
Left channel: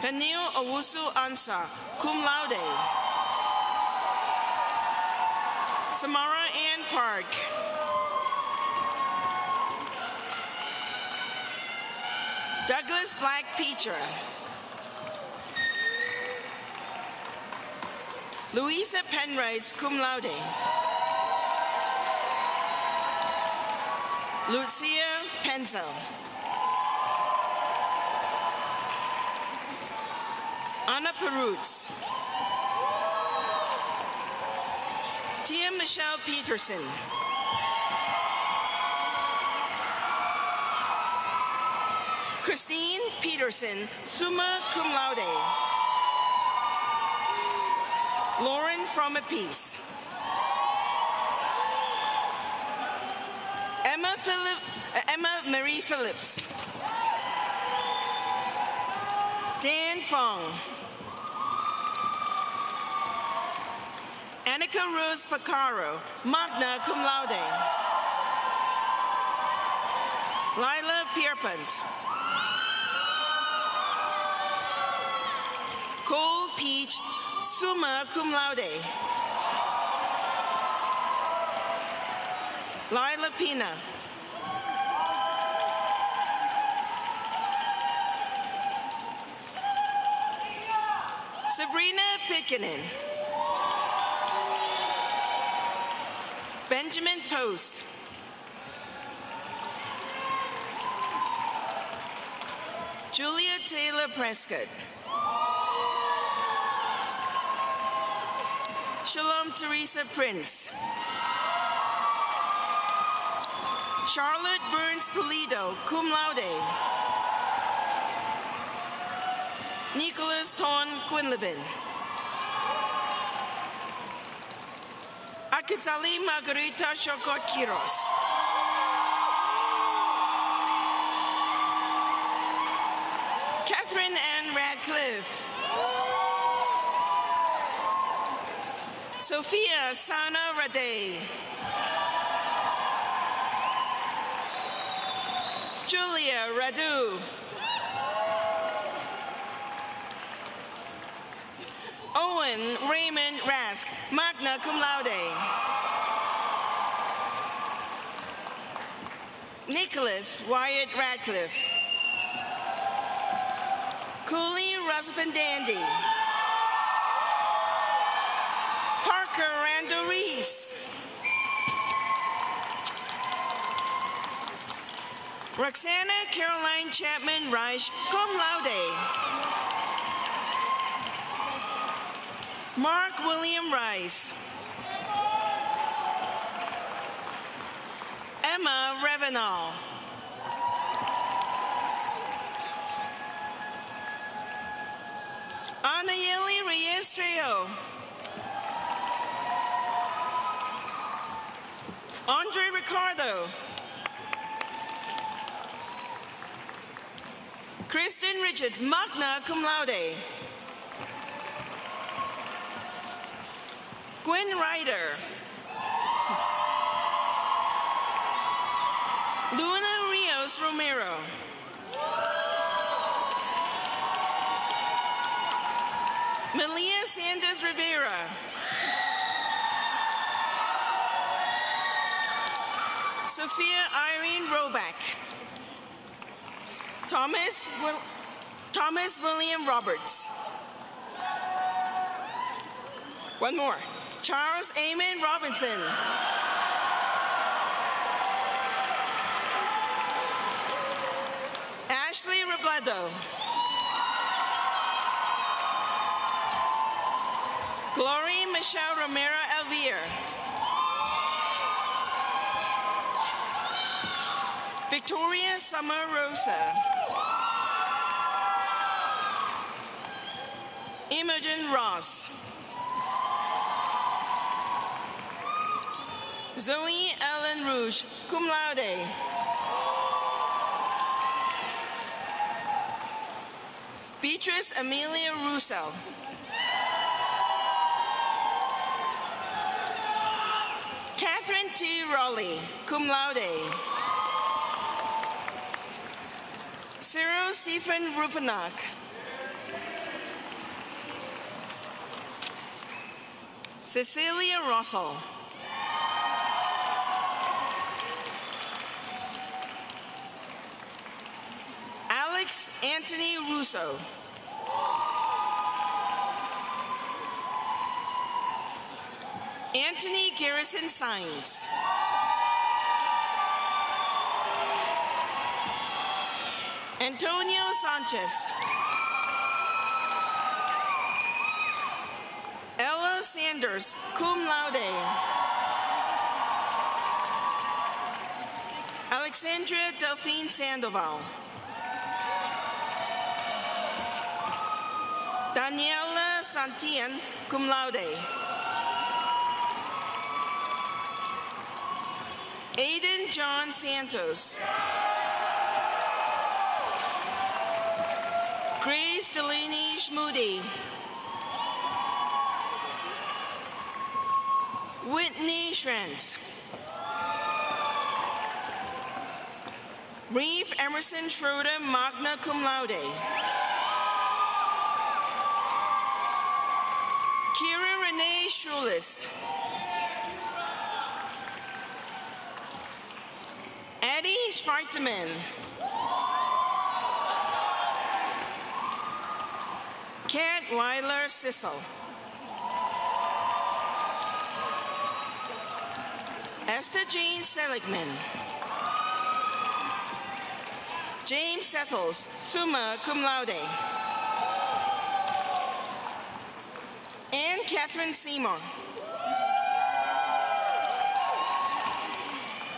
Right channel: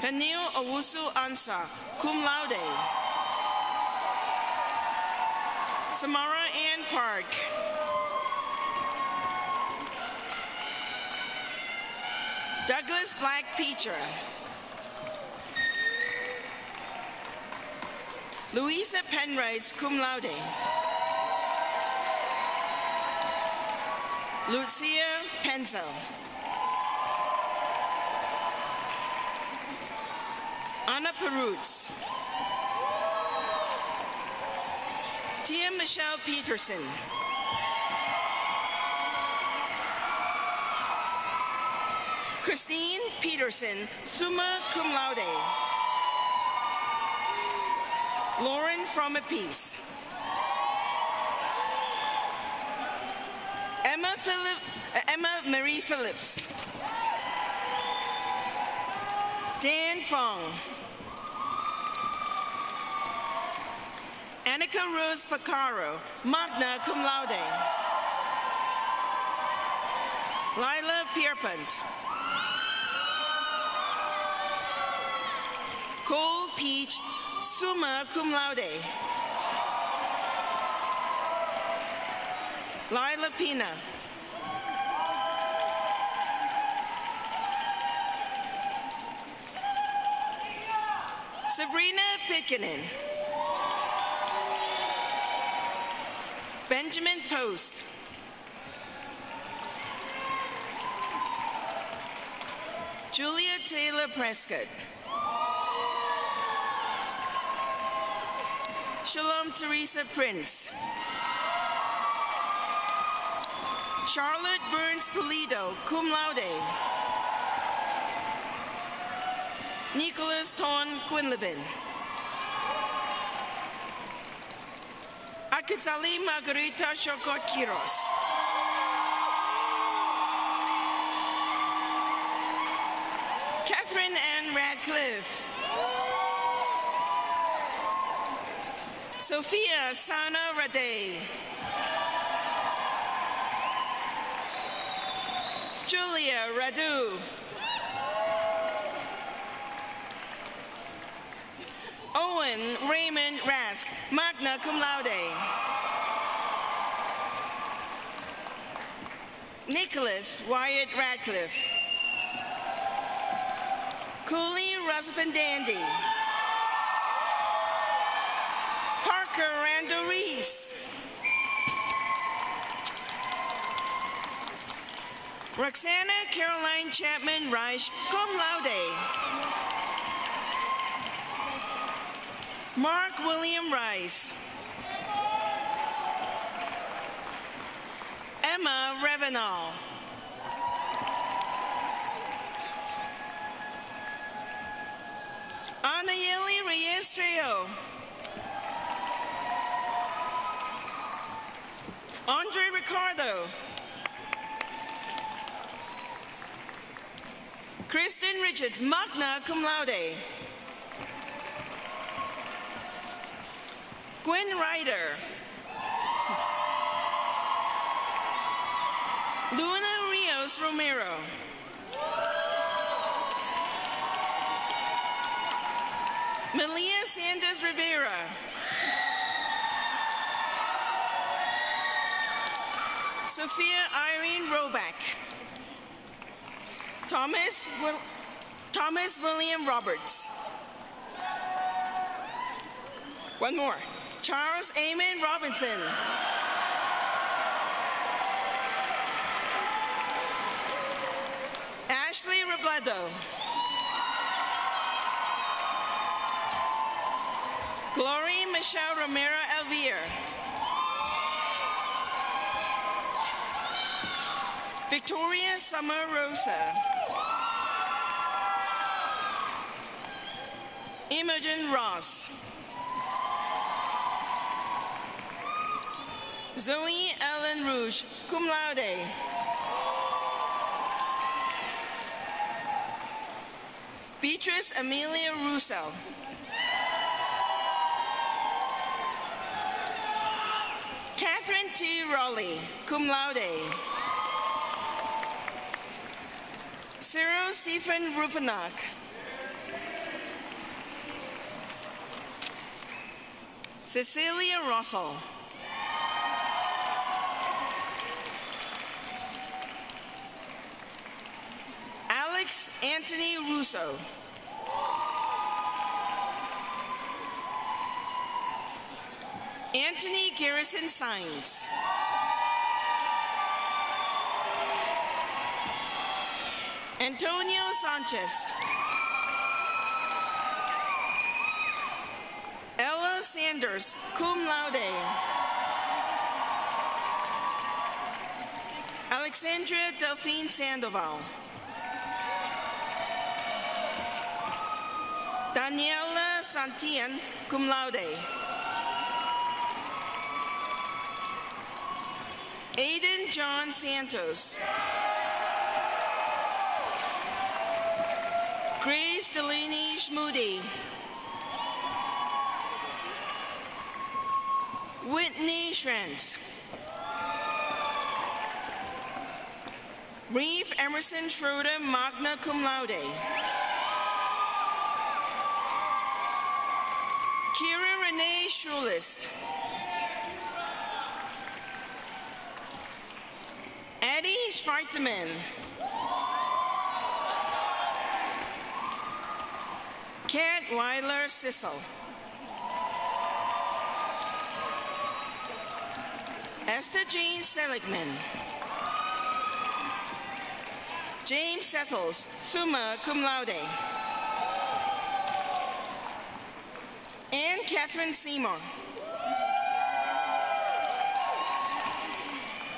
Peniel Owusu Ansa, cum laude. Samara Ann Park. Douglas Black Petra. Louisa Penrice, cum laude. Lucia Penzel. Anna Perutz. Tia Michelle Peterson. Christine Peterson, summa cum laude. Lauren From a Peace. Emma Marie Phillips. Dan Fong. Annika Rose Pacaro, magna cum laude. Lila Pierpont. Cole Peach, summa cum laude. Lila Pina. Sabrina Pickenen. Benjamin Post. Julia Taylor Prescott. Shalom Teresa Prince. Charlotte Burns Pulido, cum laude. Nicholas Ton Quinlivan. Akizali Margarita Shokot Kiros. Catherine Ann Radcliffe. Sophia Sana Rade. Julia Radu. Owen Raymond Rask, magna cum laude. Nicholas Wyatt Radcliffe. Coley Roosevelt Dandy. Parker Randall Reese. Roxana Caroline Chapman Reich, cum laude. Mark William Rice. Emma Revenal. Anayeli Reyes Trio. Andre Ricardo. Kristen Richards, magna cum laude. Gwen Ryder. Luna Rios Romero. Melia Sanders Rivera. Sophia Irene Roback. Thomas William Roberts. One more. Charles Amon Robinson. Ashley Robledo. Glory Michelle Romero Elvire. Victoria Summer Rosa. Imogen Ross. Zoe Ellen Rouge, cum laude. Beatrice Amelia Russo. Catherine T. Raleigh, cum laude. Cyril Stephen Rufanak. Cecilia Russell. Alex Anthony Russo. Anthony Garrison Sines. Antonio Sanchez. Ella Sanders, cum laude. Alexandra Delphine Sandoval. Daniela Santillan, cum laude. Aiden John Santos. Grace Delaney Schmoody. Whitney Shrent. Reeve Emerson Schroeder, magna cum laude. Kira Renee Schulist. Eddie Schwartman. Kat Weiler Sissel. Esther Jane Seligman. James Settles, summa cum laude. Anne Catherine Seymour.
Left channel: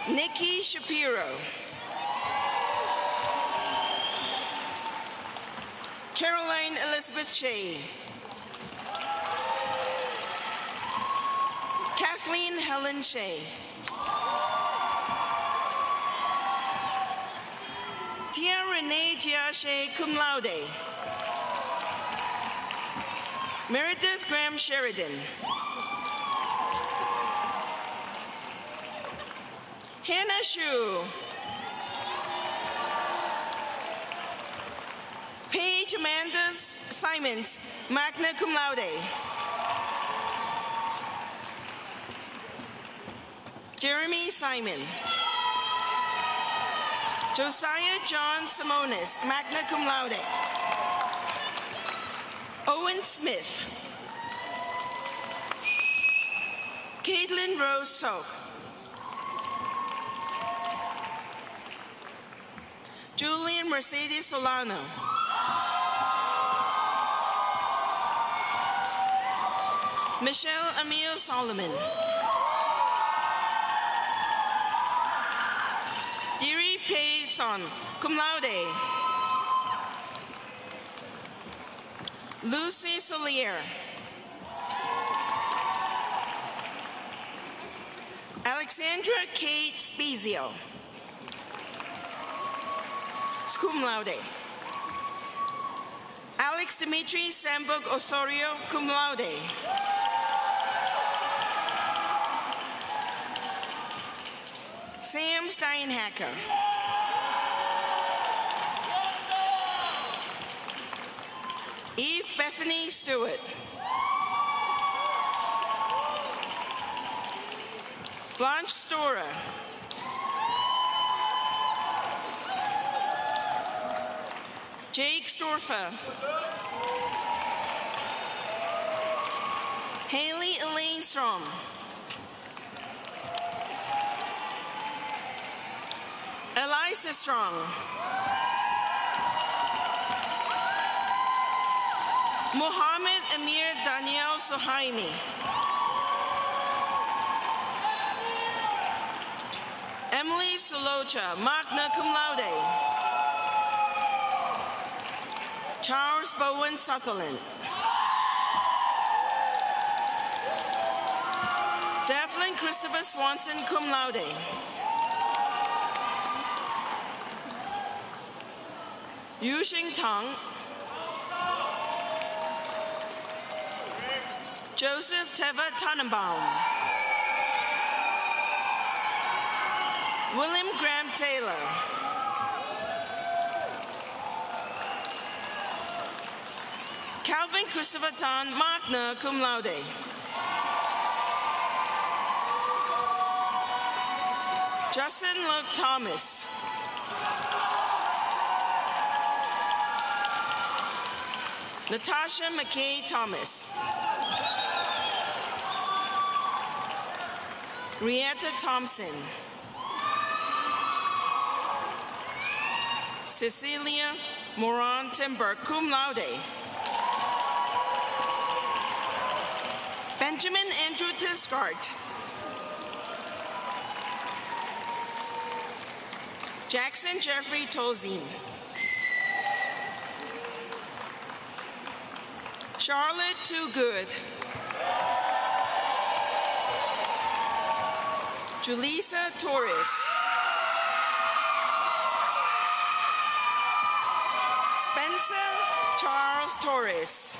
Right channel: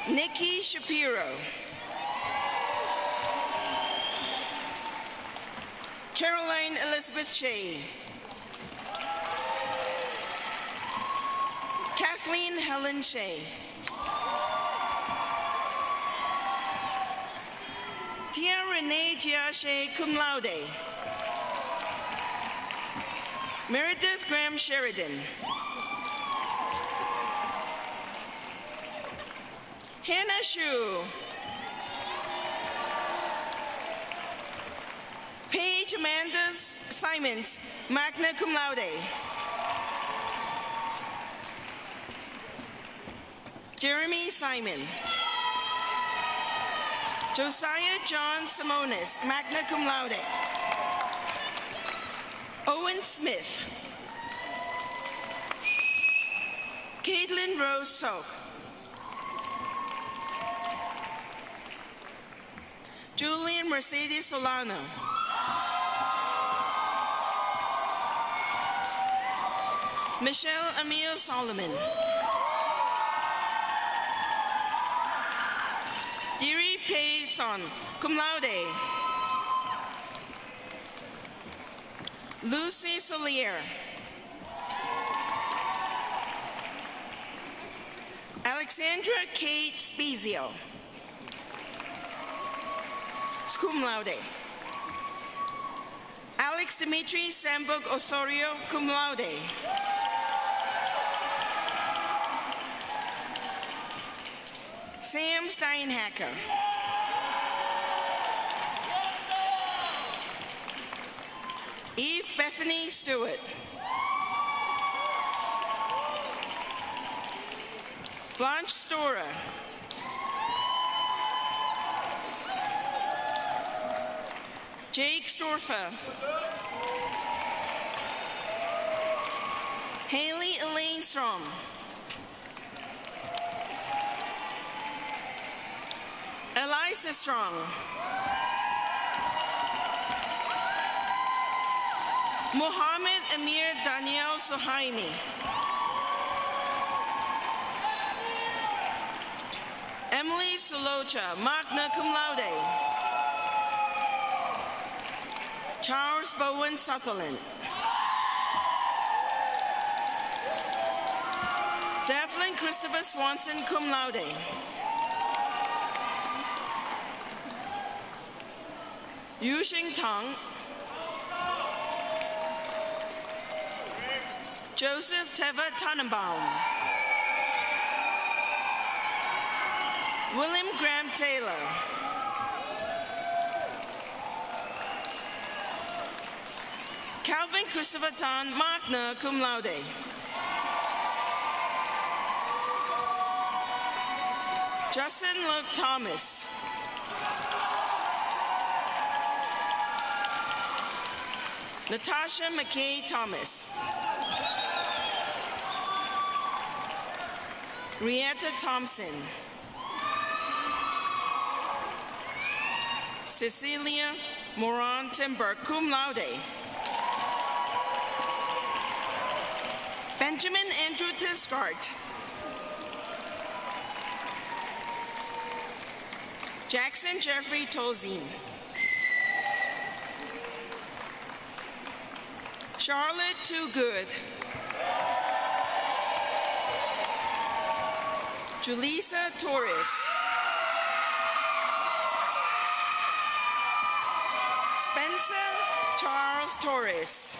Nikki Shapiro. Caroline Elizabeth Shea. Kathleen Helen Shea. Tia Renee Giache, cum laude. Meredith Graham Sheridan. Hannah Shu. Paige Amanda Simons, magna cum laude. Jeremy Simon. Josiah John Simonis, magna cum laude. Owen Smith. Caitlin Rose Soak. Julian Mercedes Solano. Michelle Emile Solomon. Deary Payson, cum laude. Lucy Solier. Alexandra Kate Spezio, cum laude. Alex Dimitri Sambug Osorio, cum laude. Sam Steinhacker. Eve Bethany Stewart. Blanche Storer. Jake Storfa. Haley Elaine Strom. Eliza Strong. Mohammed Amir Daniel Sohaimi. Emily Solocha, magna cum laude. Charles Bowen Sutherland. Devlin Christopher Swanson, cum laude. Yuxing Tang. Joseph Teva Tannenbaum. William Graham Taylor. Calvin Christopher Tan, magna cum laude. Justin Luke Thomas. Natasha McKay Thomas. Rieta Thompson. Cecilia Moran Timber, cum laude. Benjamin Andrew Tiscart. Jackson Jeffrey Tolzien. Charlotte Toogood. Julissa Torres. Spencer Charles Torres.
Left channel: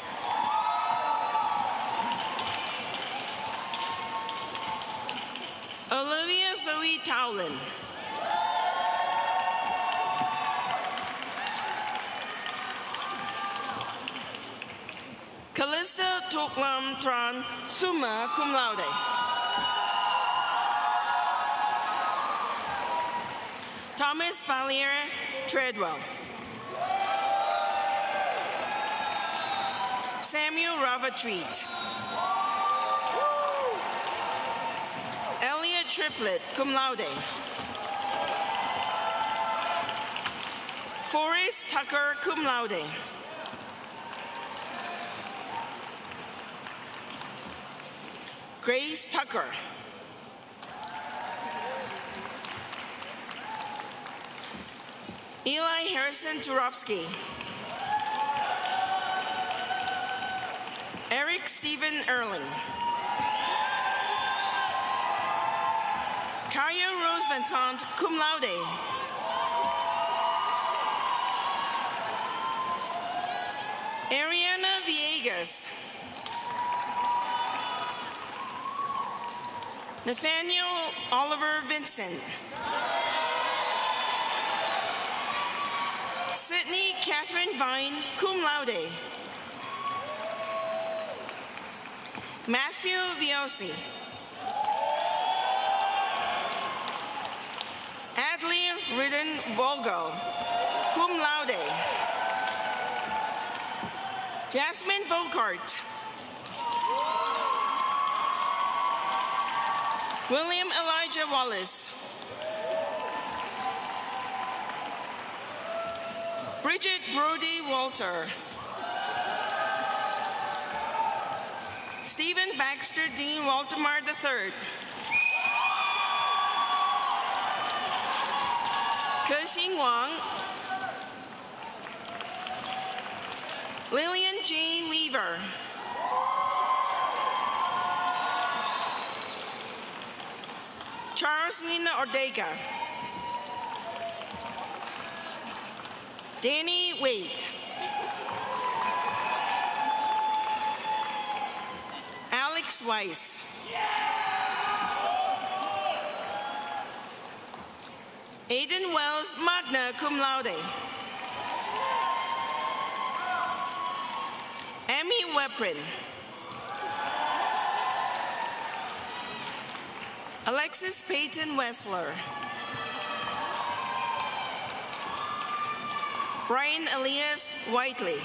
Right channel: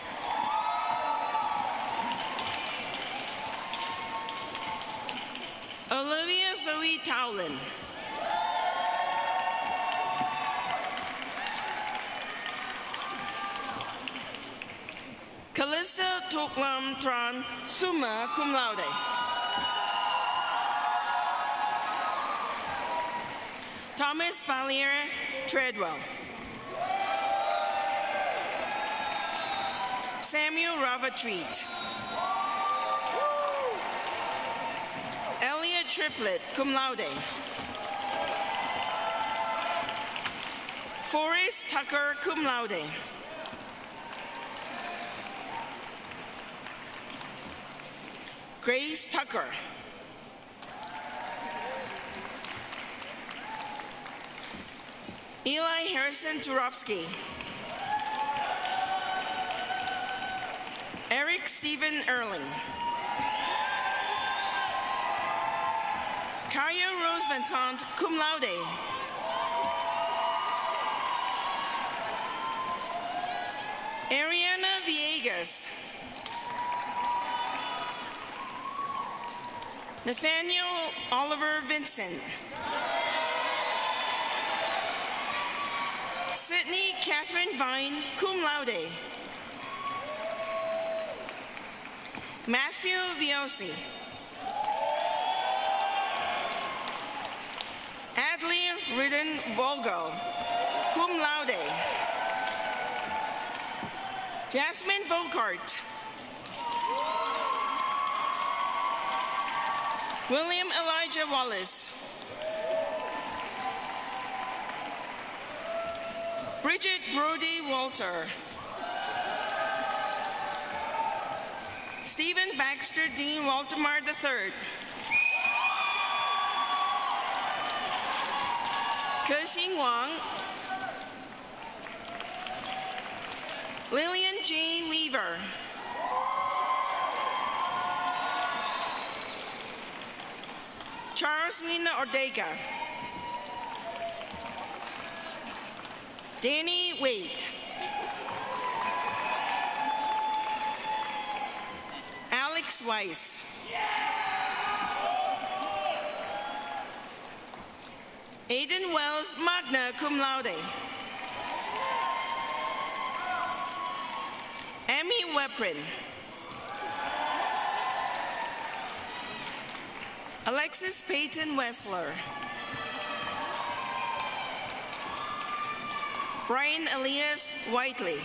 Olivia Zoe Towlin. Callista Tuklam Tran, summa cum laude. Thomas Ballier Treadwell. Samuel Ravatreat. Elliot Triplett, cum laude. Forrest Tucker, cum laude. Grace Tucker. Eli Harrison Turovsky. Eric Stephen Erling. Kaya Rose Vincent, cum laude. Ariana Villegas. Nathaniel Oliver Vincent. Sydney Catherine Vine, cum laude. Matthew Viosi. Adley Ridden Volgo, cum laude. Jasmine Volkart. William Elijah Wallace. Bridget Brody Walter. Stephen Baxter Dean Waltermar III. Ke-Xin Wang. Lillian J. Weaver. Charles Mina Ortega. Danny Waite. Alex Weiss. Aiden Wells, magna cum laude. Amy Weprin. Alexis Peyton Wessler. Brian Elias Whiteley.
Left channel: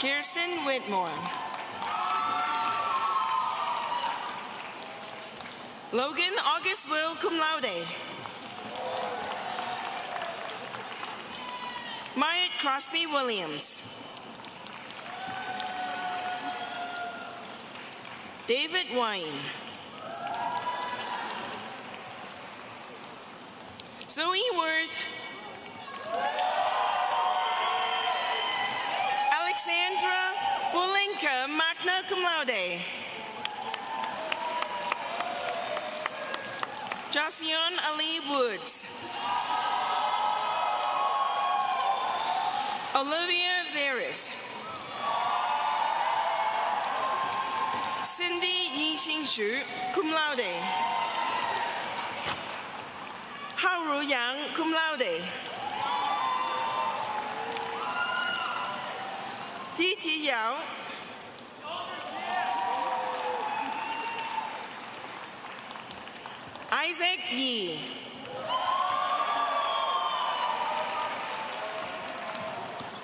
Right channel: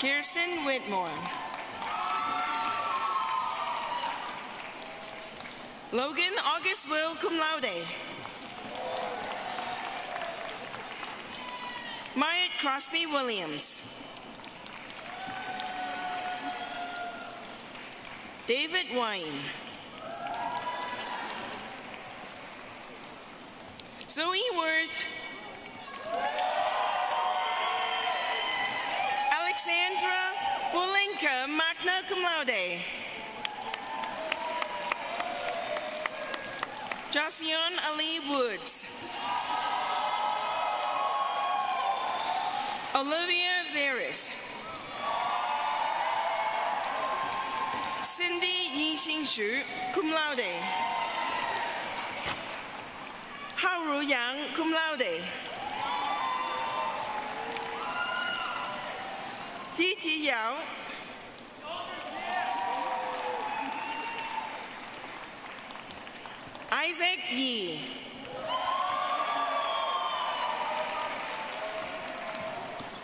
Kirsten Whitmore. Logan August Will, cum laude. Myatt Crosby Williams. David Wine. Zoe Worth. Alexandra Olenka, magna cum laude. Josian Ali Woods. Olivia Zaris. Xu, cum laude. Hao Ruyang, cum laude. Ji Ji Yao. Isaac Yi.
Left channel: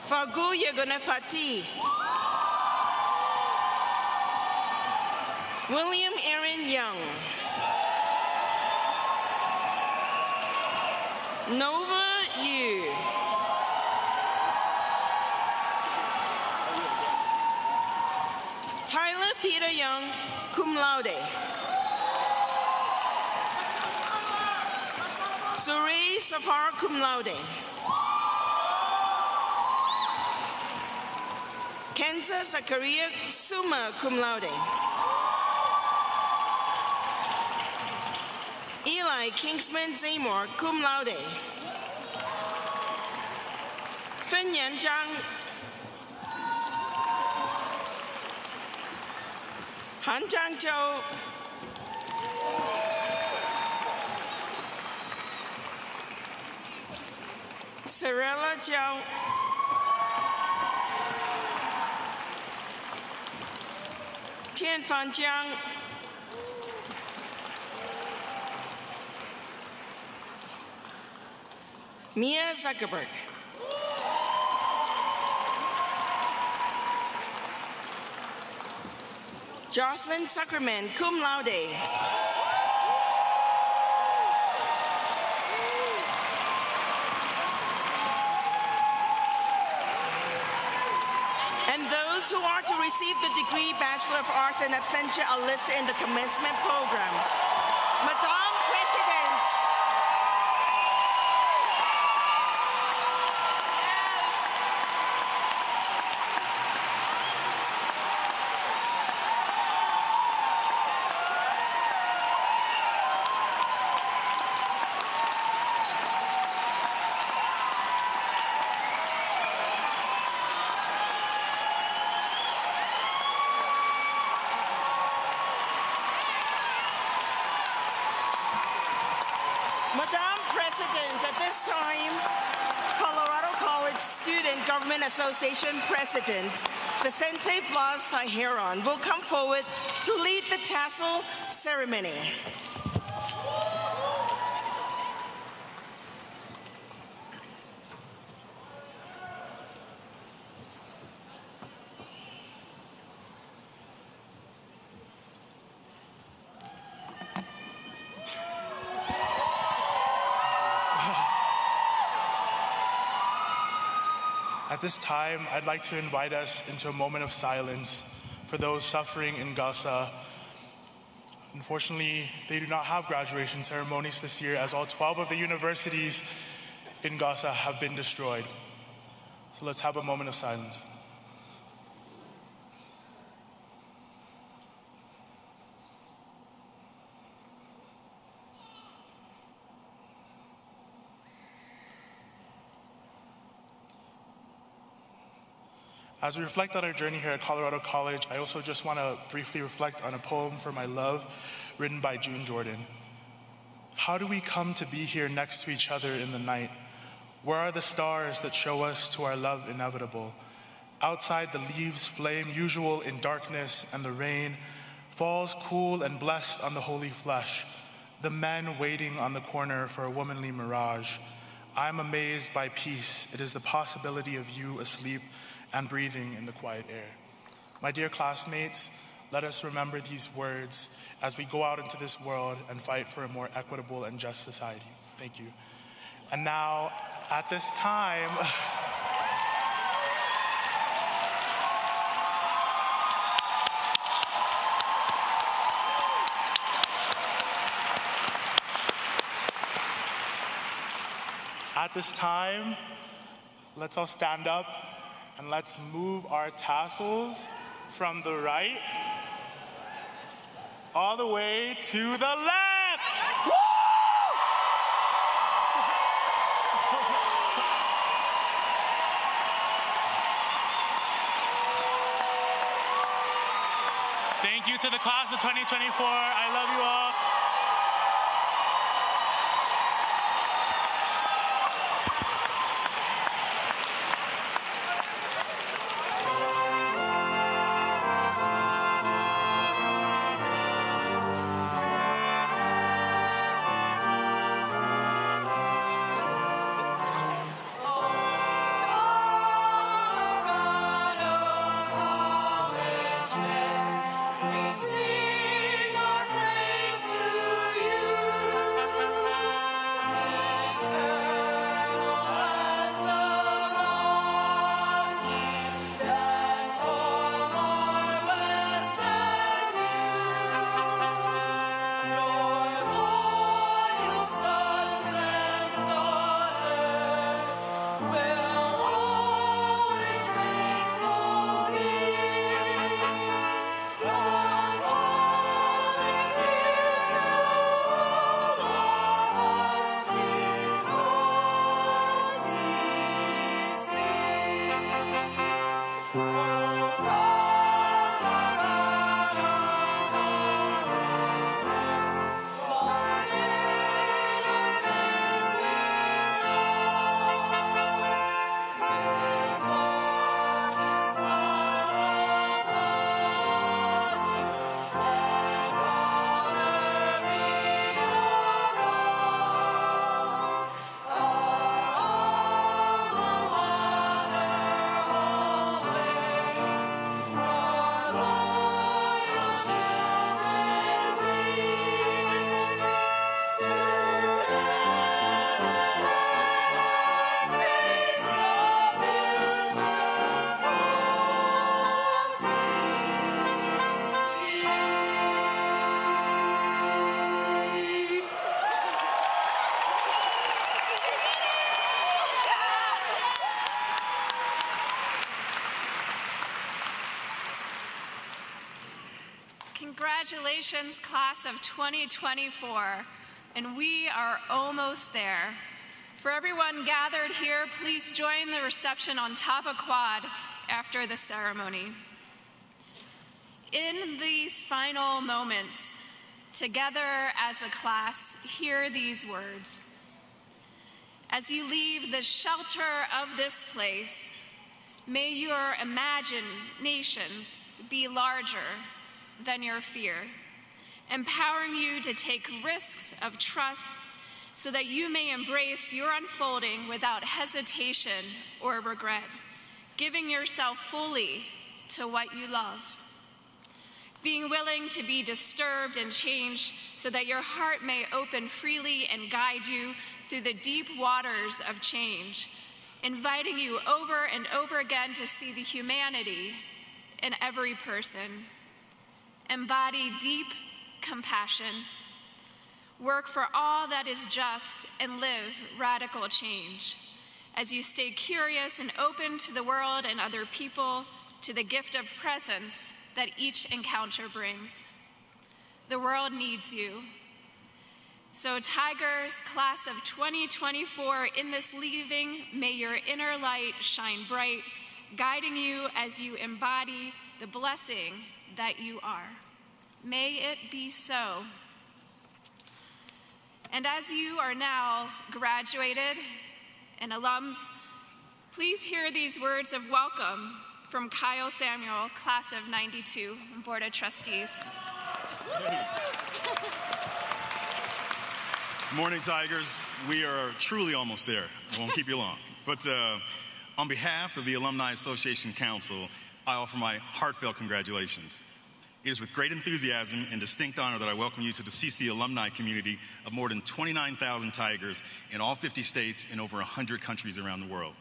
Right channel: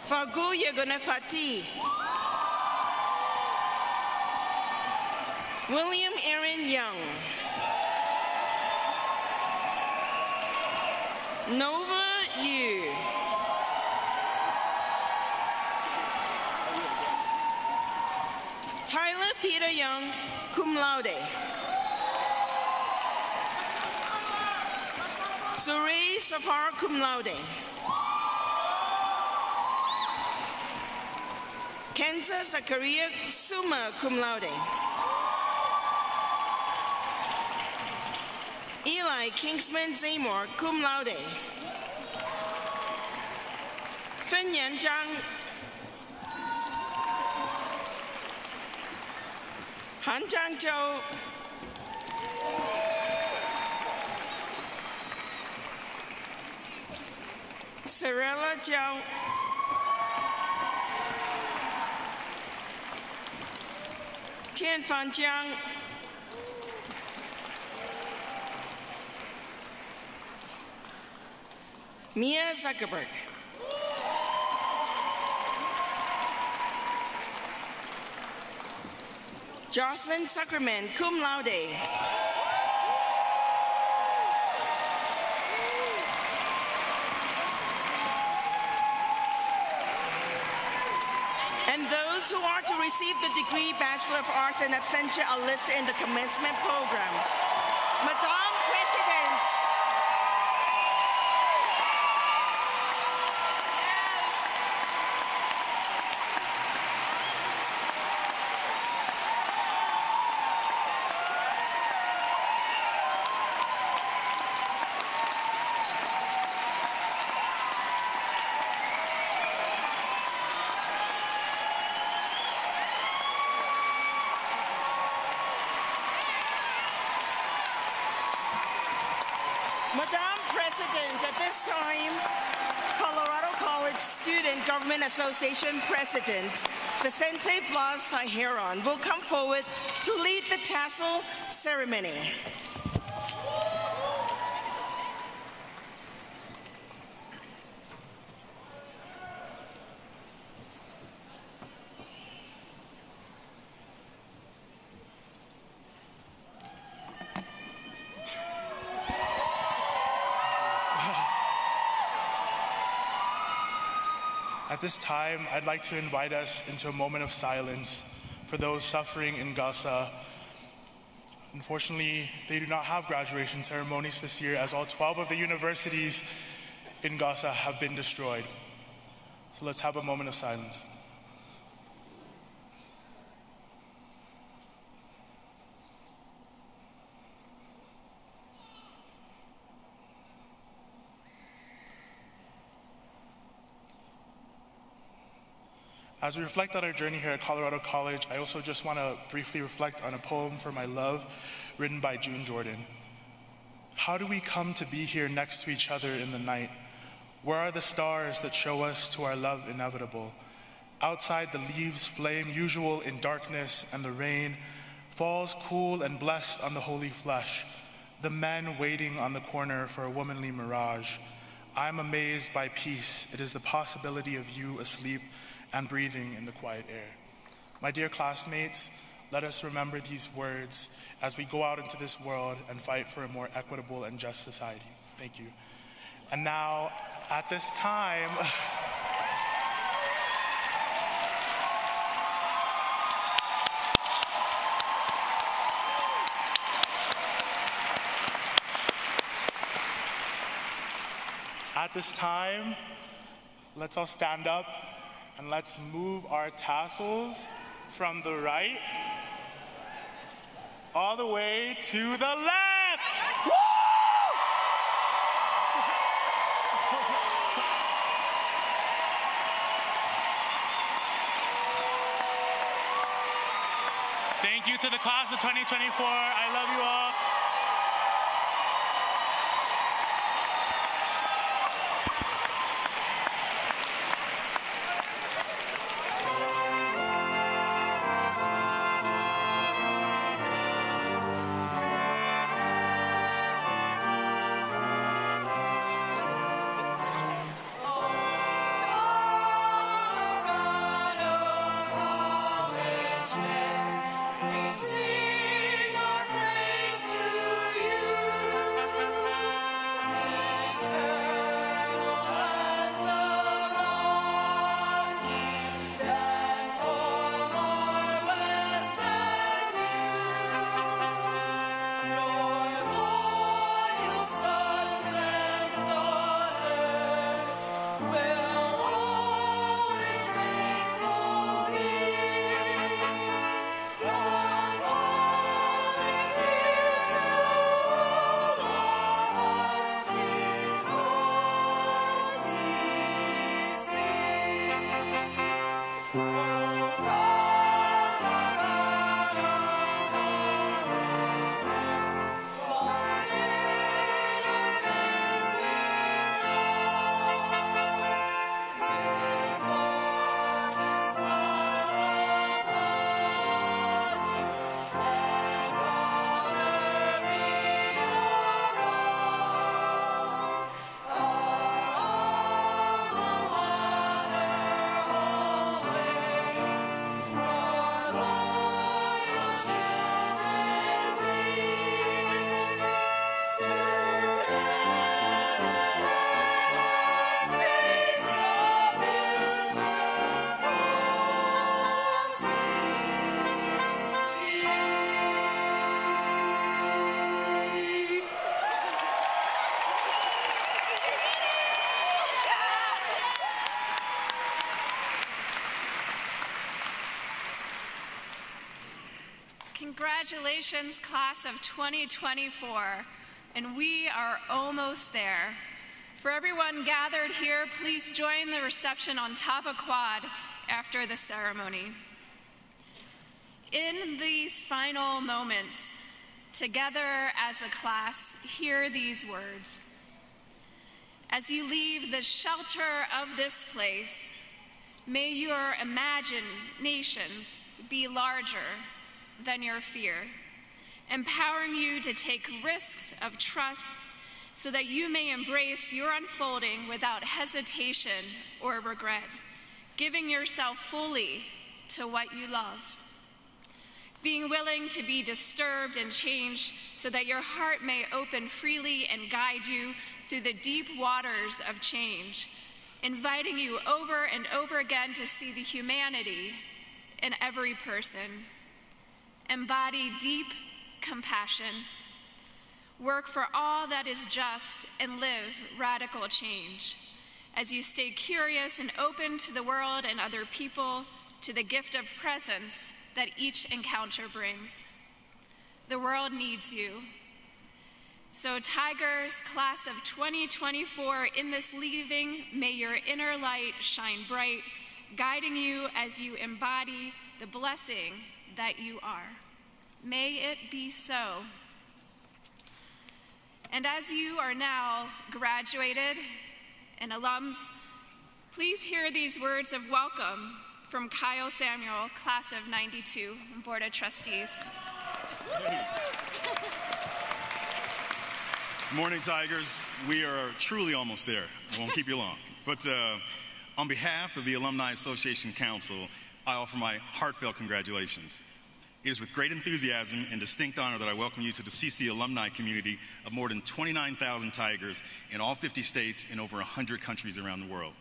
Fagu Yegonefati. William Aaron Young. Nova Yu. Tyler Peter Young, cum laude. Surrey Safar, cum laude. Kenza Zakaria Summa, cum laude. Eli Kingsman Seymour, cum laude. Fen Yan Zhang. Han Zhang Zhou. Sarella Zhou. Tian Fan Jiang. Mia Zuckerberg. Jocelyn Zuckerman, cum laude. And those who are to receive the degree Bachelor of Arts in Absentia are listed in the commencement program. Madame President. Madam President, at this time, Colorado College Student Government Association President Vicente Blas Tajeron will come forward to lead the tassel ceremony. At this time, I'd like to invite us into a moment of silence for those suffering in Gaza. Unfortunately, they do not have graduation ceremonies this year, as all 12 of the universities in Gaza have been destroyed. So let's have a moment of silence. As we reflect on our journey here at Colorado College, I also just want to briefly reflect on a poem for my love written by June Jordan. How do we come to be here next to each other in the night? Where are the stars that show us to our love inevitable? Outside the leaves flame usual in darkness, and the rain falls cool and blessed on the holy flesh. The men waiting on the corner for a womanly mirage. I'm amazed by peace. It is the possibility of you asleep and breathing in the quiet air. My dear classmates, let us remember these words as we go out into this world and fight for a more equitable and just society. Thank you. And now, at this time, let's all stand up and let's move our tassels from the right all the way to the left. Woo! Thank you you to the class of 2024. I love you all. Congratulations, class of 2024, and we are almost there. For everyone gathered here, please join the reception on Tava Quad after the ceremony. In these final moments, together as a class, hear these words. As you leave the shelter of this place, may your imaginations be larger than your fear, empowering you to take risks of trust so that you may embrace your unfolding without hesitation or regret, giving yourself fully to what you love. Being willing to be disturbed and changed so that your heart may open freely and guide you through the deep waters of change, inviting you over and over again to see the humanity in every person. Embody deep compassion. Work for all that is just and live radical change. As you stay curious and open to the world and other people, to the gift of presence that each encounter brings. The world needs you. So Tigers, class of 2024, in this leaving, may your inner light shine bright, guiding you as you embody the blessing that you are. May it be so. And as you are now graduated and alums, please hear these words of welcome from Kyle Samuel, class of 92, Board of Trustees. Morning, Tigers. We are truly almost there. I won't keep you long. But on behalf of the Alumni Association Council, I offer my heartfelt congratulations. It is with great enthusiasm and distinct honor that I welcome you to the CC alumni community of more than 29,000 Tigers in all 50 states and over 100 countries around the world.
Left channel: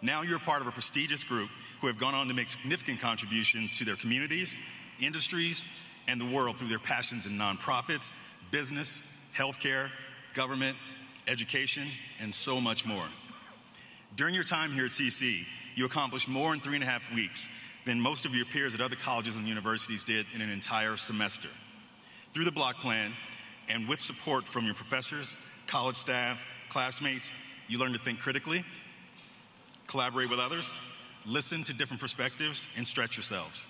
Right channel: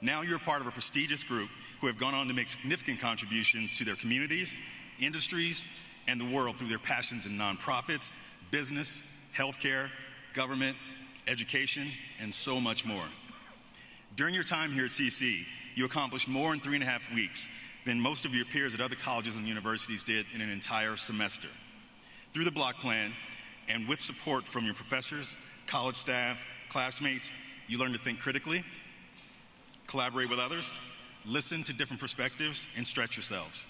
Now you're part of a prestigious group who have gone on to make significant contributions to their communities, industries, and the world through their passions in nonprofits, business, healthcare, government, education, and so much more. During your time here at CC, you accomplished more in 3.5 weeks than most of your peers at other colleges and universities did in an entire semester. Through the block plan, and with support from your professors, college staff, classmates, you learn to think critically, collaborate with others, listen to different perspectives, and stretch yourselves.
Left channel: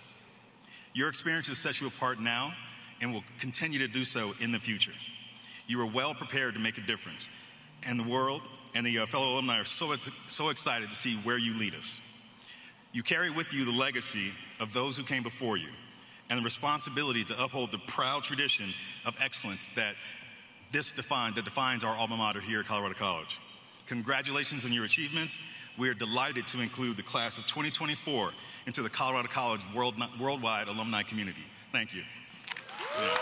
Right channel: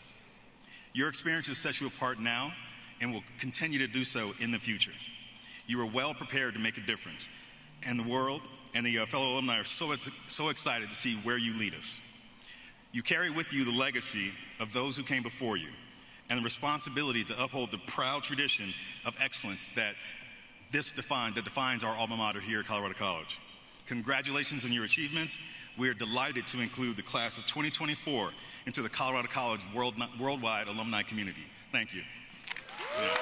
Your experiences set you apart now and will continue to do so in the future. You are well prepared to make a difference, and the world and the fellow alumni are so excited to see where you lead us. You carry with you the legacy of those who came before you and the responsibility to uphold the proud tradition of excellence that defines our alma mater here at Colorado College. Congratulations on your achievements. We are delighted to include the class of 2024 into the Colorado College worldwide alumni community. Thank you. Yeah.